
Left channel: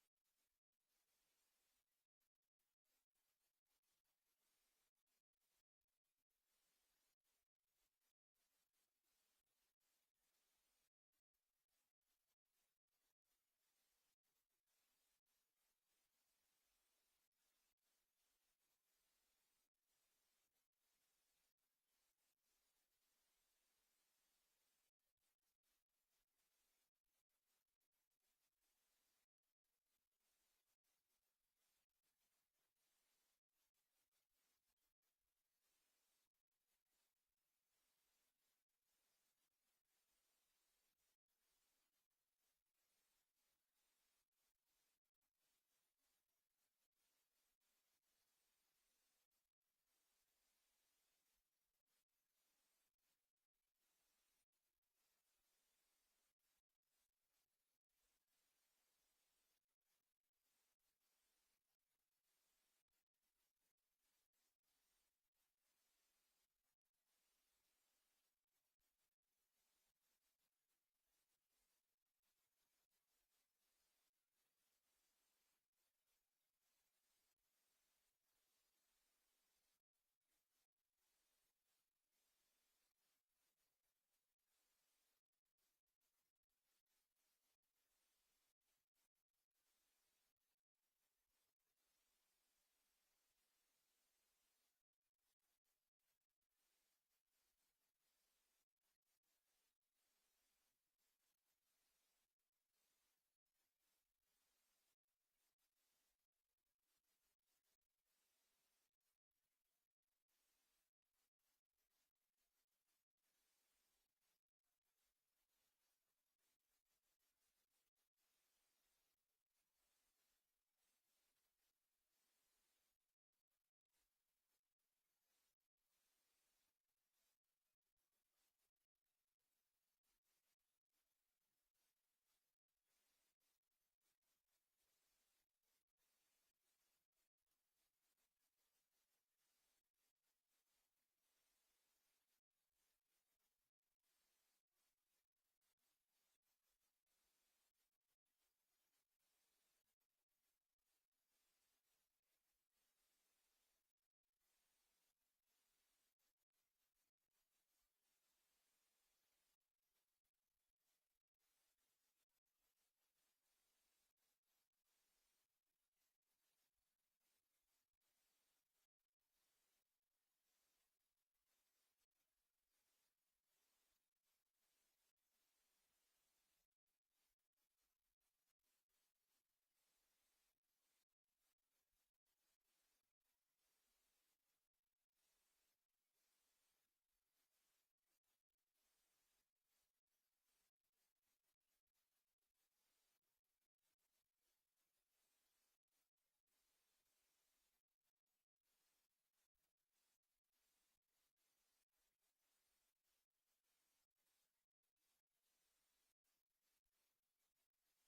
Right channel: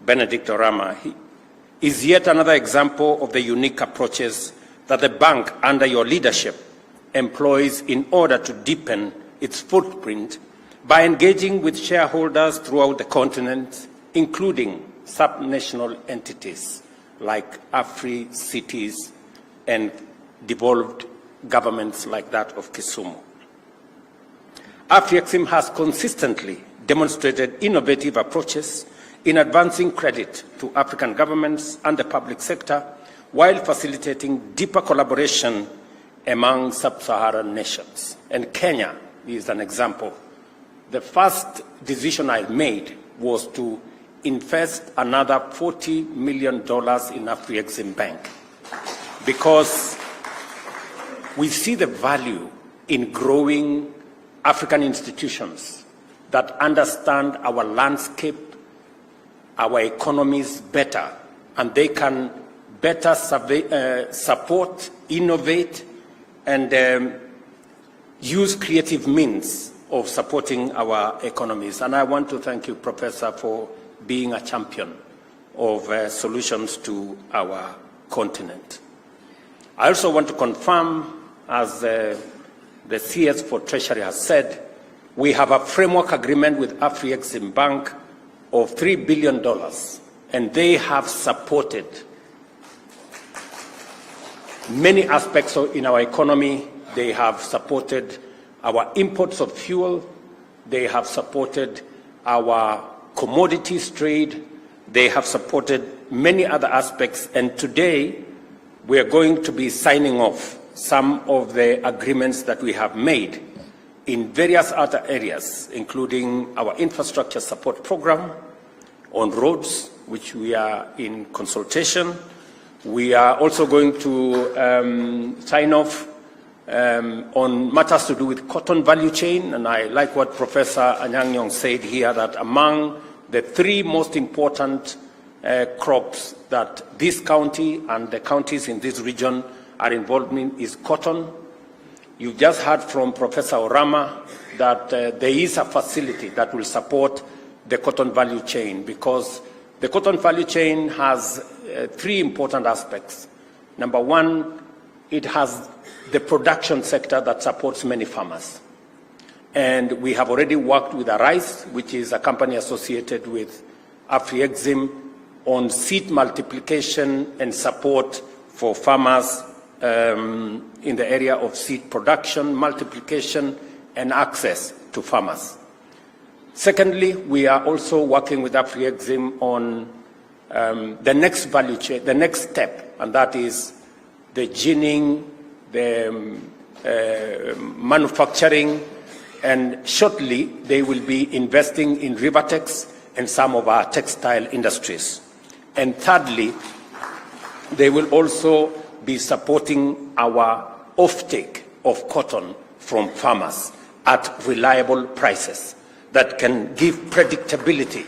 Benedict Orama, is yet another example of the unique approaches that the bank under your leadership employs in order to deepen its footprint by engaging with shareholders throughout the continent, including subnational entities like Afri-cities and devolved governments like that of Kisumu. Afrexim has consistently demonstrated innovative approaches in advancing credit to African governments and the public sector while facilitating deeper collaboration among sub-Saharan nations. And Kenya is an example. The first decision I made was to invest another $40 million in Afrexim Bank, because we see the value in growing African institutions that understand our landscape, our economies better, and they can better support, innovate, and use creative means of supporting our economies. And I want to thank you, Professor, for being a champion of solutions to our continent. I also want to confirm, as the CS for Treasury has said, we have a framework agreement with Afrexim Bank of $3 billion, and they have supported many aspects in our economy They have supported our imports of fuel. They have supported our commodities trade. They have supported many other aspects. And today, we are going to be signing off some of the agreements that we have made in various other areas, including our infrastructure support program on roads, which we are in consultation. We are also going to sign off on matters to do with cotton value chain, and I like what Professor Anyang' Nyong'o said here, that among the three most important crops that this county and the counties in this region are involved in is cotton. You've just heard from Professor Orama that there is a facility that will support the cotton value chain, because the cotton value chain has three important aspects. Number one, it has the production sector that supports many farmers. And we have already worked with Arise, which is a company associated with Afri-Exim, on seed multiplication and support for farmers in the area of seed production, multiplication, and access to farmers. Secondly, we are also working with Afri-Exim on the next value chain, the next step, and that is the ginning, the manufacturing, and shortly they will be investing in Rivertex and some of our textile industries. And thirdly, they will also be supporting our offtake of cotton from farmers at reliable prices that can give predictability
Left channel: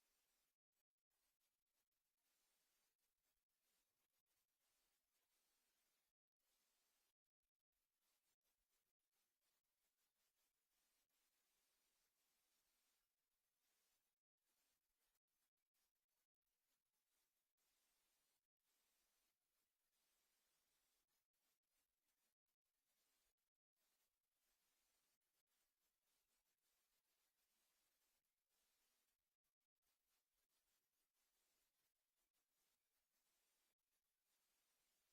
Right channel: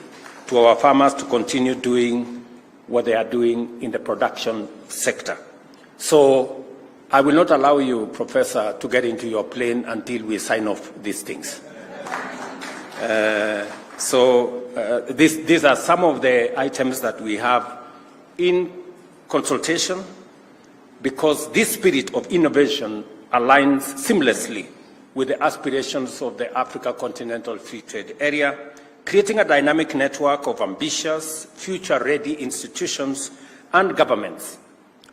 to our farmers to continue doing what they are doing in the production sector. So I will not allow you, Professor, to get into your plane until we sign off these things. These are some of the items that we have in consultation, because this spirit of innovation aligns seamlessly with the aspirations of the Africa Continental Free Trade Area, creating a dynamic network of ambitious, future-ready institutions and governments.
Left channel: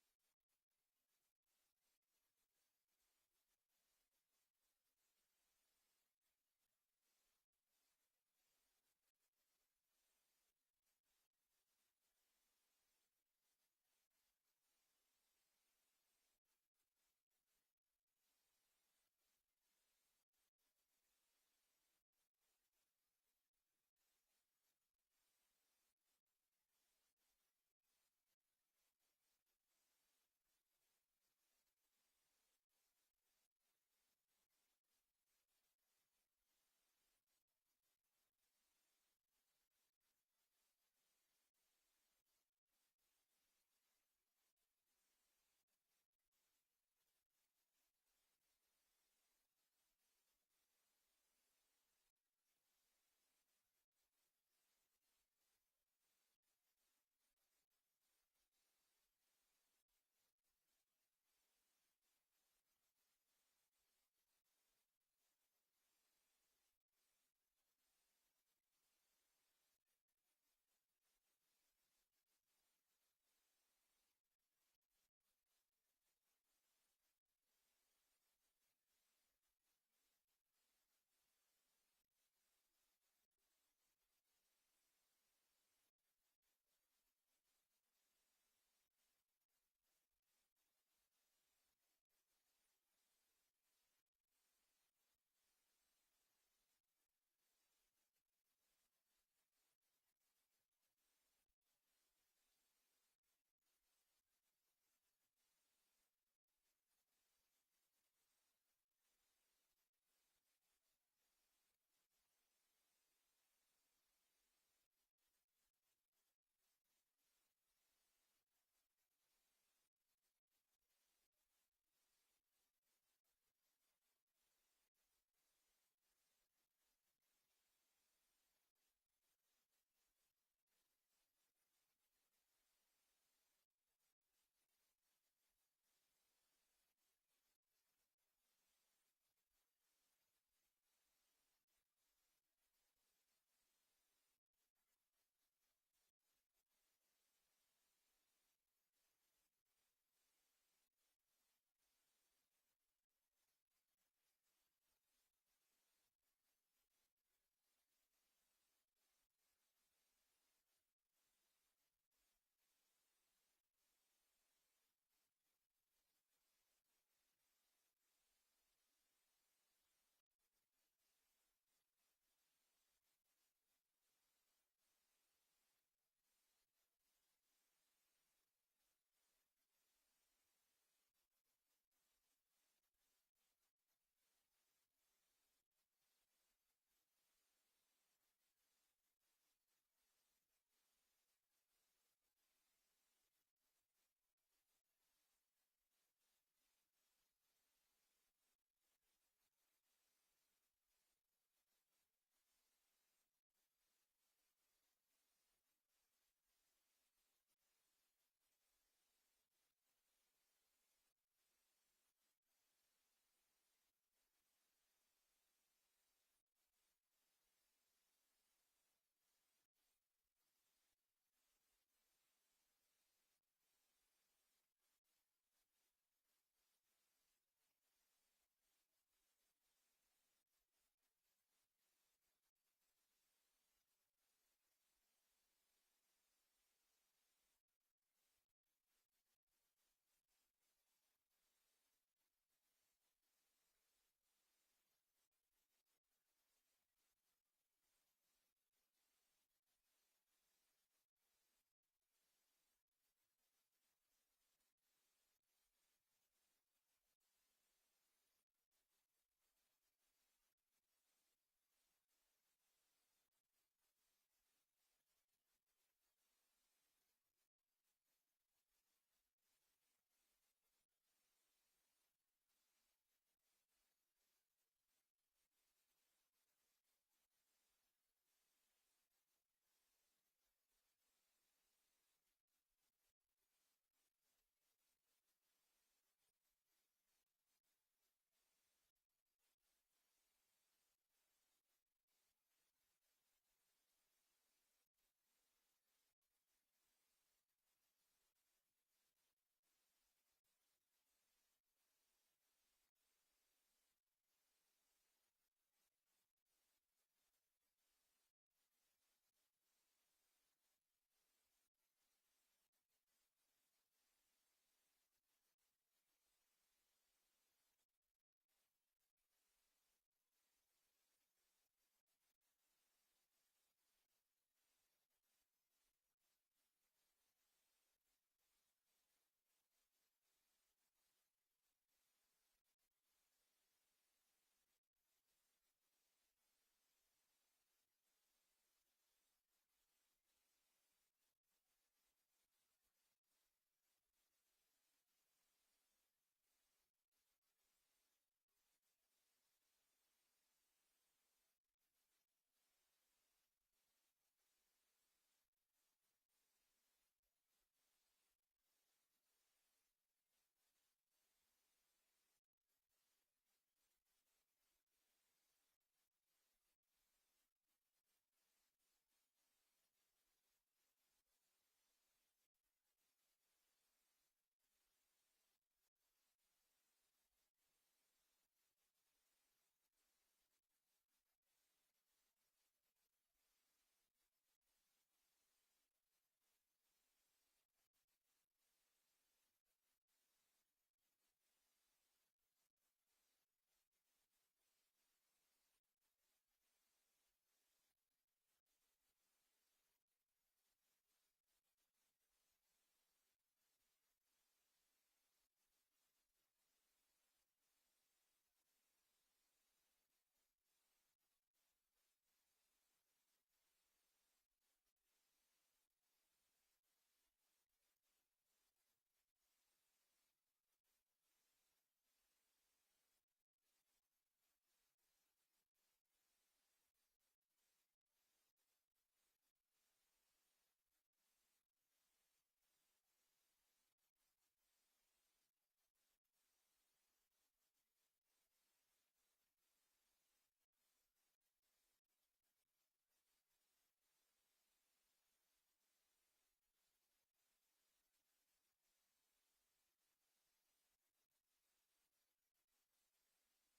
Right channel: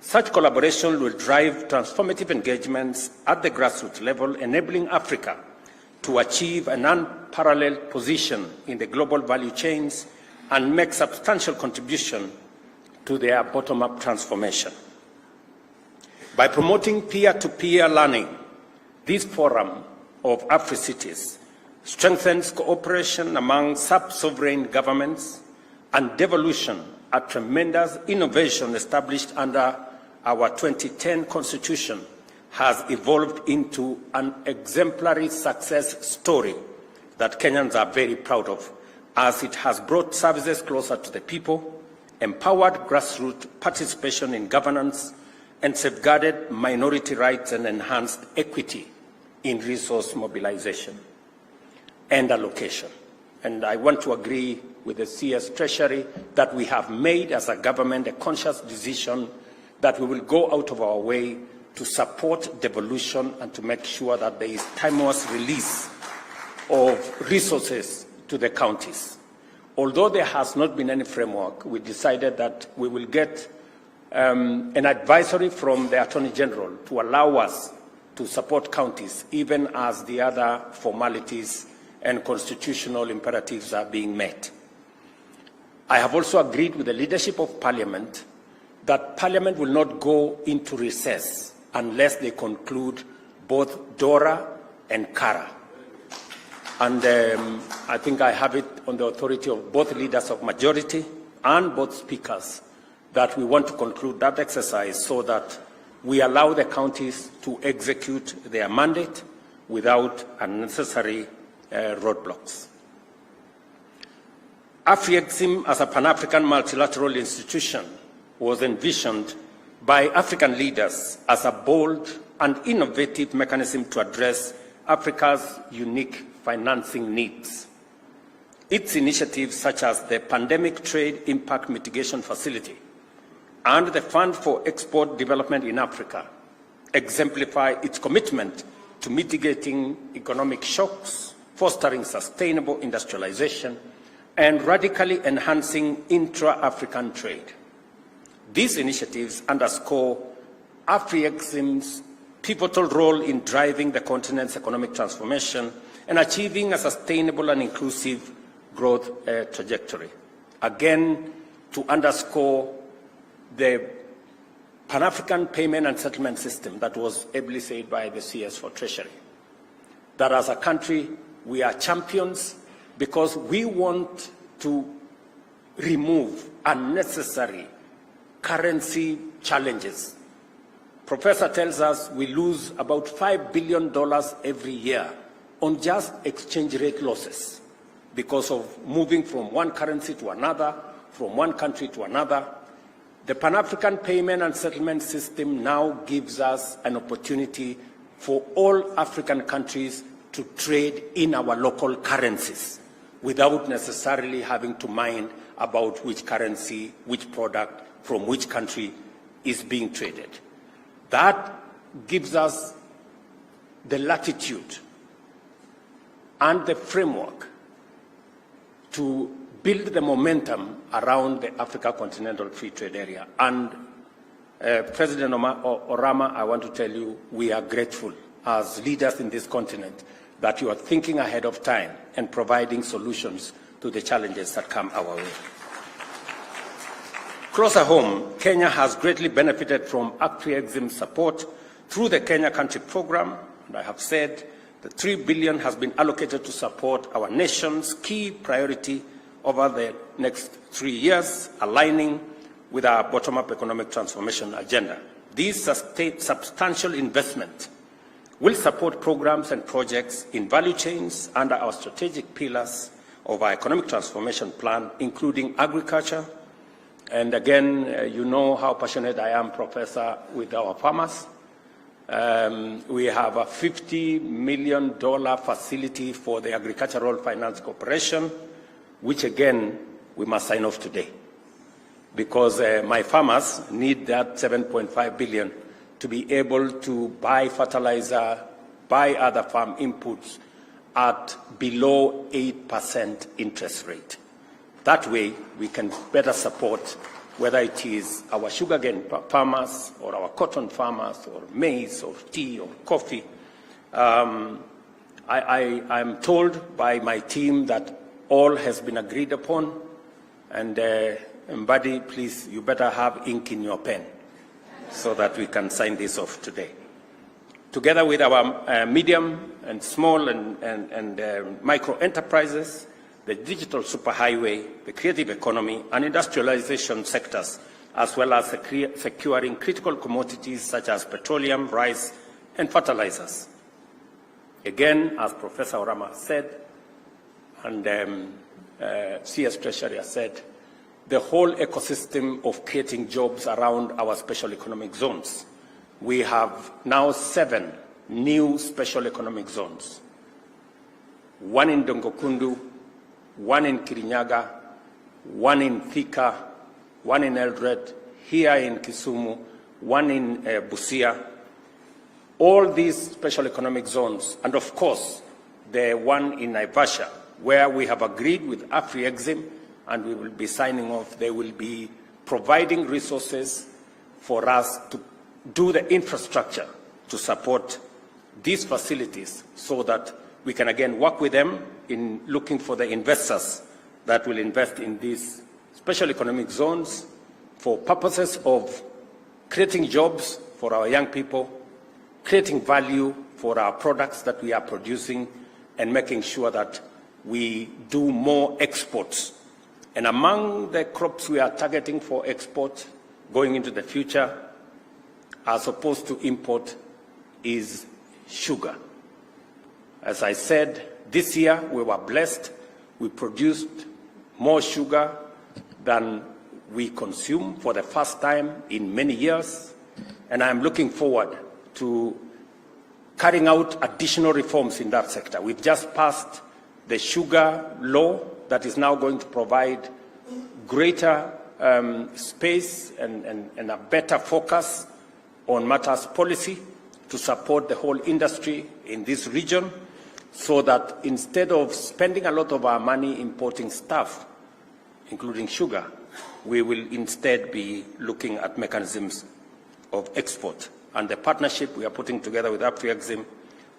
Such collaboration will drive transformative engagements at the grassroots level, enabling Africa to achieve an unparalleled position in the global value chains and make substantial contribution to their bottom-up transformation. By promoting peer-to-peer learning, this forum of Afri-cities strengthens cooperation among sub-sovereign governments and devolution, a tremendous innovation established under our 2010 Constitution, has evolved into an exemplary success story that Kenyans are very proud of, as it has brought services closer to the people, empowered grassroots participation in governance, and safeguarded minority rights and enhanced equity in resource mobilization and allocation. And I want to agree with the CS Treasury that we have made as a government a conscious decision that we will go out of our way to support devolution and to make sure that there is timeless release of resources to the counties. Although there has not been any framework, we decided that we will get an advisory from the Attorney General to allow us to support counties, even as the other formalities and constitutional imperatives are being met. I have also agreed with the leadership of Parliament that Parliament will not go into recess unless they conclude both DORA and CARA. And I think I have it on the authority of both leaders of majority and both speakers that we want to conclude that exercise so that we allow the counties to execute their mandate without unnecessary roadblocks. Afri-Exim as a Pan-African multilateral institution was envisioned by African leaders as a bold and innovative mechanism to address Africa's unique financing needs. Its initiatives, such as the Pandemic Trade Impact Mitigation Facility and the Fund for Export Development in Africa, exemplify its commitment to mitigating economic shocks, fostering sustainable industrialization, and radically enhancing intra-African trade. These initiatives underscore Afri-Exim's pivotal role in driving the continent's economic transformation and achieving a sustainable and inclusive growth trajectory. Again, to underscore the Pan-African payment and settlement system that was ably said by the CS for Treasury, that as a country we are champions because we want to remove unnecessary currency challenges. Professor tells us we lose about $5 billion every year on just exchange rate losses because of moving from one currency to another, from one country to another. The Pan-African payment and settlement system now gives us an opportunity for all African countries to trade in our local currencies without necessarily having to mind about which currency, which product from which country is being traded. That gives us the latitude and the framework to build the momentum around the Africa Continental Free Trade Area. And President Orama, I want to tell you, we are grateful as leaders in this continent that you are thinking ahead of time and providing solutions to the challenges that come our way. Closer home, Kenya has greatly benefited from Afri-Exim support through the Kenya Country Program, and I have said that $3 billion has been allocated to support our nation's key priority over the next 3 years, aligning with our bottom-up economic transformation agenda. This substantial investment will support programs and projects in value chains under our strategic pillars of our economic transformation plan, including agriculture. And again, you know how passionate I am, Professor, with our farmers. We have a $50 million facility for the Agricultural Finance Corporation, which again, we must sign off today. Because my farmers need that $7.5 billion to be able to buy fertilizer, buy other farm inputs at below 8% interest rate. That way, we can better support whether it is our sugarcane farmers or our cotton farmers or maize or tea or coffee. I'm told by my team that all has been agreed upon, and Mbadi, please, you better have ink in your pen so that we can sign this off today. Together with our medium and small and micro enterprises, the digital superhighway, the creative economy, and industrialization sectors, as well as securing critical commodities such as petroleum, rice, and fertilizers. Again, as Professor Orama said, and CS Treasury has said, the whole ecosystem of creating jobs around our special economic zones. We have now 7 new special economic zones. 1 in Dongokundu, 1 in Kirinyaga, 1 in Thika, 1 in Eldoret, here in Kisumu, 1 in Busia. All these special economic zones, and of course, the one in Naivasha, where we have agreed with Afri-Exim, and we will be signing off. They will be providing resources for us to do the infrastructure to support these facilities so that we can again work with them in looking for the investors that will invest in these special economic zones for purposes of creating jobs for our young people, creating value for our products that we are producing, and making sure that we do more exports. And among the crops we are targeting for export going into the future, as opposed to import, is sugar. As I said, this year we were blessed. We produced more sugar than we consume for the first time in many years. And I'm looking forward to carrying out additional reforms in that sector. We've just passed the sugar law that is now going to provide greater space and a better focus on matters policy to support the whole industry in this region, so that instead of spending a lot of our money importing stuff, including sugar, we will instead be looking at mechanisms of export and the partnership we are putting together with AfriExim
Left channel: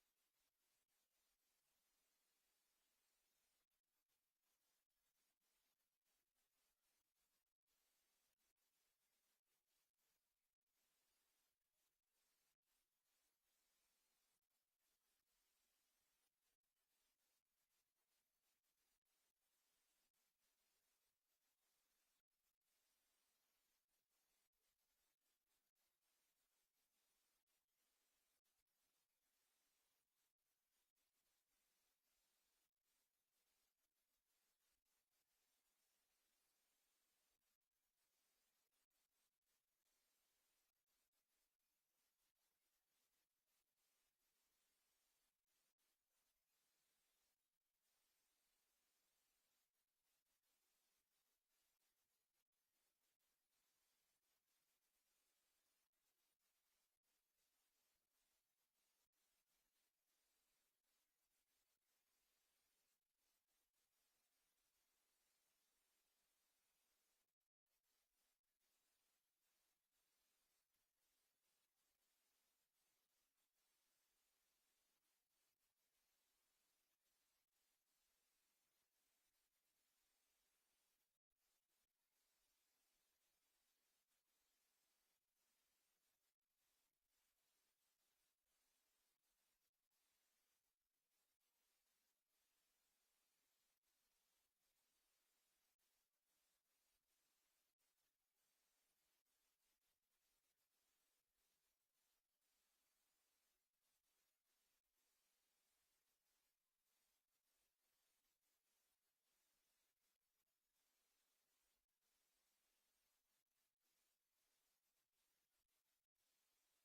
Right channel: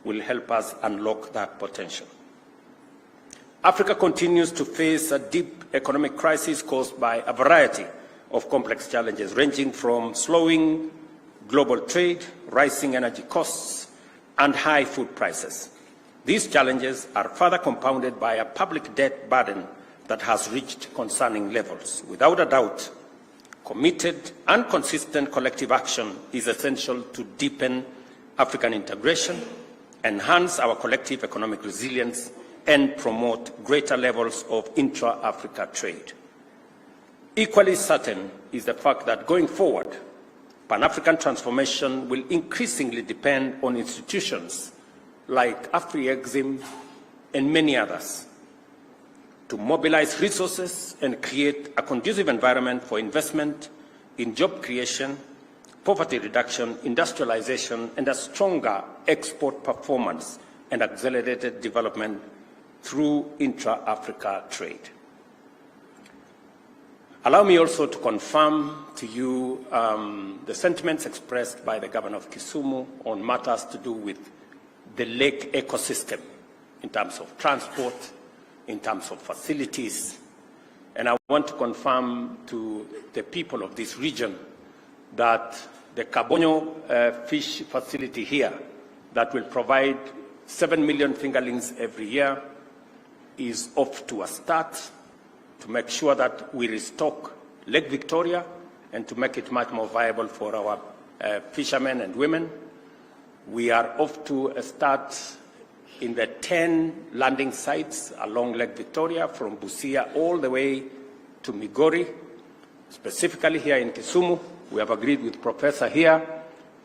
will help us unlock that potential. Africa continues to face a deep economic crisis caused by a variety of complex challenges, ranging from slowing global trade, rising energy costs, and high food prices. These challenges are further compounded by a public debt burden that has reached concerning levels. Without a doubt, committed and consistent collective action is essential to deepen African integration, enhance our collective economic resilience, and promote greater levels of intra-Africa trade. Equally certain is the fact that going forward, Pan-African transformation will increasingly depend on institutions like AfriExim and many others to mobilize resources and create a conducive environment for investment in job creation, poverty reduction, industrialization, and a stronger export performance and accelerated development through intra-Africa trade. Allow me also to confirm to you the sentiments expressed by the Governor of Kisumu on matters to do with the lake ecosystem in terms of transport, in terms of facilities. And I want to confirm to the people of this region that the Kabonyo fish facility here that will provide 7 million fingerlings every year is off to a start to make sure that we restock Lake Victoria and to make it much more viable for our fishermen and women. We are off to a start in the 10 landing sites along Lake Victoria from Busia all the way to Migori. Specifically here in Kisumu, we have agreed with Professor here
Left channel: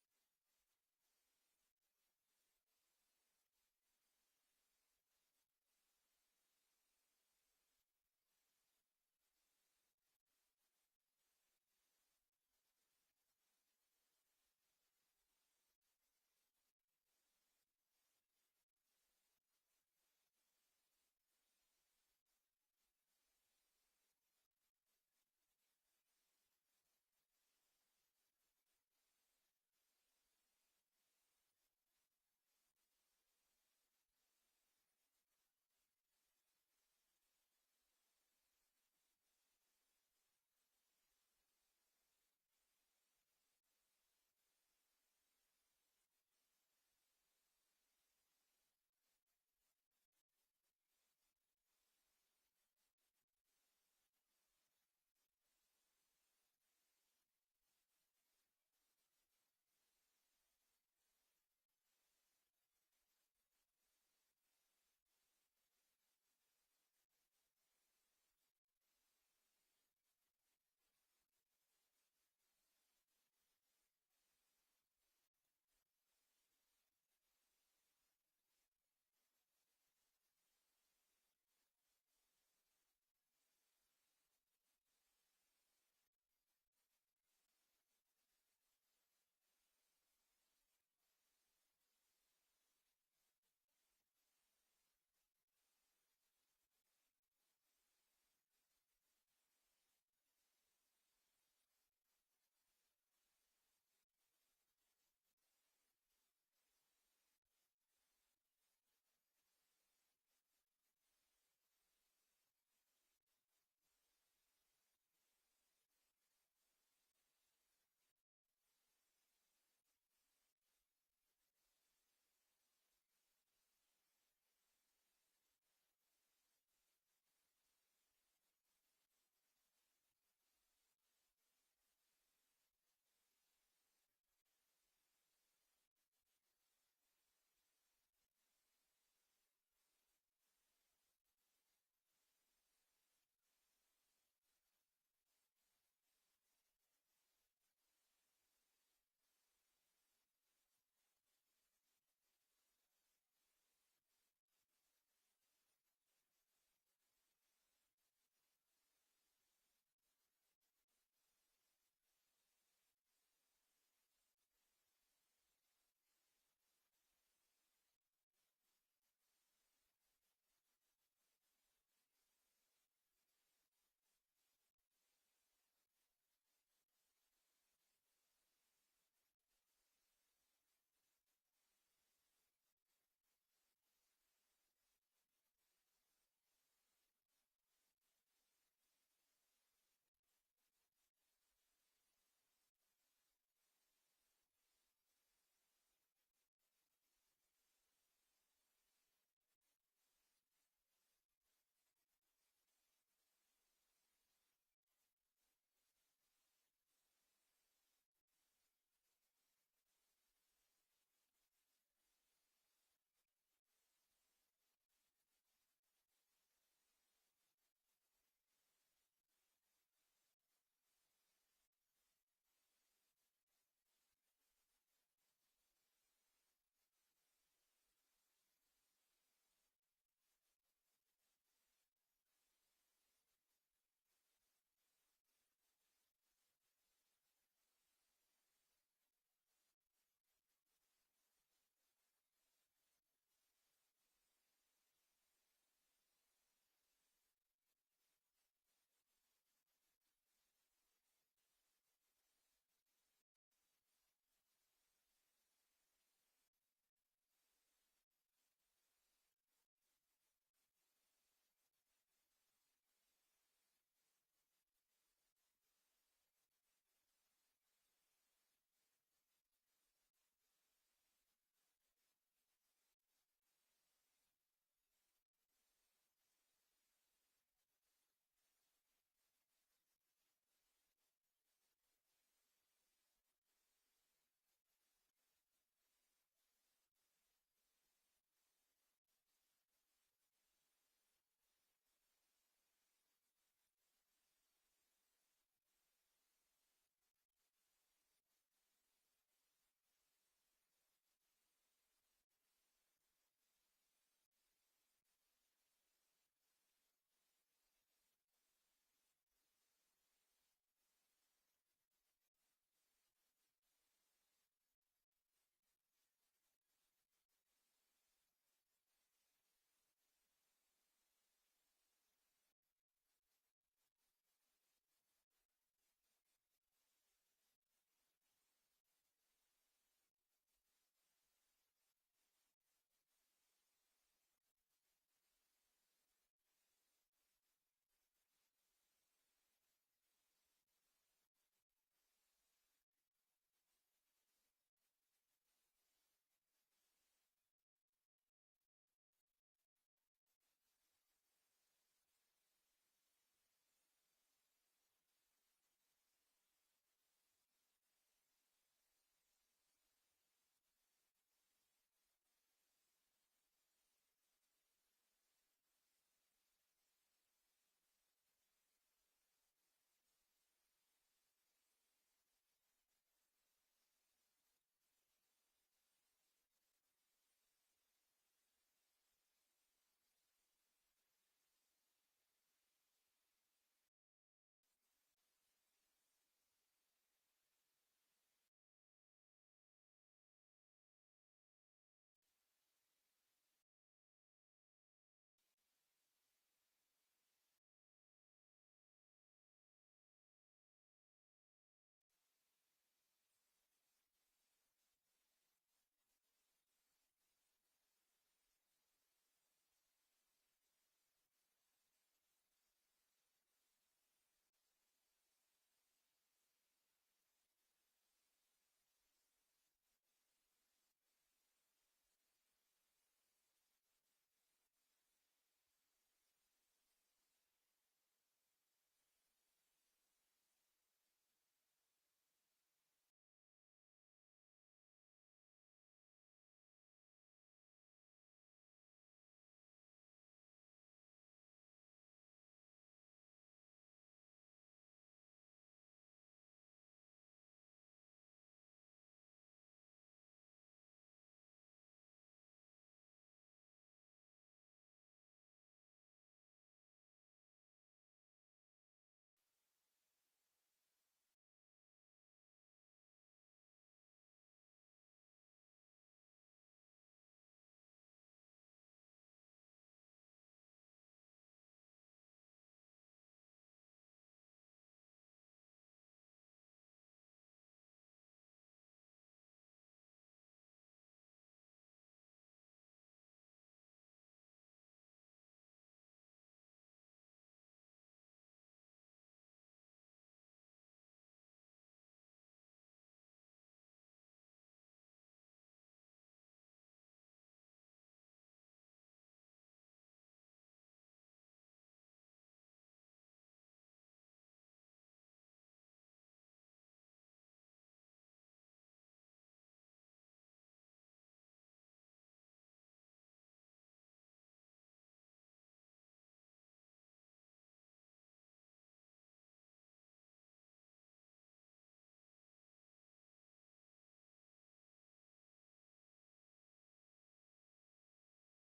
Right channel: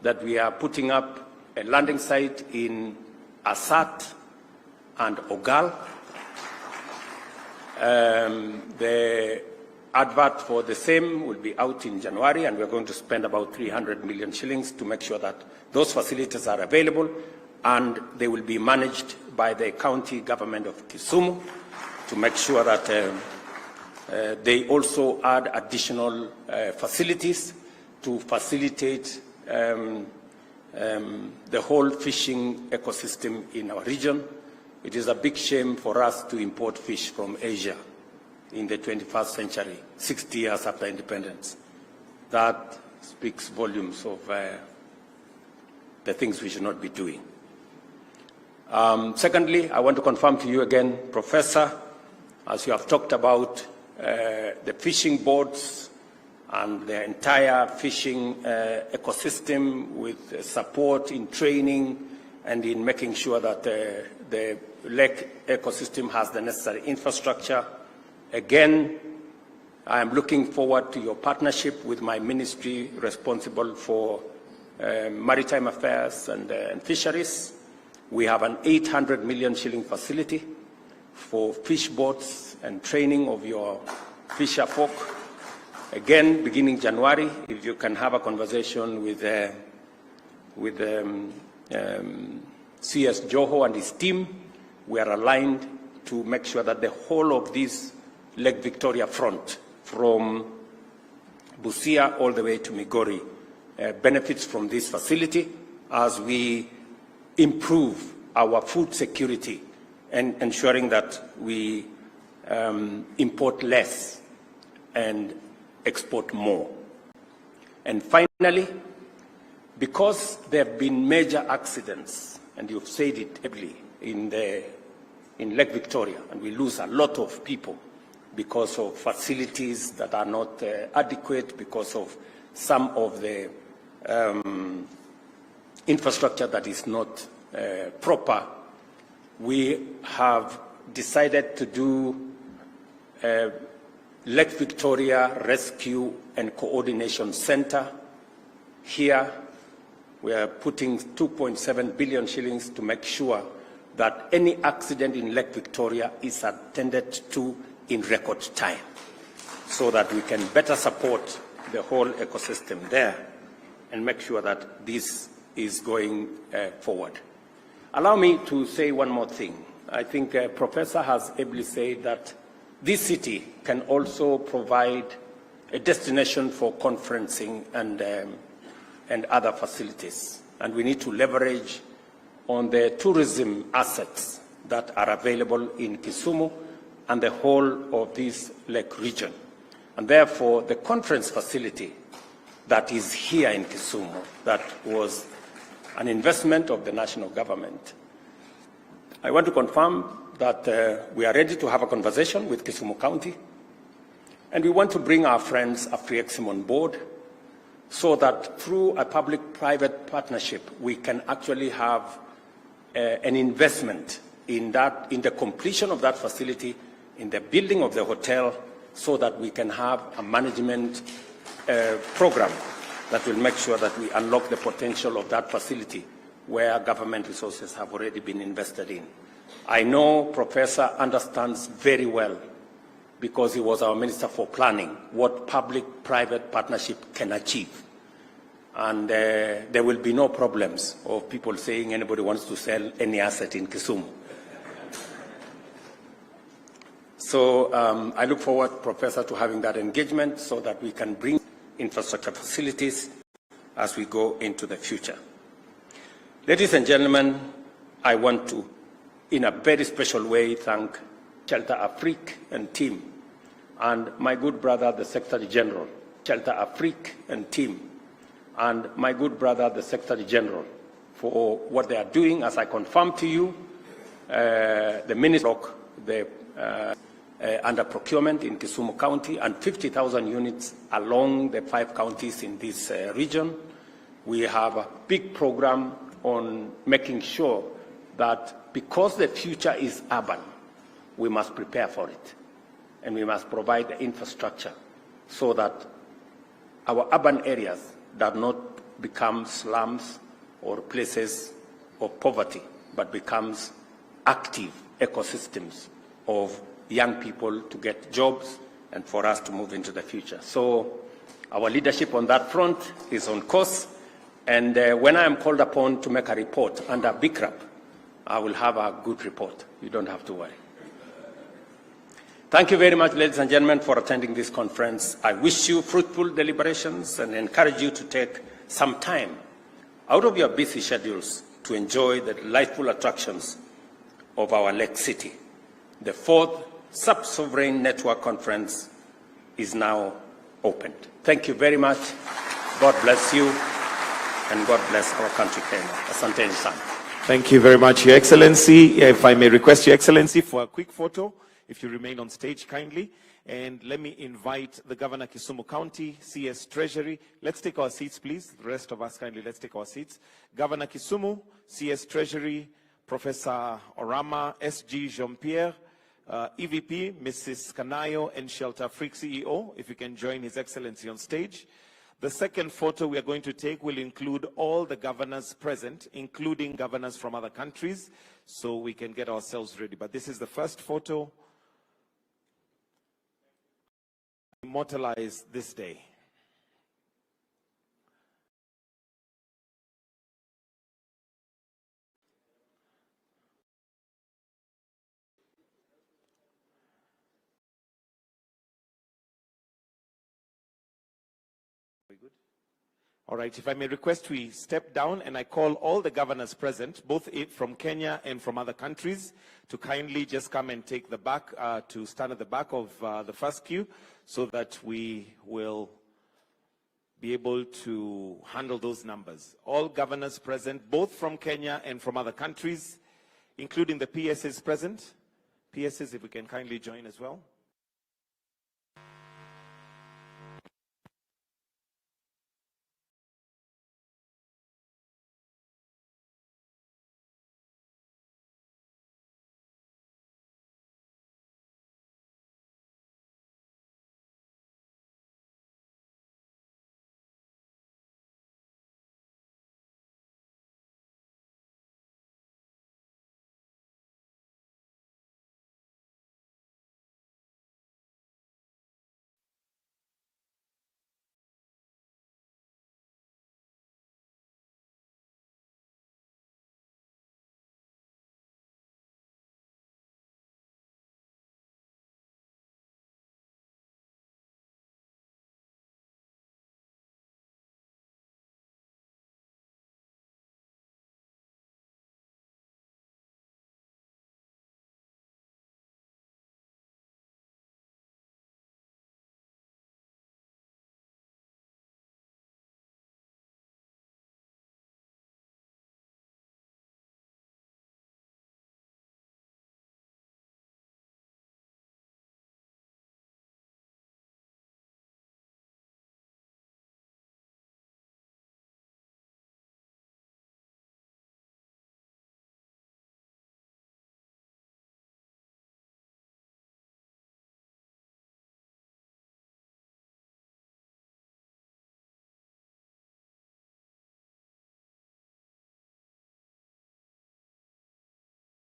that we are putting up a landing site in Asat and Ogal. The advert for the same will be out in January, and we're going to spend about 300 million shillings to make sure that those facilities are available, and they will be managed by the county government of Kisumu to make sure that they also add additional facilities to facilitate the whole fishing ecosystem in our region. It is a big shame for us to import fish from Asia in the 21st century, 60 years after independence. That speaks volumes of the things we should not be doing. Secondly, I want to confirm to you again, Professor, as you have talked about the fishing boats and the entire fishing ecosystem with support in training and in making sure that the lake ecosystem has the necessary infrastructure. Again, I am looking forward to your partnership with my ministry responsible for maritime affairs and fisheries. We have an 800 million shilling facility for fish boats and training of your fisher folk. Again, beginning January, if you can have a conversation with CS Joho and his team, we are aligned to make sure that the whole of this Lake Victoria front, from Busia all the way to Migori, benefits from this facility as we improve our food security and ensuring that we import less and export more. And finally, because there have been major accidents, and you've said it heavily, in Lake Victoria, and we lose a lot of people because of facilities that are not adequate, because of some of the infrastructure that is not proper, we have decided to do Lake Victoria Rescue and Coordination Center here. We are putting 2.7 billion shillings to make sure that any accident in Lake Victoria is attended to in record time, so that we can better support the whole ecosystem there and make sure that this is going forward. Allow me to say one more thing. I think Professor has ably said that this city can also provide a destination for conferencing and other facilities. And we need to leverage on the tourism assets that are available in Kisumu and the whole of this lake region. And therefore, the conference facility that is here in Kisumu, that was an investment of the national government. I want to confirm that we are ready to have a conversation with Kisumu County, and we want to bring our friends AfriExim on board so that through a public-private partnership, we can actually have an investment in the completion of that facility, in the building of the hotel, so that we can have a management program that will make sure that we unlock the potential of that facility where government resources have already been invested in. I know Professor understands very well, because he was our Minister for Planning, what public-private partnership can achieve. And there will be no problems of people saying anybody wants to sell any asset in Kisumu. So I look forward, Professor, to having that engagement so that we can bring infrastructure facilities as we go into the future. Ladies and gentlemen, I want to, in a very special way, thank Shelter Afrique and team, and my good brother, the Secretary General, Shelter Afrique and team, and my good brother, the Secretary General, for what they are doing. As I confirmed to you, the Minister under procurement in Kisumu County and 50,000 units along the 5 counties in this region. We have a big program on making sure that because the future is urban, we must prepare for it, and we must provide the infrastructure so that our urban areas do not become slums or places of poverty, but becomes active ecosystems of young people to get jobs and for us to move into the future. So our leadership on that front is on course, and when I am called upon to make a report under BICRAP, I will have a good report. You don't have to worry. Thank you very much, ladies and gentlemen, for attending this conference. I wish you fruitful deliberations and encourage you to take some time out of your busy schedules to enjoy the delightful attractions of our Lake City. The 4th Sub-Sovereign Network Conference is now opened. Thank you very much. God bless you, and God bless our country, Kenya. Asanteni sana. Thank you very much, Your Excellency. If I may request Your Excellency for a quick photo, if you remain on stage kindly. And let me invite the Governor Kisumu County, CS Treasury. Let's take our seats, please. The rest of us kindly, let's take our seats. Governor Kisumu, CS Treasury, Professor Orama, SG Jean-Pierre, EVP, Mrs. Kanayo, and Shelter Afrique CEO, if you can join His Excellency on stage. The second photo we are going to take will include all the governors present, including governors from other countries, so we can get ourselves ready. But this is the first photo. Immortalize this day. All right, if I may request, we step down and I call all the governors present, both from Kenya and from other countries, to kindly just come and take the back, to stand at the back of the first queue, so that we will be able to handle those numbers. All governors present, both from Kenya and from other countries, including the PSs present. PSs, if we can kindly join as well.